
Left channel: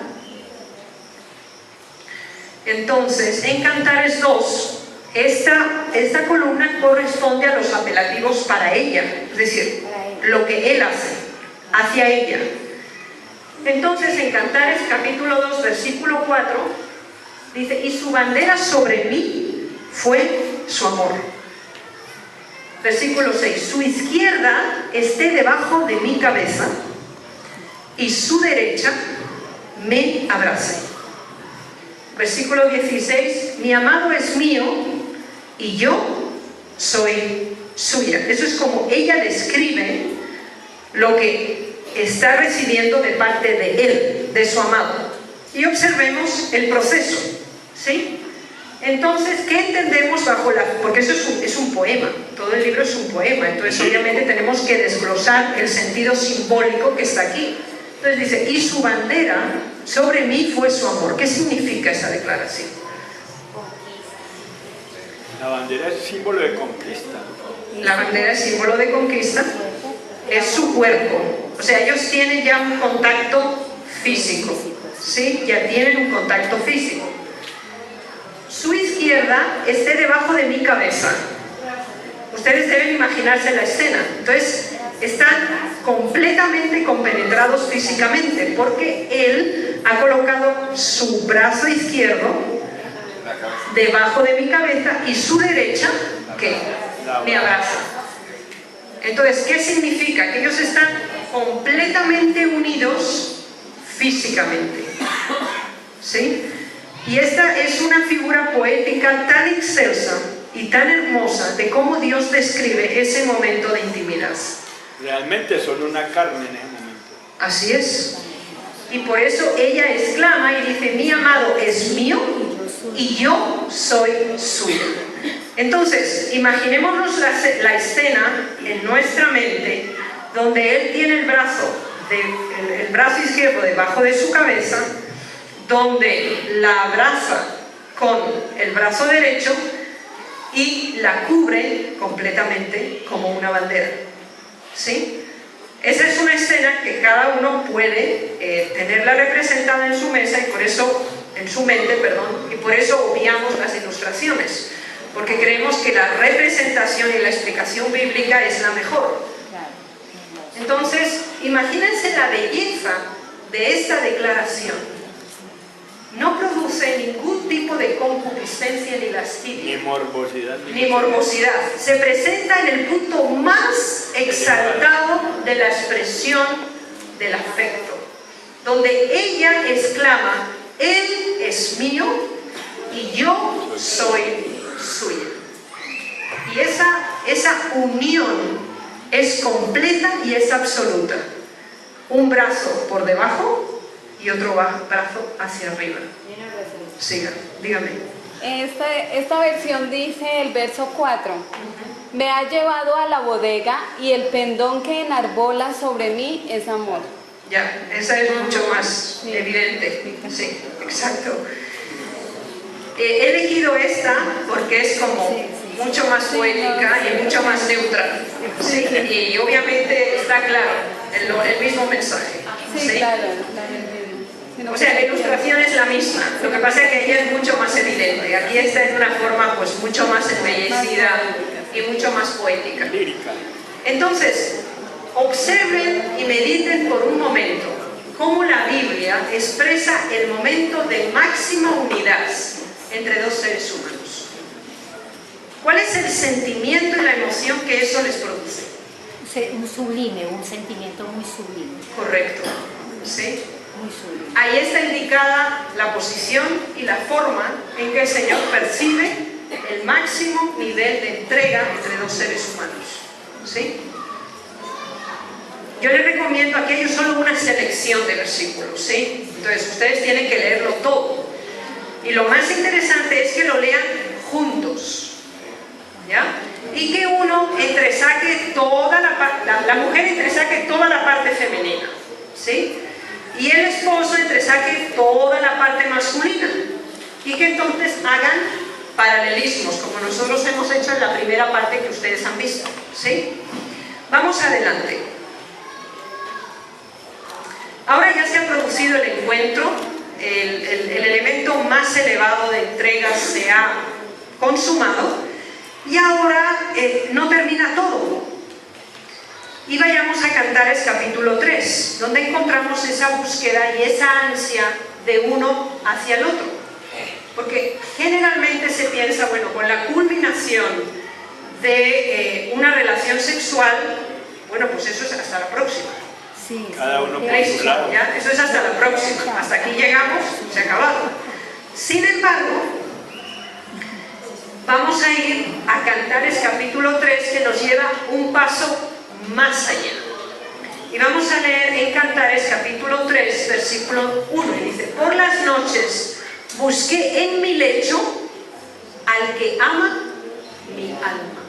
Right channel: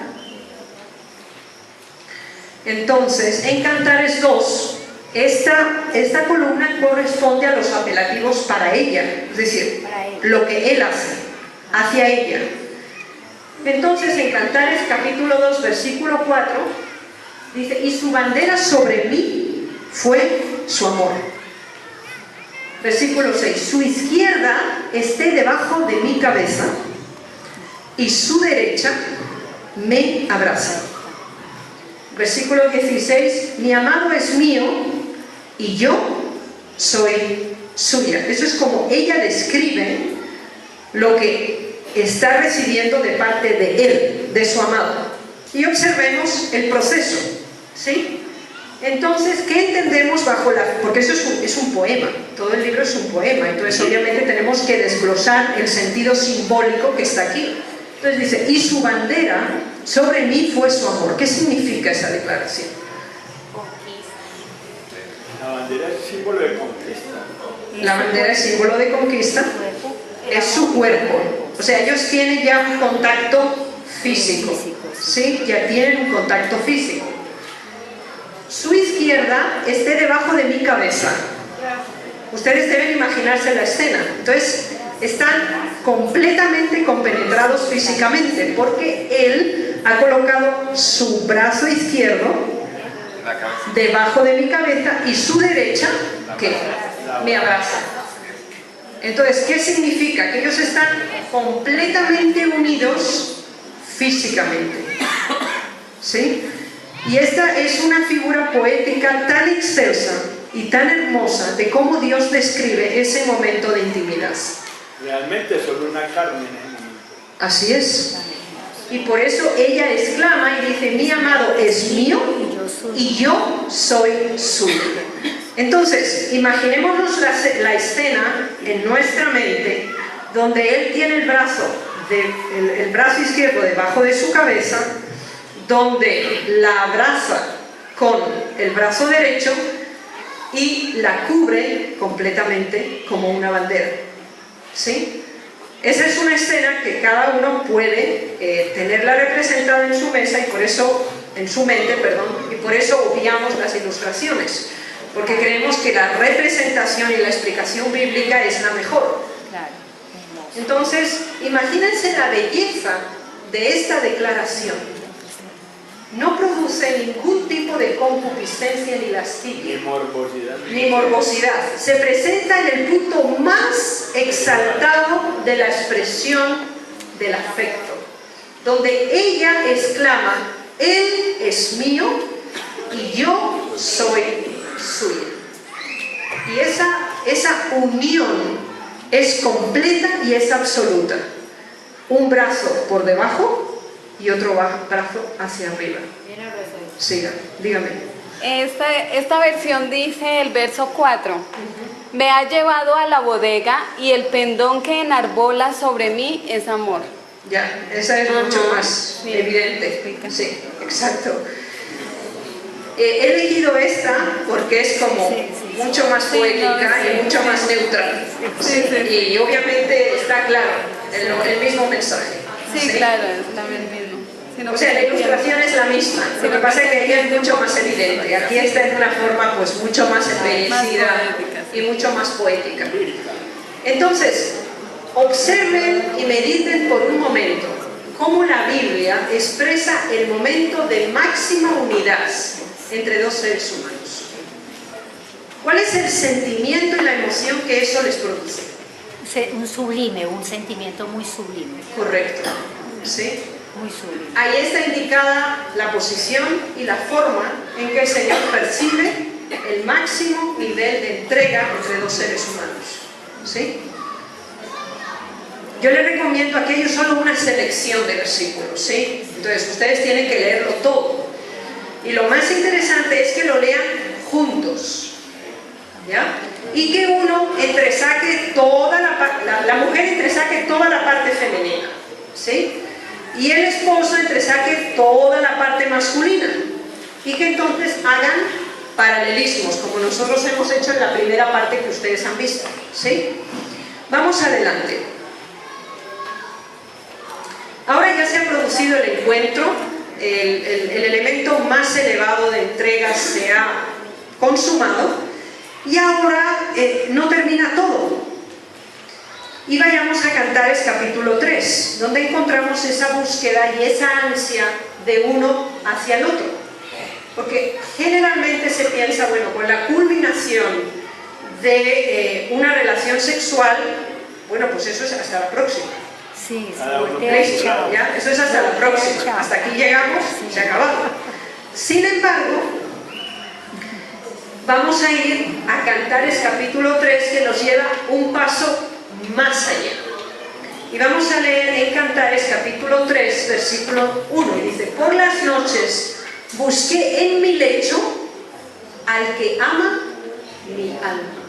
entonces, en Cantares 2, esta columna corresponde a los apelativos para ella, es decir, lo que él hace hacia ella. Entonces, en Cantares capítulo 2, versículo 4, dice: y su bandera sobre mí fue su amor. Versículo 6, su izquierda esté debajo de mi cabeza y su derecha me abraza. Versículo 16, mi amado es mío y yo soy suya. Eso es como ella describe lo que está recibiendo de parte de él, de su amado. Y observemos el proceso, ¿sí? Entonces, ¿qué entendemos bajo la...? Porque eso es un poema, todo el libro es un poema, entonces obviamente tenemos que desglosar el sentido simbólico que está aquí. Entonces dice, y su bandera sobre mí fue su amor. ¿Qué significa esa declaración? La bandera es símbolo de conquista. La bandera es símbolo de conquista, es su cuerpo. O sea, ellos tienen ya un contacto físico, ¿sí? Ya tienen un contacto físico. Su izquierda esté debajo de mi cabeza. Ustedes deben imaginarse la escena. Entonces, están completamente compenetrados físicamente, porque él ha colocado su brazo izquierdo debajo de mi cabeza y su derecha, ¿qué? Me abraza. Entonces, ¿qué significa? Que ellos están completamente unidos físicamente. ¿Sí? Y esta es una figura poética tan excelsa y tan hermosa de cómo Dios describe ese momento de intimidad. Realmente son una carne en el momento. Así es. Y por eso ella exclama y dice, mi amado es mío y yo soy suyo. Entonces, imaginémonos la escena en nuestra mente donde él tiene el brazo el brazo izquierdo debajo de su cabeza, donde la abraza con el brazo derecho y la cubre completamente como una bandera. ¿Sí? Esa es una escena que cada uno puede tenerla representada en su mesa y por eso, en su mente, perdón, y por eso obviamos las ilustraciones, porque creemos que la representación y la explicación bíblica es la mejor. Entonces, imagínense la belleza de esta declaración. No produce ningún tipo de concupiscencia ni lascivia. Ni morbosidad. Se presenta en el punto más exaltado de la expresión del afecto, donde ella exclama: Él es mío y yo soy suyo. Y esa unión es completa y es absoluta. Un brazo por debajo y otro brazo hacia arriba. Sí, dígame. Esta versión dice el verso 4. Me ha llevado a la bodega y el pendón que enarbola sobre mí es amor. Ya, esa es mucho más evidente. Sí, exacto. He elegido esta porque es como mucho más poética y mucho más neutral. Y obviamente está claro el mismo mensaje. Sí, claro, está bien. O sea, la ilustración es la misma, lo que pasa es que aquí es mucho más evidente. Aquí está de una forma pues mucho más embellecida y mucho más poética. Entonces, observen y mediten por un momento cómo la Biblia expresa el momento de máxima unidad entre dos seres humanos. ¿Cuál es el sentimiento y la emoción que eso les produce? Un sublime, un sentimiento muy sublime. Correcto. ¿Sí? Muy sublime. Ahí está indicada la posición y la forma en que el Señor percibe el máximo nivel de entrega entre dos seres humanos. ¿Sí? Yo les recomiendo, aquí hay solo una selección de versículos, ¿sí? Entonces ustedes tienen que leerlo todo. Y lo más interesante es que lo lean juntos, ¿ya? Y que uno entresaque toda la mujer entresaque toda la parte femenina, ¿sí? Y el esposo entresaque toda la parte masculina. Y que entonces hagan paralelismos, como nosotros hemos hecho en la primera parte que ustedes han visto, ¿sí? Vamos adelante. Ahora ya se ha producido el encuentro, el elemento más elevado de entrega se ha consumado y ahora no termina todo. Y vayamos a Cantares capítulo 3, donde encontramos esa búsqueda y esa ansia de uno hacia el otro. Porque generalmente se piensa, bueno, con la culminación de una relación sexual, bueno, pues eso es hasta la próxima. Sí, ¿Ya? Eso es hasta la próxima. Hasta aquí llegamos, se ha acabado. Sin embargo, vamos a ir a Cantares capítulo 3, que nos lleva un paso más allá. Y vamos a leer en Cantares capítulo 3, versículo 1. Y dice: por las noches busqué en mi lecho al que ama mi alma.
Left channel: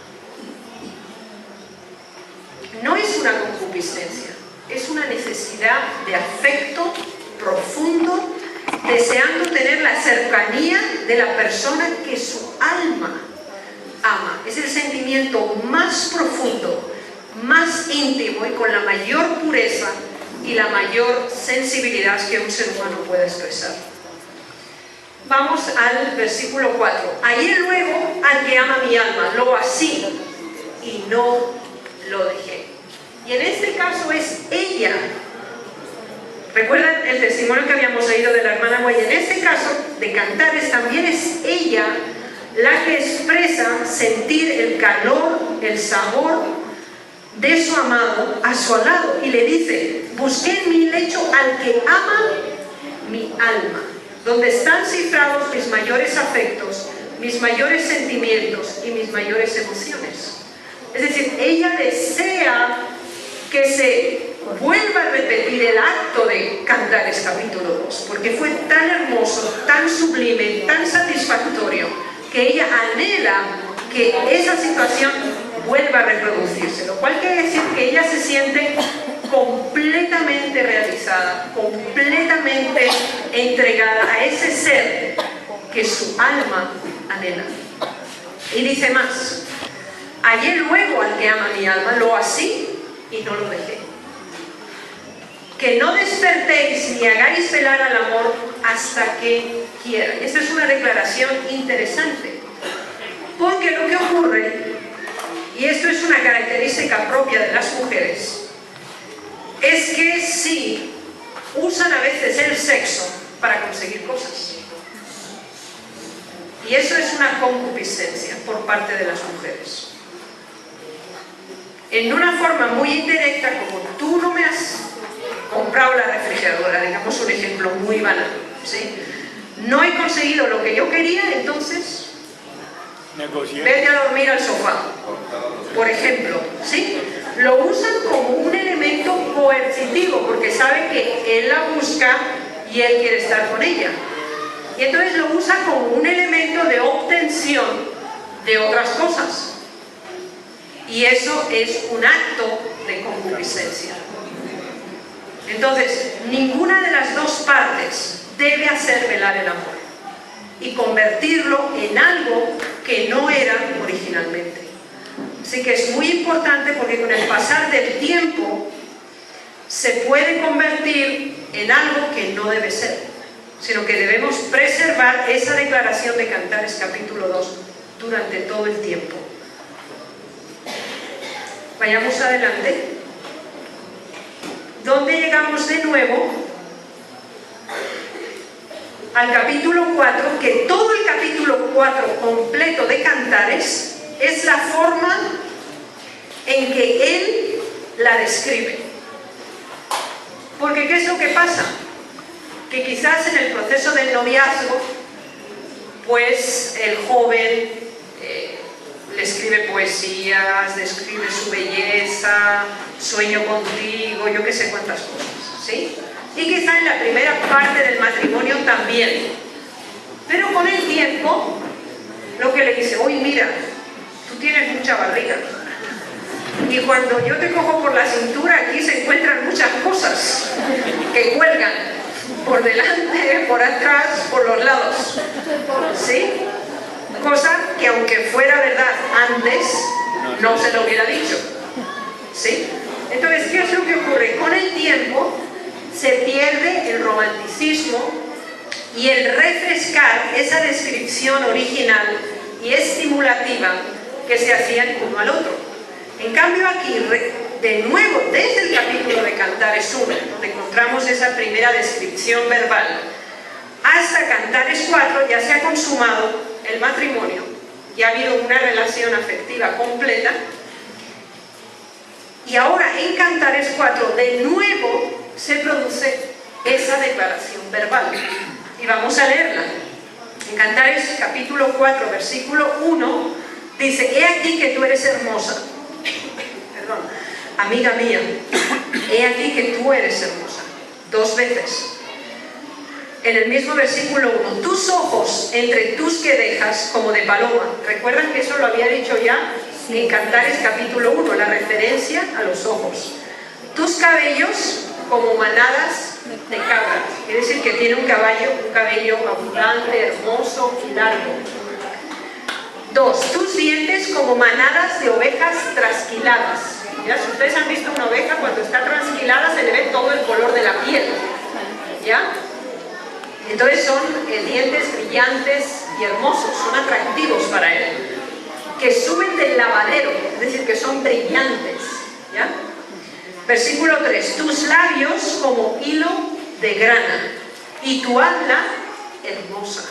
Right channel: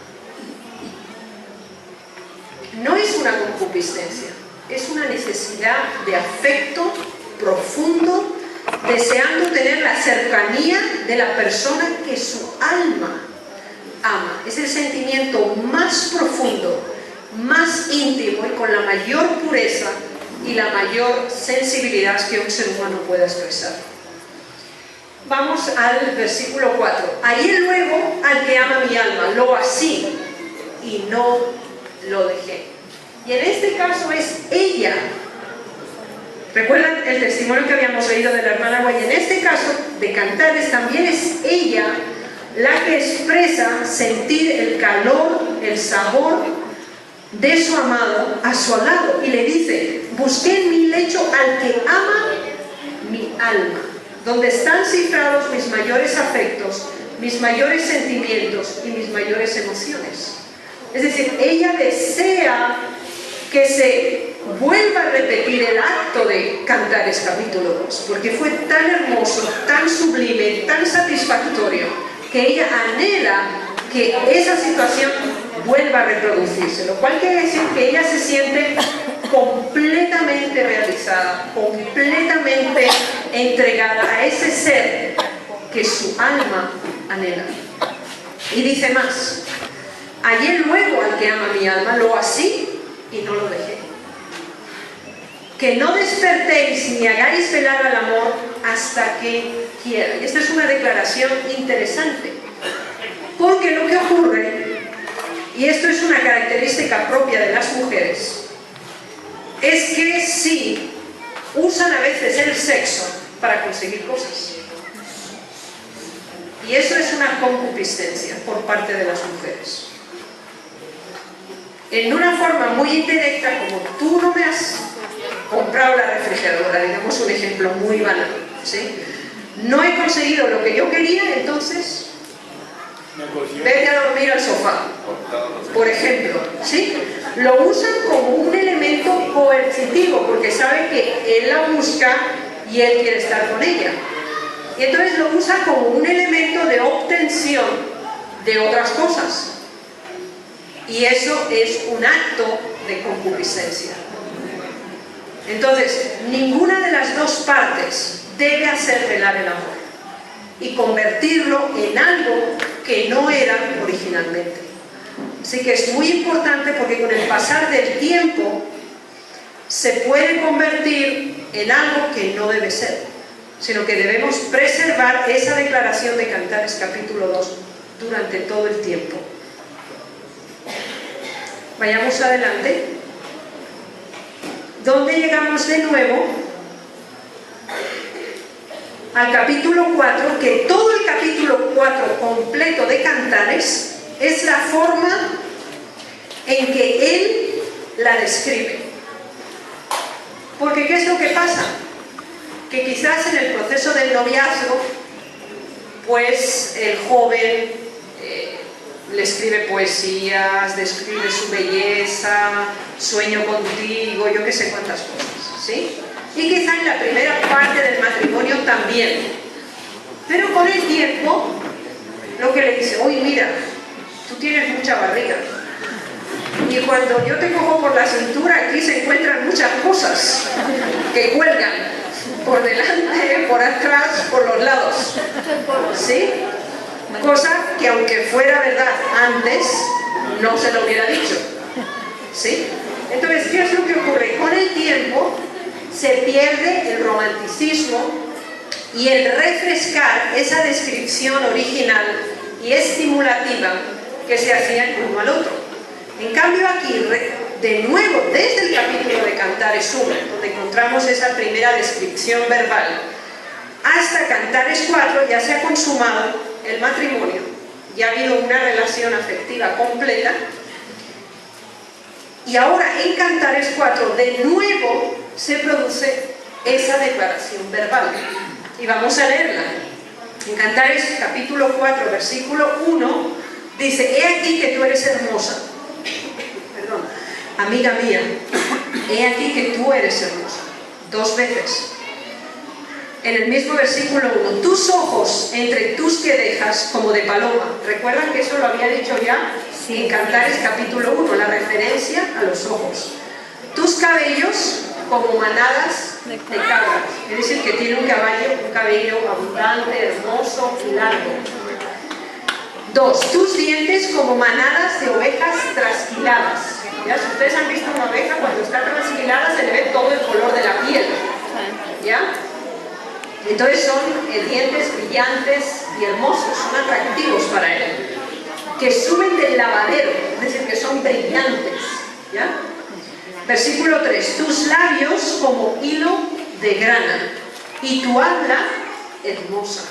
No es una concupiscencia. Es una necesidad de afecto profundo, deseando tener la cercanía de la persona que su alma ama. Es el sentimiento más profundo, más íntimo y con la mayor pureza y la mayor sensibilidad que un ser humano pueda expresar. Vamos al versículo 4. Hallé luego al que ama mi alma, lo así y no lo dejé. Y en este caso es ella. ¿Recuerdan el testimonio que habíamos oído de la hermana Guay? En este caso de Cantares también es ella la que expresa sentir el calor, el sabor de su amado a su lado. Y le dice: busqué en mi lecho al que ama mi alma, donde están cifrados mis mayores afectos, mis mayores sentimientos y mis mayores emociones. Es decir, ella desea que se vuelva a repetir el acto de Cantares capítulo 2, porque fue tan hermoso, tan sublime, tan satisfactorio, que ella anhela que esa situación vuelva a reproducirse, lo cual quiere decir que ella se siente completamente realizada, completamente entregada a ese ser que su alma anhela. Y dice más: hallé luego al que ama mi alma, lo así y no lo dejé. Que no despertéis ni hagáis velar al amor hasta que quiera. Esta es una declaración interesante, porque lo que ocurre, y esto es una característica propia de las mujeres, es que sí usan a veces el sexo para conseguir cosas. Y eso es una concupiscencia por parte de las mujeres. En una forma muy indirecta, como tú no me has comprado la refrigeradora, digamos un ejemplo muy banal, ¿sí? No he conseguido lo que yo quería, entonces vete a dormir al sofá, por ejemplo, ¿sí? Lo usan como un elemento coercitivo, porque saben que él la busca y él quiere estar con ella. Y entonces lo usa como un elemento de obtención de otras cosas. Y eso es un acto de concupiscencia. Entonces, ninguna de las dos partes debe hacer velar el amor y convertirlo en algo que no era originalmente. Así que es muy importante, porque con el pasar del tiempo se puede convertir en algo que no debe ser, sino que debemos preservar esa declaración de Cantares capítulo 2 durante todo el tiempo. Vayamos adelante. ¿Dónde llegamos de nuevo? Al capítulo 4, que todo el capítulo 4 completo de Cantares es la forma en que él la describe. Porque ¿qué es lo que pasa? Que quizás en el proceso del noviazgo, pues el joven le escribe poesías, describe su belleza, sueño contigo, yo qué sé cuántas cosas, ¿sí? Y quizá en la primera parte del matrimonio también. Pero con el tiempo, lo que le dice: oye, mira, tú tienes mucha barriga. Y cuando yo te cojo por la cintura, aquí se encuentran muchas cosas que cuelgan por delante, por atrás, por los lados, ¿sí? Cosa que, aunque fuera verdad antes, no se lo hubiera dicho, ¿sí? Entonces, ¿qué es lo que ocurre? Con el tiempo se pierde el romanticismo y el refrescar esa descripción original y estimulativa que se hacía el uno al otro. En cambio aquí, de nuevo, desde el capítulo de Cantares 1, donde encontramos esa primera descripción verbal, hasta Cantares 4 ya se ha consumado el matrimonio, ya ha habido una relación afectiva completa, y ahora en Cantares 4 de nuevo se produce esa declaración verbal. Y vamos a leerla. En Cantares capítulo 4, versículo 1, dice: he aquí que tú eres hermosa. Perdón, amiga mía, he aquí que tú eres hermosa. Dos veces. En el mismo versículo 1, tus ojos entre tus querejas como de paloma. ¿Recuerdan que eso lo había dicho ya en Cantares capítulo 1, la referencia a los ojos? Tus cabellos como manadas de cabras. Quiere decir que tiene un cabello abundante, hermoso y largo. 2, tus dientes como manadas de ovejas trasquiladas. ¿Ya? Si ustedes han visto una oveja, cuando está trasquilada se le ve todo el color de la piel. ¿Ya? Entonces son dientes brillantes y hermosos, son atractivos para él, que suben del lavadero, es decir, que son brillantes, ¿ya? Versículo 3, tus labios como hilo de grana y tu habla hermosa.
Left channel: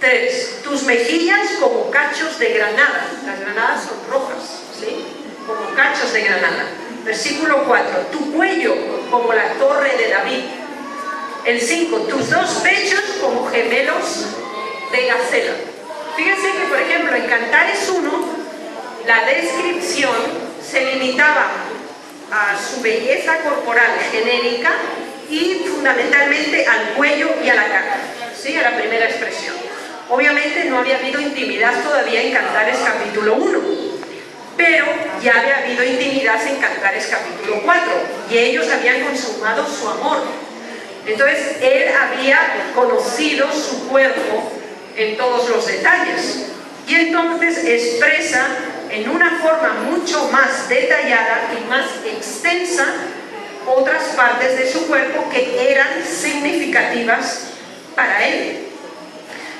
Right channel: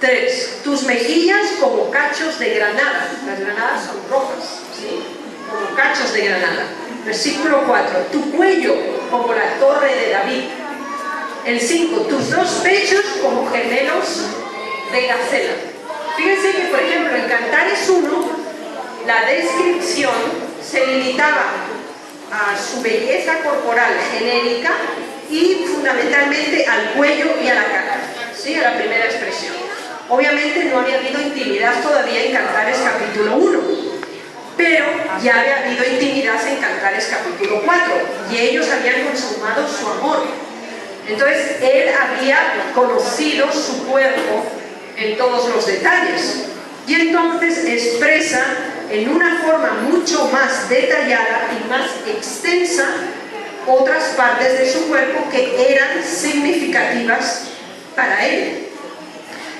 3, tus mejillas como cachos de granada. Las granadas son rojas, ¿sí? Como cachos de granada. Versículo 4, tu cuello como la torre de David. El 5, tus dos pechos como gemelos de gacela. Fíjense que, por ejemplo, en Cantares 1, la descripción se limitaba a su belleza corporal genérica y fundamentalmente al cuello y a la cara, ¿sí? A la primera expresión. Obviamente no había habido intimidad todavía en Cantares capítulo 1, pero ya había habido intimidad en Cantares capítulo 4 y ellos habían consumado su amor. Entonces él había conocido su cuerpo en todos los detalles y entonces expresa en una forma mucho más detallada y más extensa otras partes de su cuerpo que eran significativas para él.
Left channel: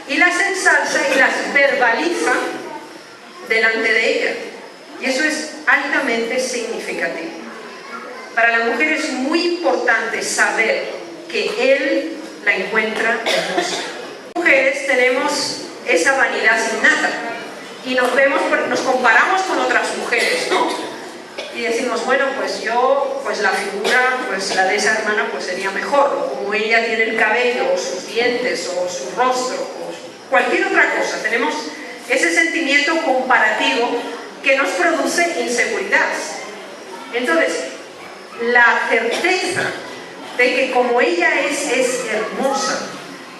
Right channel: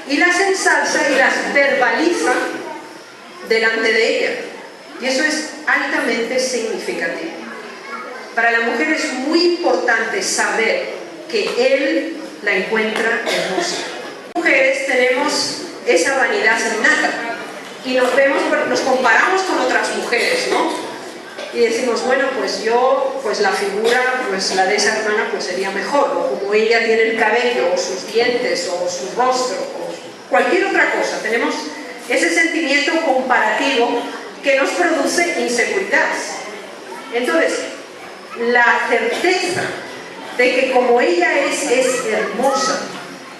Y las ensalza y las verbaliza delante de ella. Y eso es altamente significativo. Para la mujer es muy importante saber que él la encuentra hermosa. Mujeres tenemos esa vanidad innata y nos comparamos con otras mujeres, ¿no? Y decimos, bueno, pues yo, pues la figura, pues la de esa hermana, pues sería mejor, o como ella tiene el cabello, o sus dientes, o su rostro, o cualquier otra cosa. Tenemos ese sentimiento comparativo que nos produce inseguridad. Entonces, la certeza de que como ella es hermosa,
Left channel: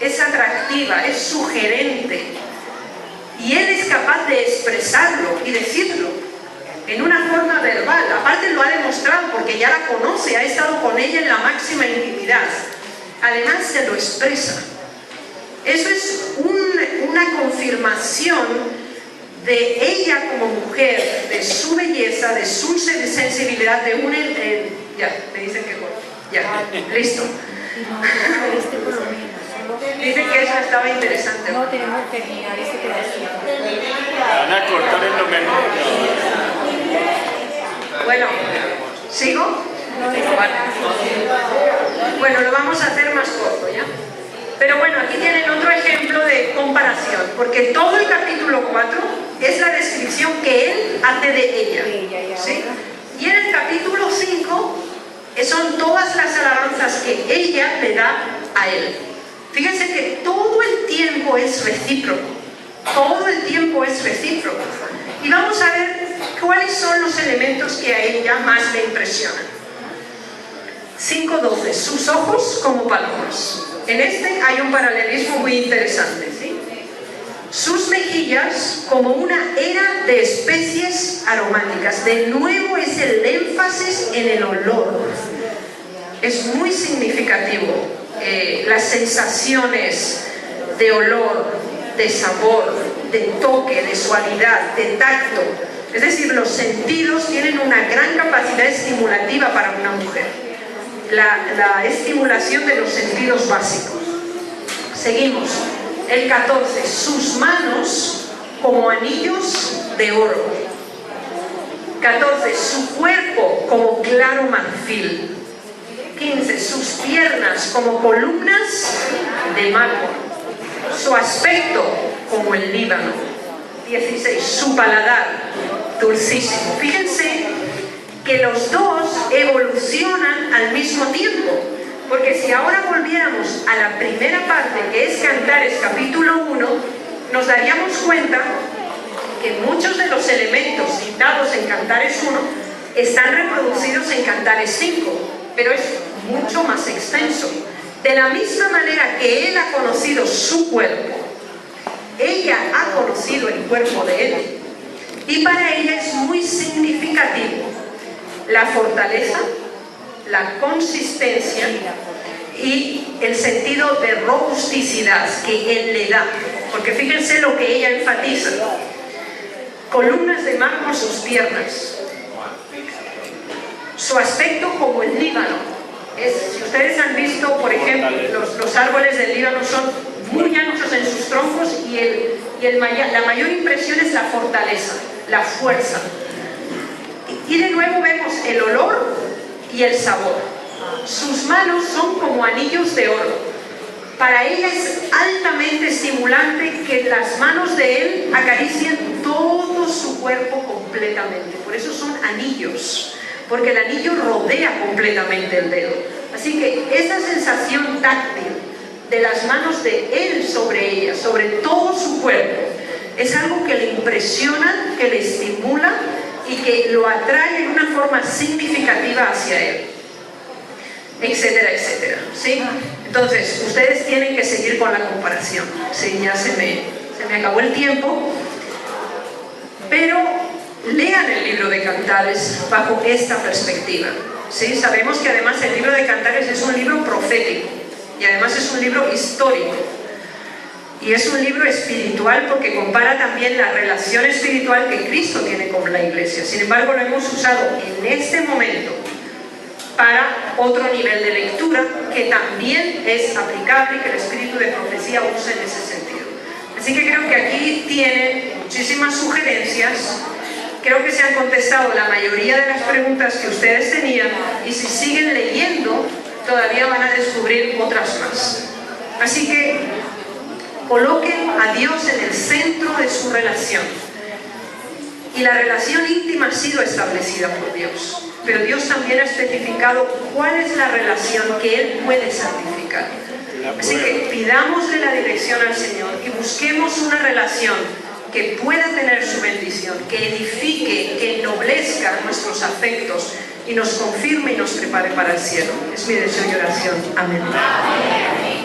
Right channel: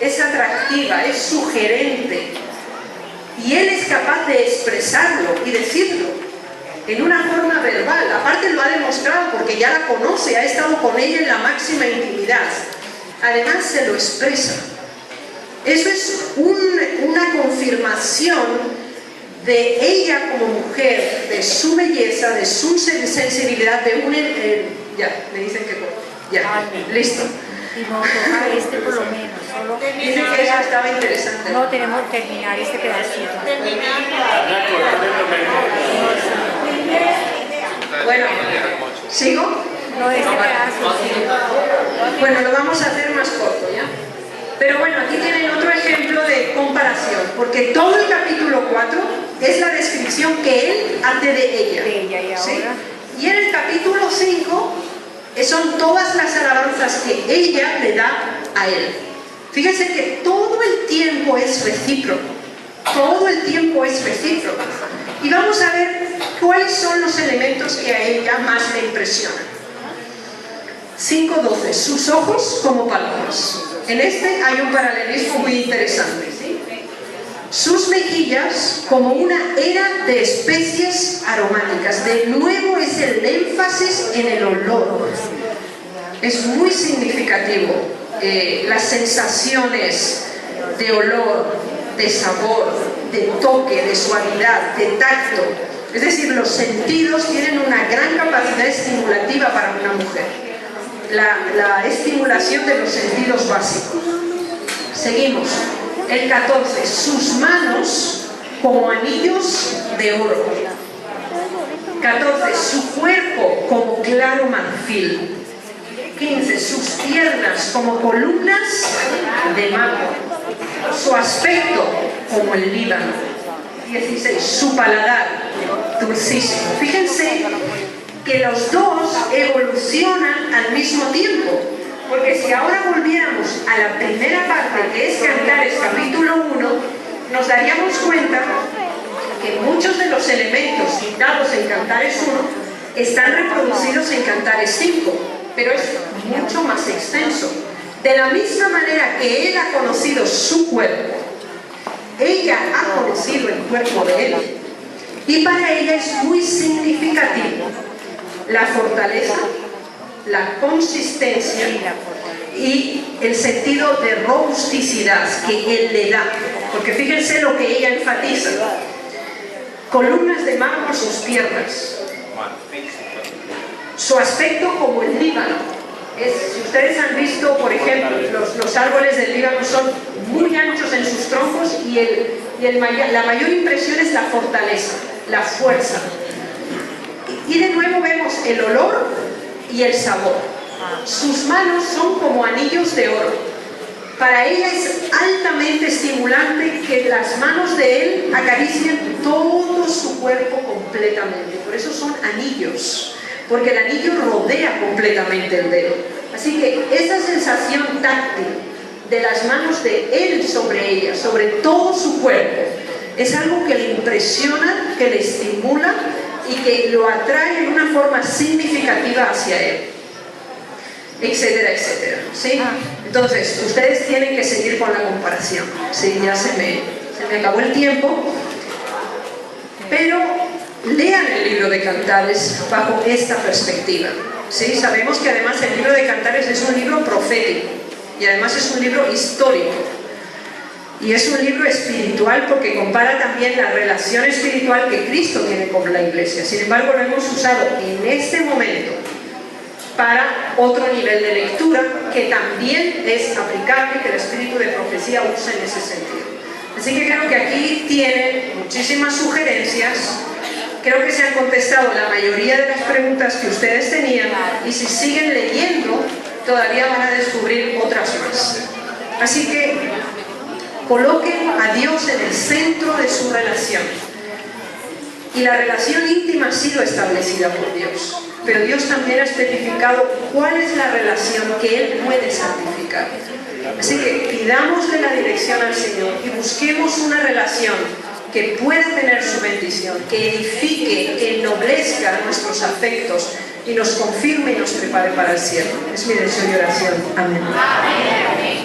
es atractiva, es sugerente, y él es capaz de expresarlo y decirlo en una forma verbal, aparte lo ha demostrado porque ya la conoce, ha estado con ella en la máxima intimidad, además se lo expresa. Eso es una confirmación de ella como mujer, de su belleza, de su sensibilidad, de un... ya, me dicen que... ya, listo. Por lo menos. Dicen que eso estaba interesante. No, tenemos que terminar ese pedacito. Bueno, ¿sigo? No, ese pedazo. Bueno, lo vamos a hacer más corto, ¿ya? Pero bueno, aquí tienen otro ejemplo de comparación, porque todo el capítulo 4 es la descripción que él hace de ella. ¿Sí? Y en el capítulo 5 son todas las alabanzas que ella le da a él. Fíjense que todo el tiempo es recíproco. Todo el tiempo es recíproco. Y vamos a ver cuáles son los elementos que a ella más le impresionan. 5:12. Sus ojos como palomas. En este hay un paralelismo muy interesante, ¿sí? Sus mejillas como una era de especies aromáticas. De nuevo es el énfasis en el olor. Es muy significativo las sensaciones de olor, de sabor, de toque, de suavidad, de tacto. Es decir, los sentidos tienen una gran capacidad estimulativa para una mujer. La estimulación de los sentidos básicos. Seguimos. El 14. Sus manos como anillos de oro. 14. Su cuerpo como claro marfil. 15. Sus piernas como columnas de mármol. Su aspecto como el Líbano. 16. Su paladar dulcísimo. Fíjense que los dos evolucionan al mismo tiempo, porque si ahora volviéramos a la primera parte, que es Cantares capítulo 1, nos daríamos cuenta que muchos de los elementos citados en Cantares 1 están reproducidos en Cantares 5, pero es mucho más extenso. De la misma manera que él ha conocido su cuerpo, ella ha conocido el cuerpo de él, y para ella es muy significativo la fortaleza, la consistencia y el sentido de robusticidad que él le da. Porque fíjense lo que ella enfatiza. Columnas de mármol sus piernas. Su aspecto como el Líbano. Si ustedes han visto, por ejemplo, los árboles del Líbano son muy anchos en sus troncos y la mayor impresión es la fortaleza, la fuerza. Y de nuevo vemos el olor y el sabor. Sus manos son como anillos de oro. Para ella es altamente estimulante que las manos de él acaricien todo su cuerpo completamente. Por eso son anillos, porque el anillo rodea completamente el dedo. Así que esa sensación táctil de las manos de él sobre ella, sobre todo su cuerpo, es algo que le impresiona, que le estimula y que lo atrae de una forma significativa hacia él, etcétera, etcétera. ¿Sí? Entonces, ustedes tienen que seguir con la comparación. Sí, ya se me acabó el tiempo, pero lean el libro de Cantares bajo esta perspectiva. ¿Sí? Sabemos que además el libro de Cantares es un libro profético y además es un libro histórico. Y es un libro espiritual porque compara también la relación espiritual que Cristo tiene con la Iglesia. Sin embargo, lo hemos usado en este momento para otro nivel de lectura que también es aplicable y que el espíritu de profecía usa en ese sentido. Así que creo que aquí tienen muchísimas sugerencias. Creo que se han contestado la mayoría de las preguntas que ustedes tenían y si siguen leyendo todavía van a descubrir otras más. Así que coloquen a Dios en el centro de su relación. Y la relación íntima ha sido establecida por Dios. Pero Dios también ha especificado cuál es la relación que Él puede santificar. Así que pidamos de la dirección al Señor y busquemos una relación que pueda tener su bendición, que edifique, que ennoblezca nuestros afectos y nos confirme y nos prepare para el cielo. Es mi deseo y oración. Amén.